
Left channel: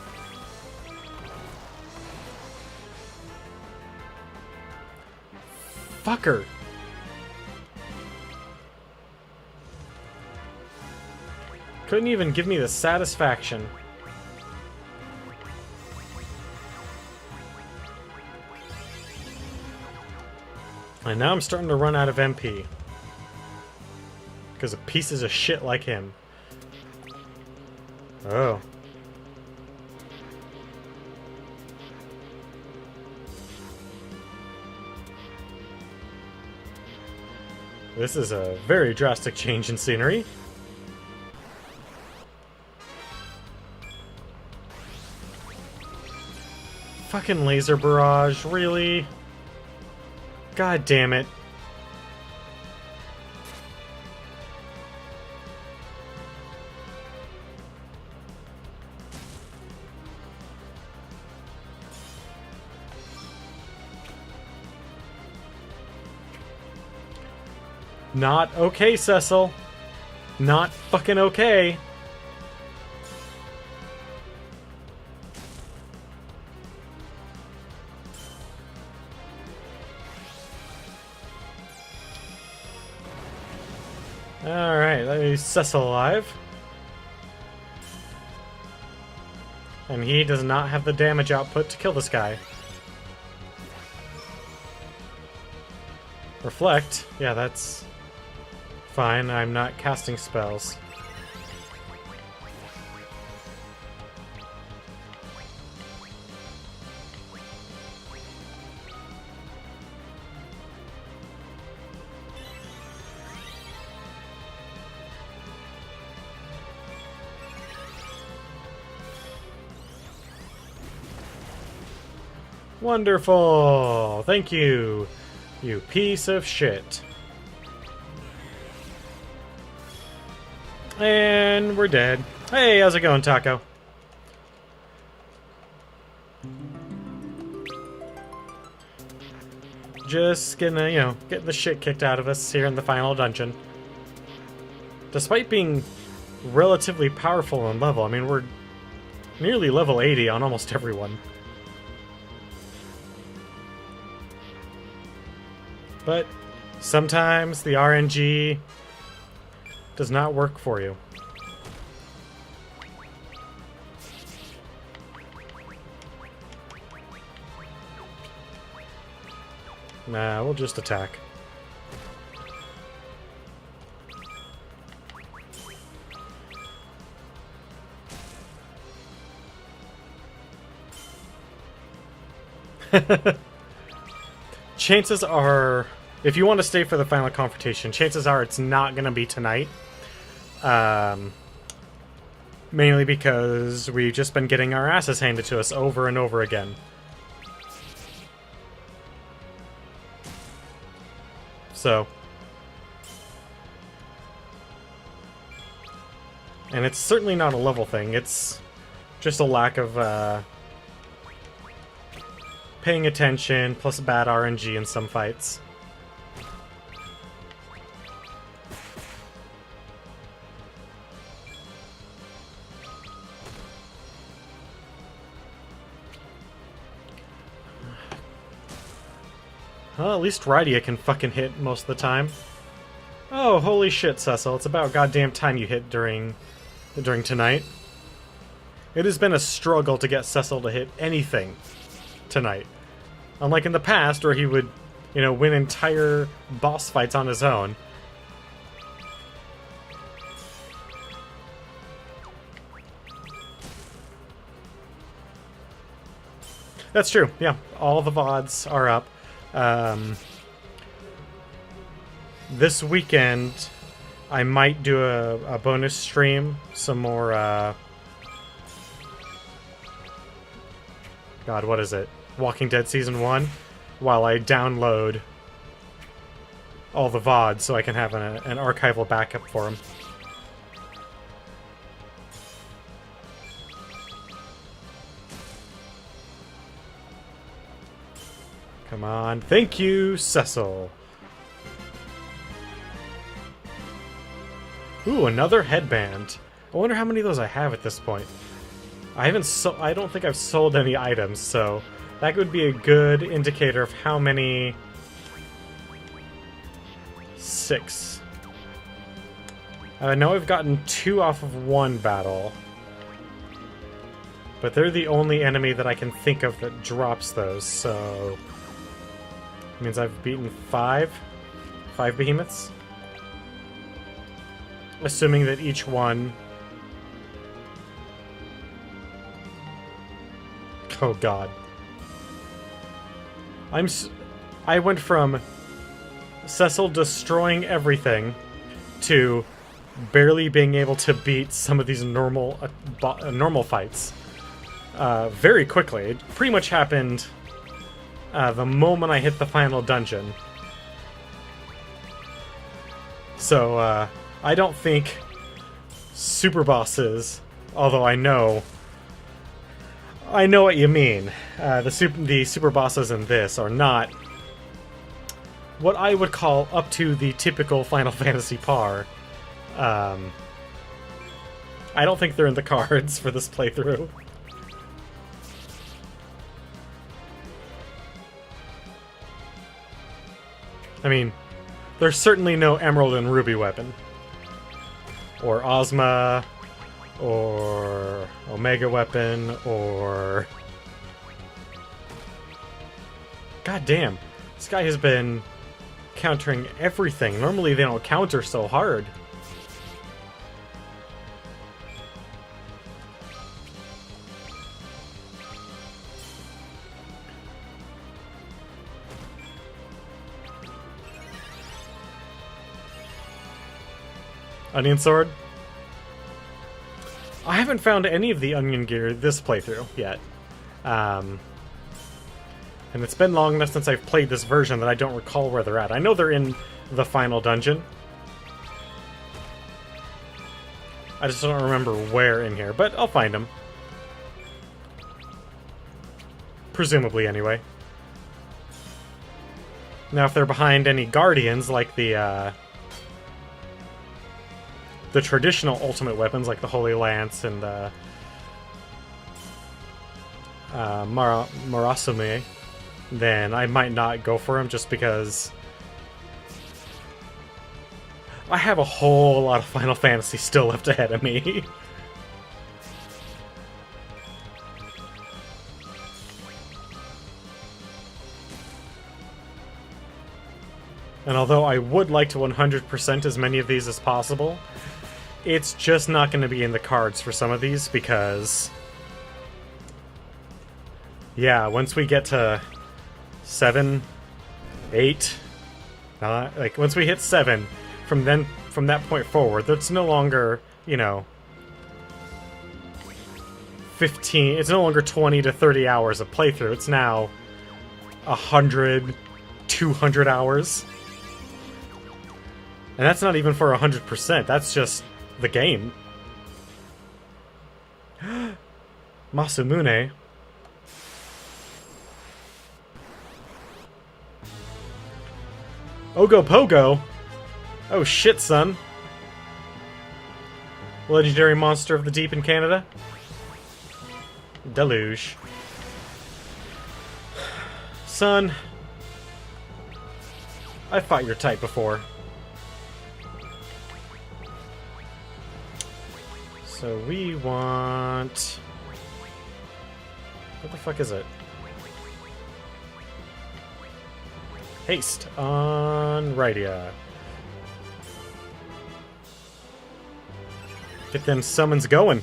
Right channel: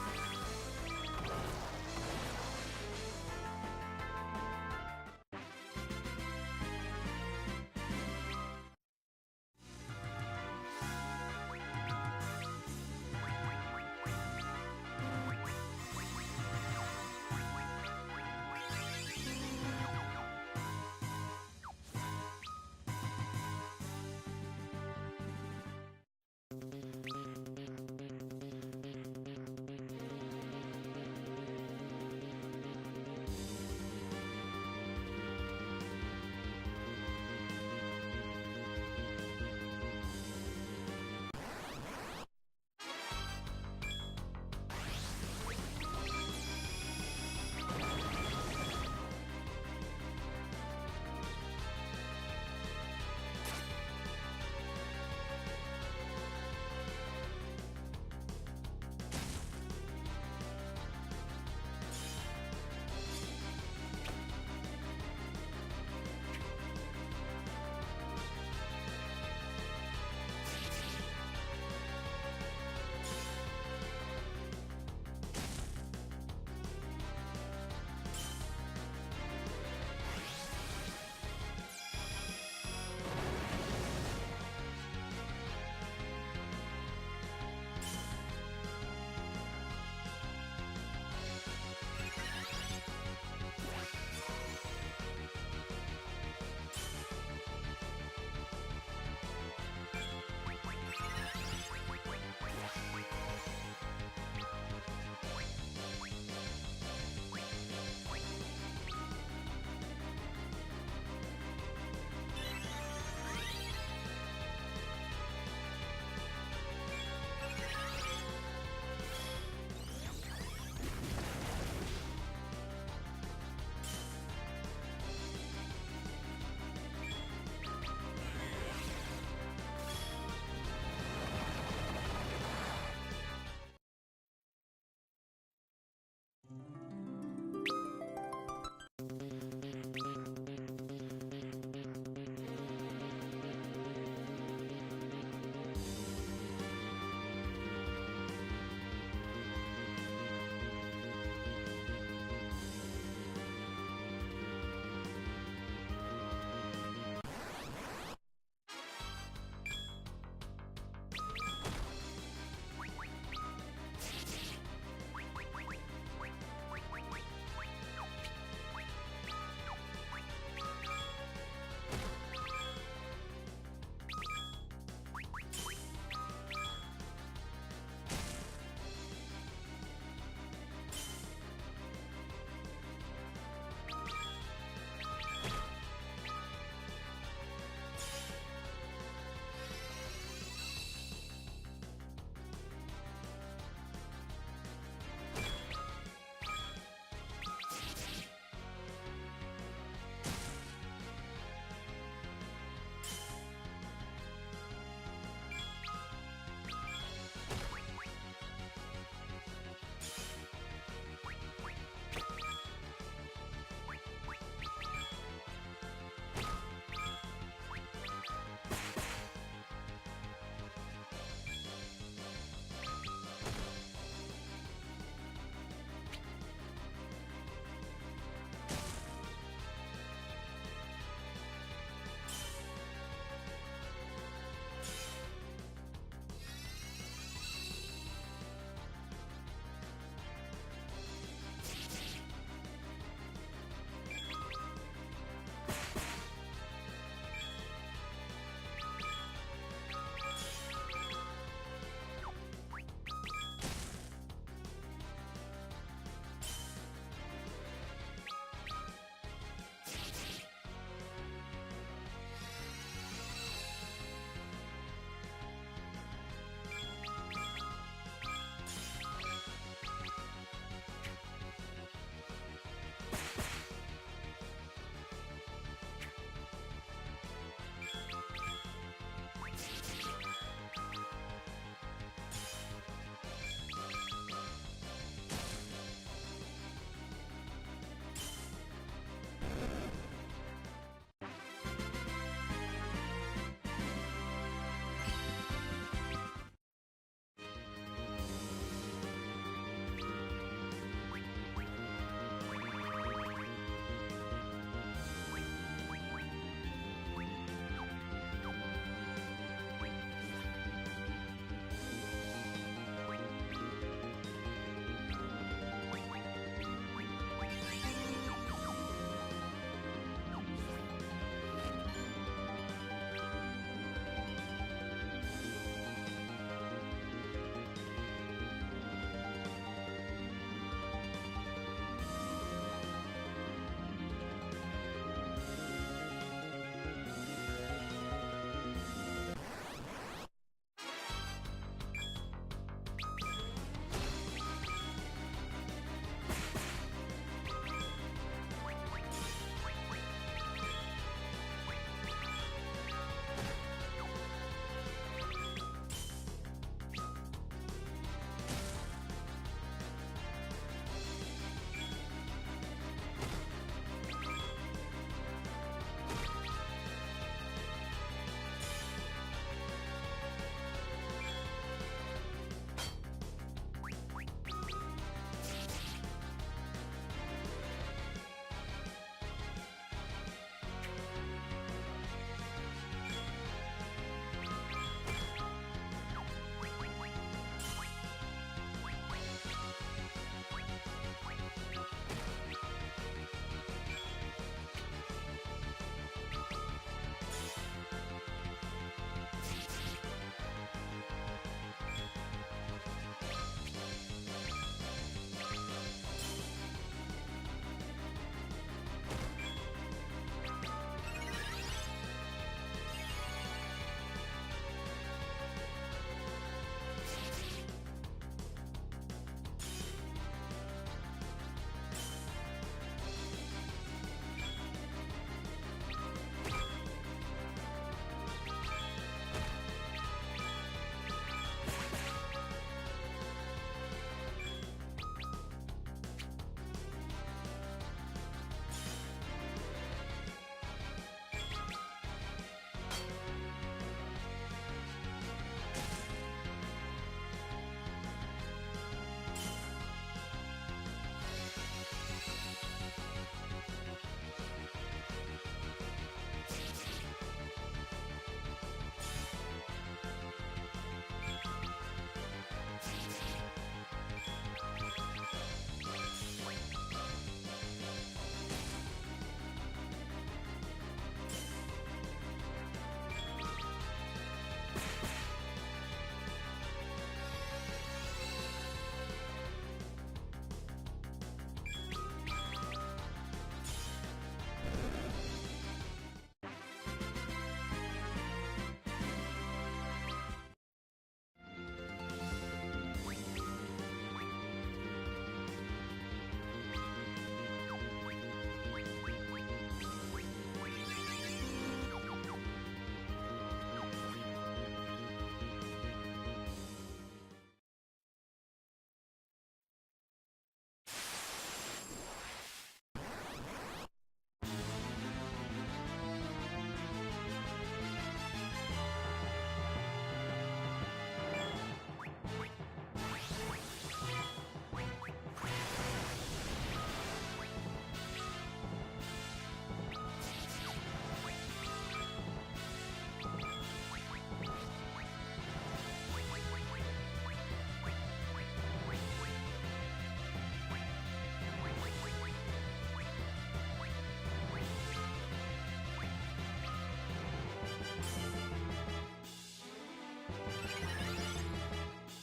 Fucker! Couldn't even give me the satisfaction. And now I'm starting to run out of MP. Because of pieces of shit like him. Oh. This is a very drastic change in scenery. Fucking laser barrage, really? God damn it. Not okay, Cecil. Not fucking okay. Alright, let me Cecil alive. And he does not have the damage output to kill this guy. Reflect? Yeah, that's fine. I'm not casting spells. Wonderful! Thank you, you piece of shit. And we're dead. Hey, how's it going, Taco? Just gonna, you know, get the shit kicked out of us here in the final dungeon. Despite being relatively powerful in level, I mean, we're nearly level 80 on almost everyone. But sometimes the RNG does not work for you. Nah, we'll just attack. Chances are, if you want to stay for the final confrontation, chances are it's not going to be tonight. Mainly because we've just been getting our asses handed to us over and over again. So. And it's certainly not a level thing, it's just a lack of, paying attention, plus bad RNG in some fights. Well, at least Rydia can fucking hit most of the time. Oh, holy shit, Cecil. It's about goddamn time you hit during tonight. It has been a struggle to get Cecil to hit anything tonight. Unlike in the past, where he would, you know, win entire boss fights on his own. That's true. Yeah, all the VODs are up. This weekend, I might do a bonus stream. Some more, God, what is it? Walking Dead Season 1, while I download all the VODs so I can have an archival backup for them. Come on. Thank you, Cecil. Ooh, another headband. I wonder how many of those I have at this point. I don't think I've sold any items, so that would be a good indicator of how many. 6. I know I've gotten 2 off of one battle, but they're the only enemy that I can think of that drops those, so it means I've beaten 5 behemoths, assuming that each one. Oh god. I went from Cecil destroying everything to barely being able to beat some of these normal fights very quickly. It pretty much happened the moment I hit the final dungeon. So I don't think super bosses, although I know what you mean. The super bosses in this are not what I would call up to the typical Final Fantasy par. I don't think they're in the cards for this playthrough. I mean, there's certainly no Emerald and Ruby weapon. Or Ozma, or Omega weapon, or... God damn, this guy has been countering everything. Normally they don't counter so hard. Onion sword? I haven't found any of the onion gear this playthrough yet. And it's been long enough since I've played this version that I don't recall where they're at. I know they're in the final dungeon. I just don't remember where in here, but I'll find them. Presumably, anyway. Now, if they're behind any guardians, like the traditional ultimate weapons, like the Holy Lance and the Marasume, then I might not go for them just because I have a whole lot of Final Fantasy still left ahead of me. And although I would like to 100% as many of these as possible, it's just not going to be in the cards for some of these because, yeah, once we get to 7, 8, like once we hit 7, from that point forward, that's no longer, you know, 15. It's no longer 20 to 30 hours of playthrough. It's now 100, 200 hours. And that's not even for 100%. That's just the game. Masamune. Ogo Pogo? Oh shit, son. Legendary monster of the deep in Canada? Deluge. Son. I fought your type before. So we want... What the fuck is it? Haste on Rydia. Get them summons going.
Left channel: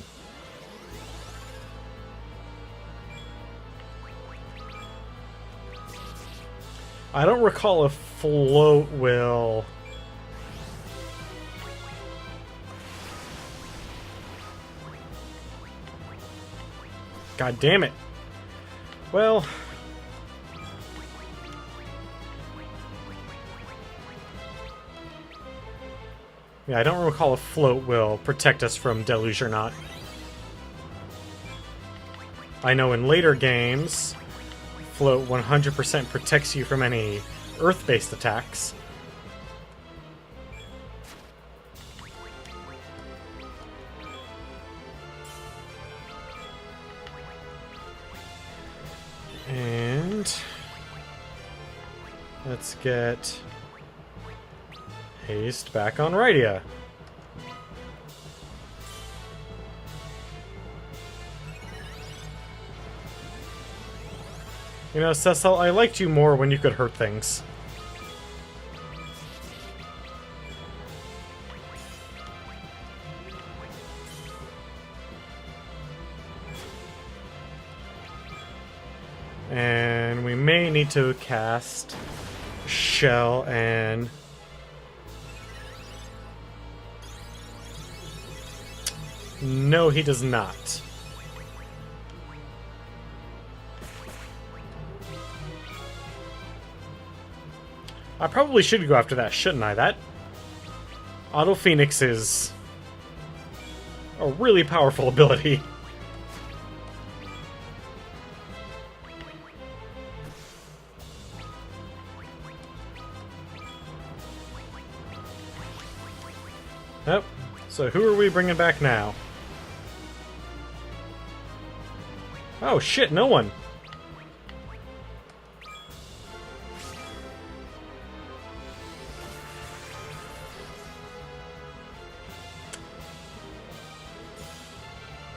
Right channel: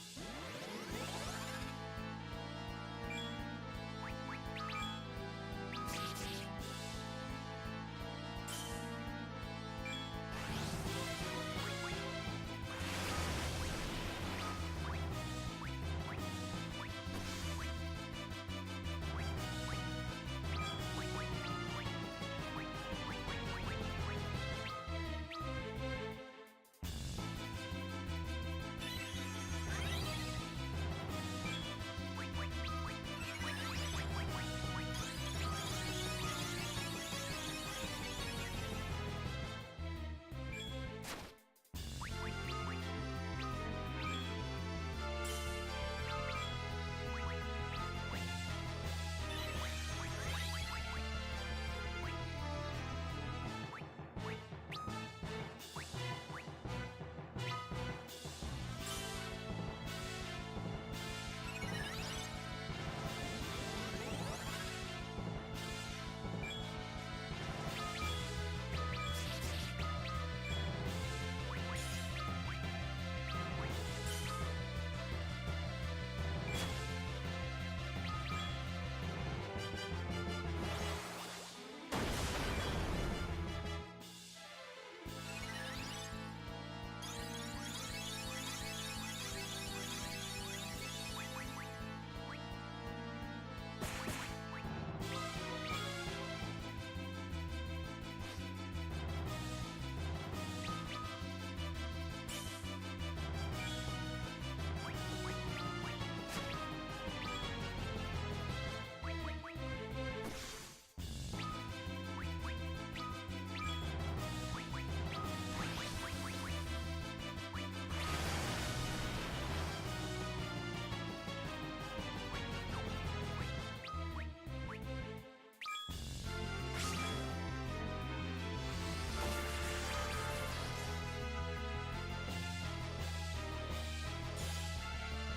I don't recall if float will... God damn it. Well... yeah, I don't recall if float will protect us from deluge or not. I know in later games, float 100% protects you from any earth-based attacks. And let's get haste back on Rydia. You know, Cecil, I liked you more when you could hurt things. And we may need to cast Shell and... no, he does not. I probably should go after that, shouldn't I? That Auto Phoenix is a really powerful ability. Yep. So who are we bringing back now? Oh shit, no one.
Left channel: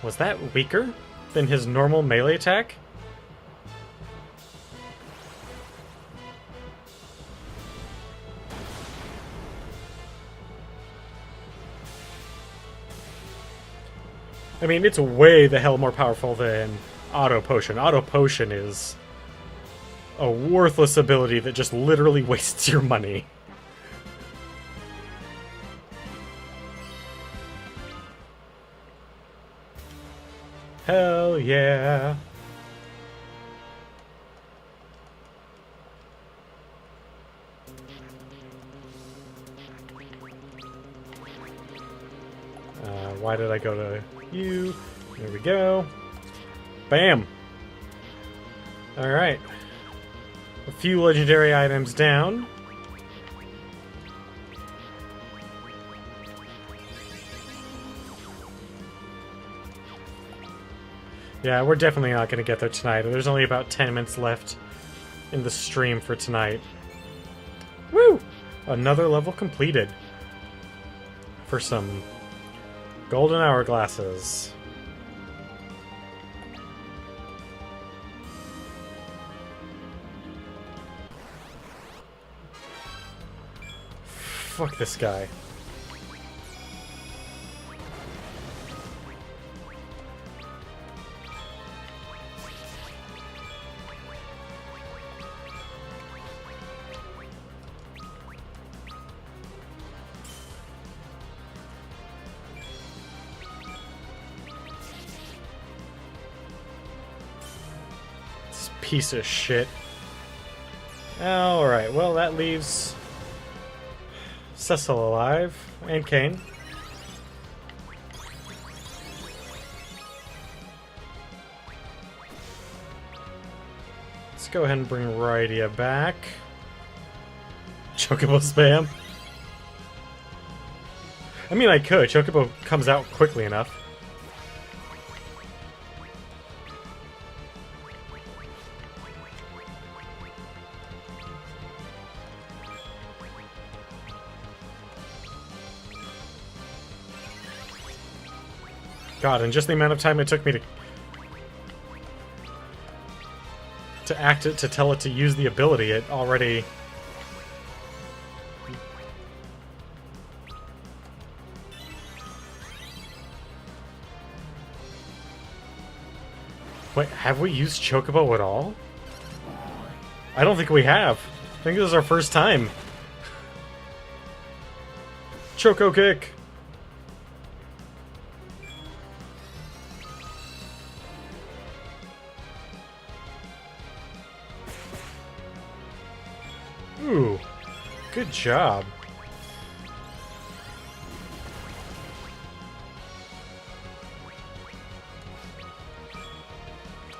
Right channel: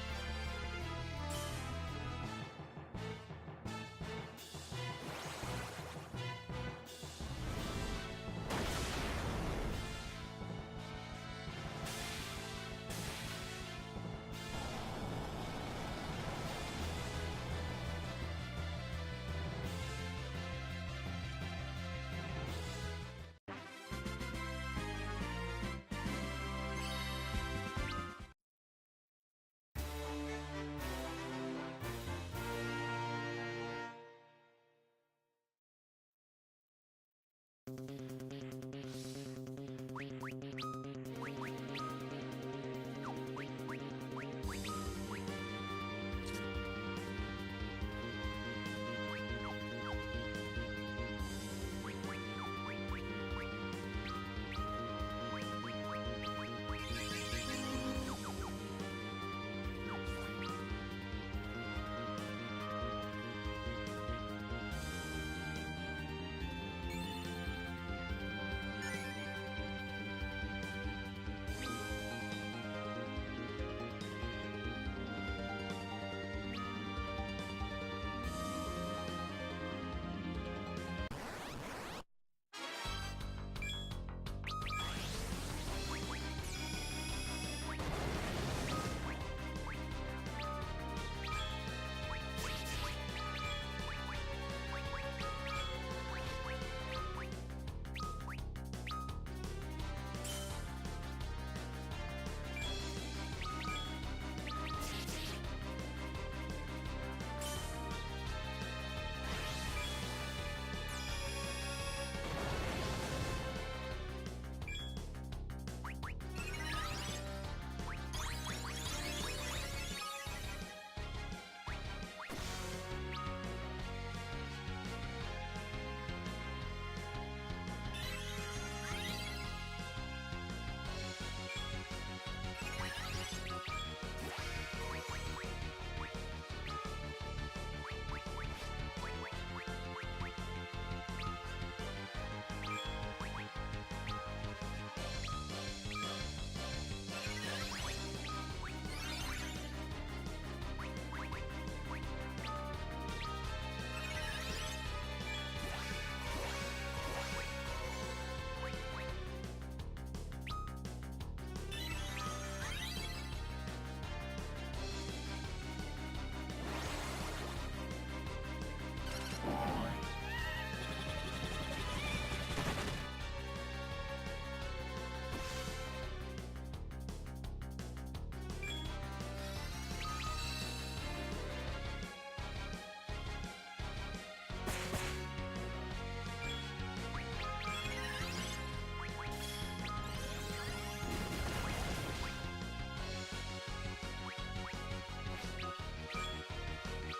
Was that weaker than his normal melee attack? I mean, it's way the hell more powerful than Auto Potion. Auto Potion is a worthless ability that just literally wastes your money. Hell yeah. Why did I go to you? There we go. Bam. Alright. A few legendary items down. Yeah, we're definitely not going to get there tonight. There's only about 10 minutes left in the stream for tonight. Woo! Another level completed. For some golden hourglasses. Fuck this guy. Piece of shit. Alright, well that leaves Cecil alive, and Kane. Let's go ahead and bring Rydia back. Chocobo spam. I mean, I could. Chocobo comes out quickly enough. God, and just the amount of time it took me to act it, to tell it to use the ability, it already... Wait, have we used Chocobo at all? I don't think we have. think this is our first time. Choco kick. Ooh, good job.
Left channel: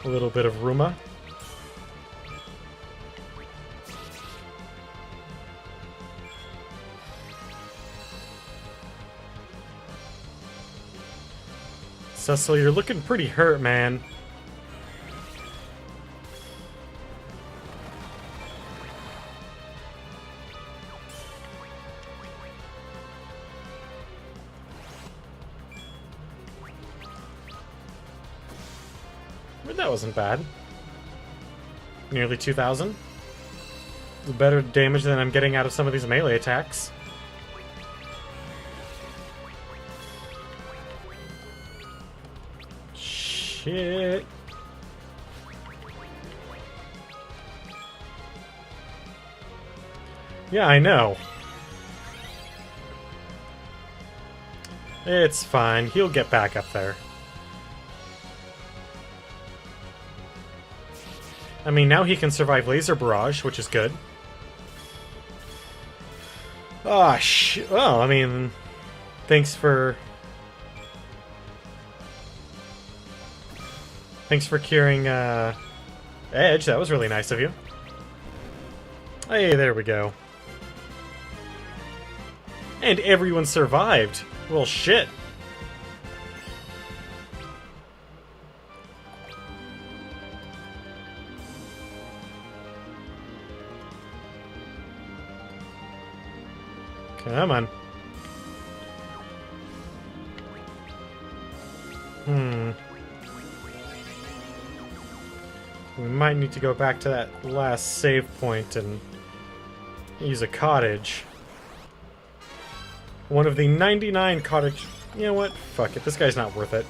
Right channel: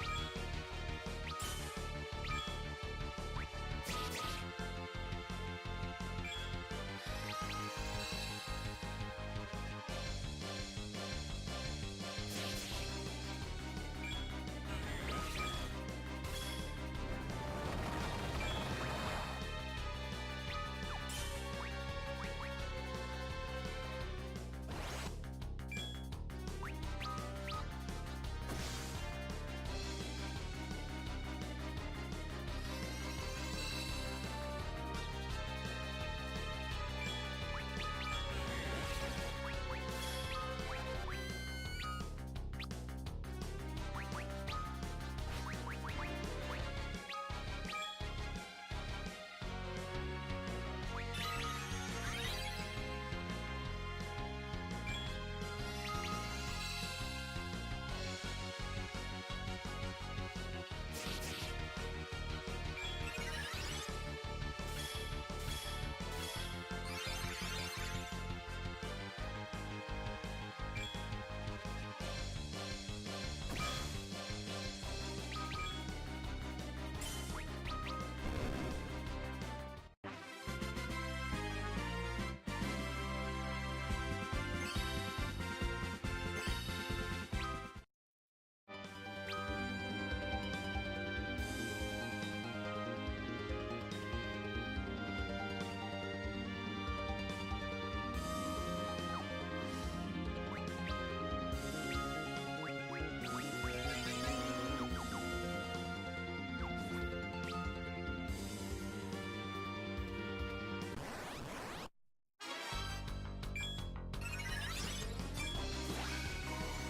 A little bit of Ruma. Cecil, you're looking pretty hurt, man. But that wasn't bad. Nearly 2,000. Better damage than I'm getting out of some of these melee attacks. Shit. Yeah, I know. It's fine. He'll get back up there. I mean, now he can survive Laser Barrage, which is good. Oh, well, I mean, thanks for curing Edge. That was really nice of you. Hey, there we go. And everyone survived. Well, shit. Come on. We might need to go back to that last save point and use a cottage. One of the 99 cottage... You know what? Fuck it. This guy's not worth it.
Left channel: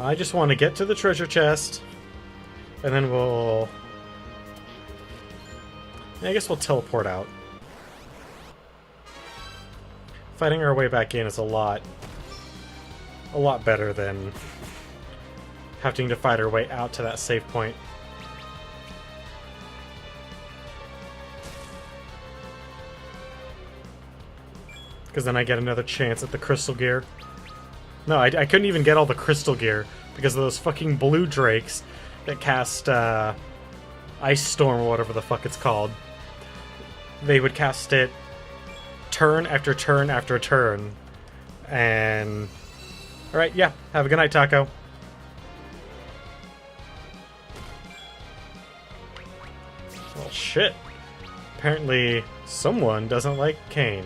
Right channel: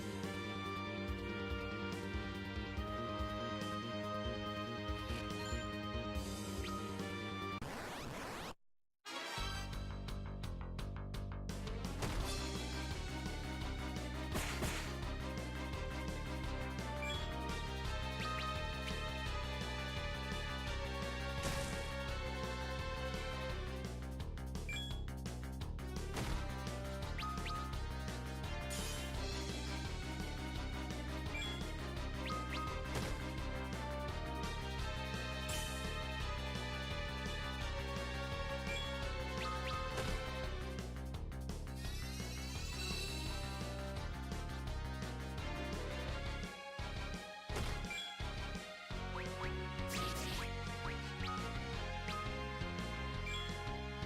I just want to get to the treasure chest, and then we'll... I guess we'll teleport out. Fighting our way back in is a lot better than having to fight our way out to that save point. Because then I get another chance at the crystal gear. No, I couldn't even get all the crystal gear because of those fucking blue drakes that cast Ice Storm or whatever the fuck it's called. They would cast it turn after turn after turn. And... Alright, yeah. Have a good night, Taco. Well, shit. Apparently, someone doesn't like Kane.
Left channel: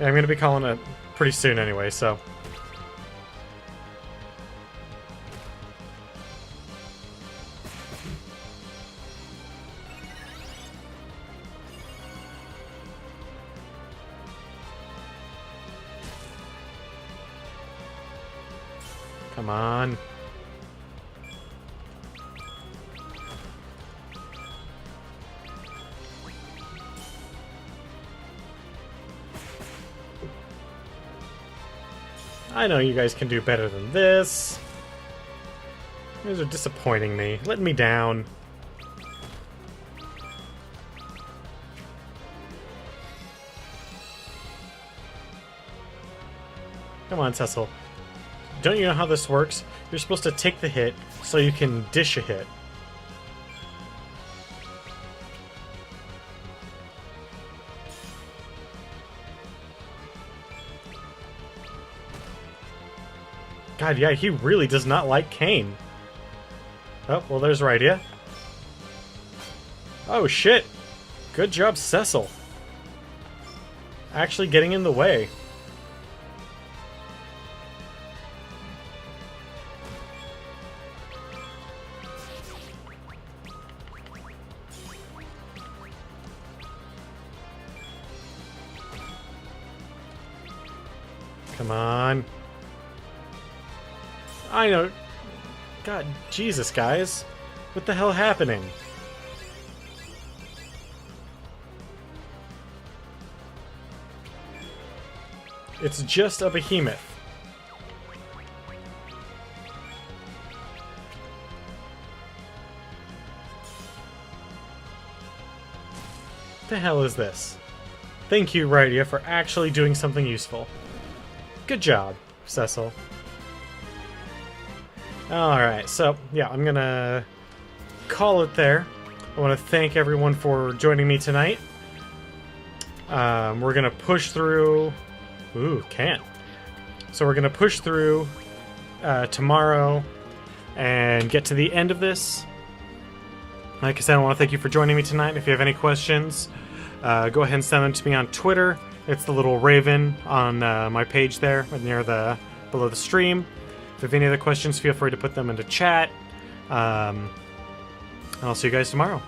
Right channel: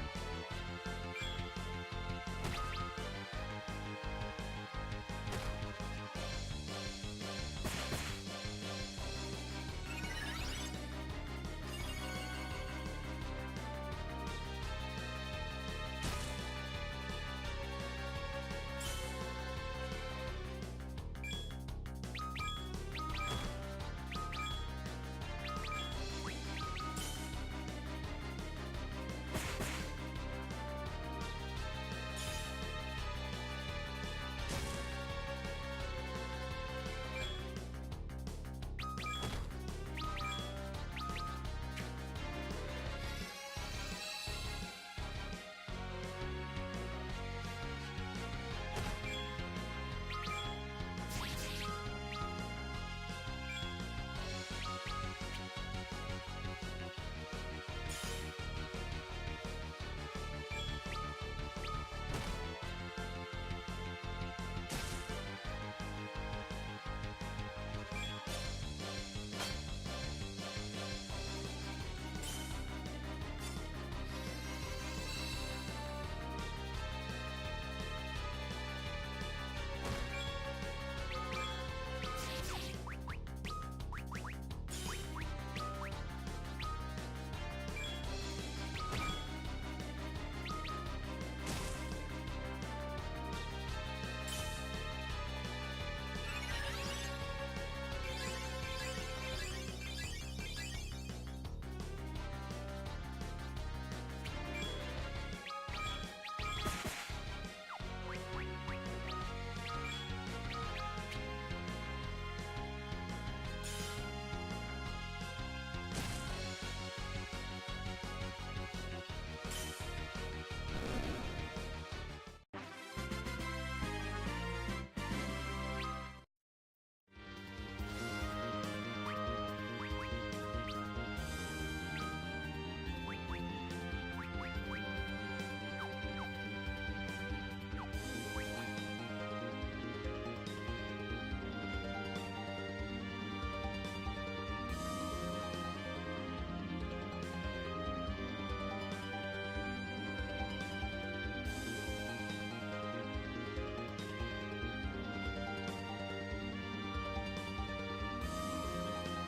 Yeah, I'm going to be calling it pretty soon anyway, so... Come on. I know you guys can do better than this. You guys are disappointing me. Letting me down. Come on, Cecil. Don't you know how this works? You're supposed to take the hit so you can dish a hit. God, yeah, he really does not like Kane. Oh, well, there's Rydia. Oh, shit. Good job, Cecil. Actually getting in the way. Come on. I know. God, Jesus, guys. What the hell happening? It's just a behemoth. What the hell is this? Thank you, Rydia, for actually doing something useful. Good job, Cecil. Alright, so, yeah, I'm gonna call it there. I want to thank everyone for joining me tonight. We're gonna push through... Ooh, can't. So we're gonna push through tomorrow and get to the end of this. Like I said, I want to thank you for joining me tonight. If you have any questions, go ahead and send them to me on Twitter. It's the little raven on my page there, near below the stream. If you have any other questions, feel free to put them into chat. I'll see you guys tomorrow.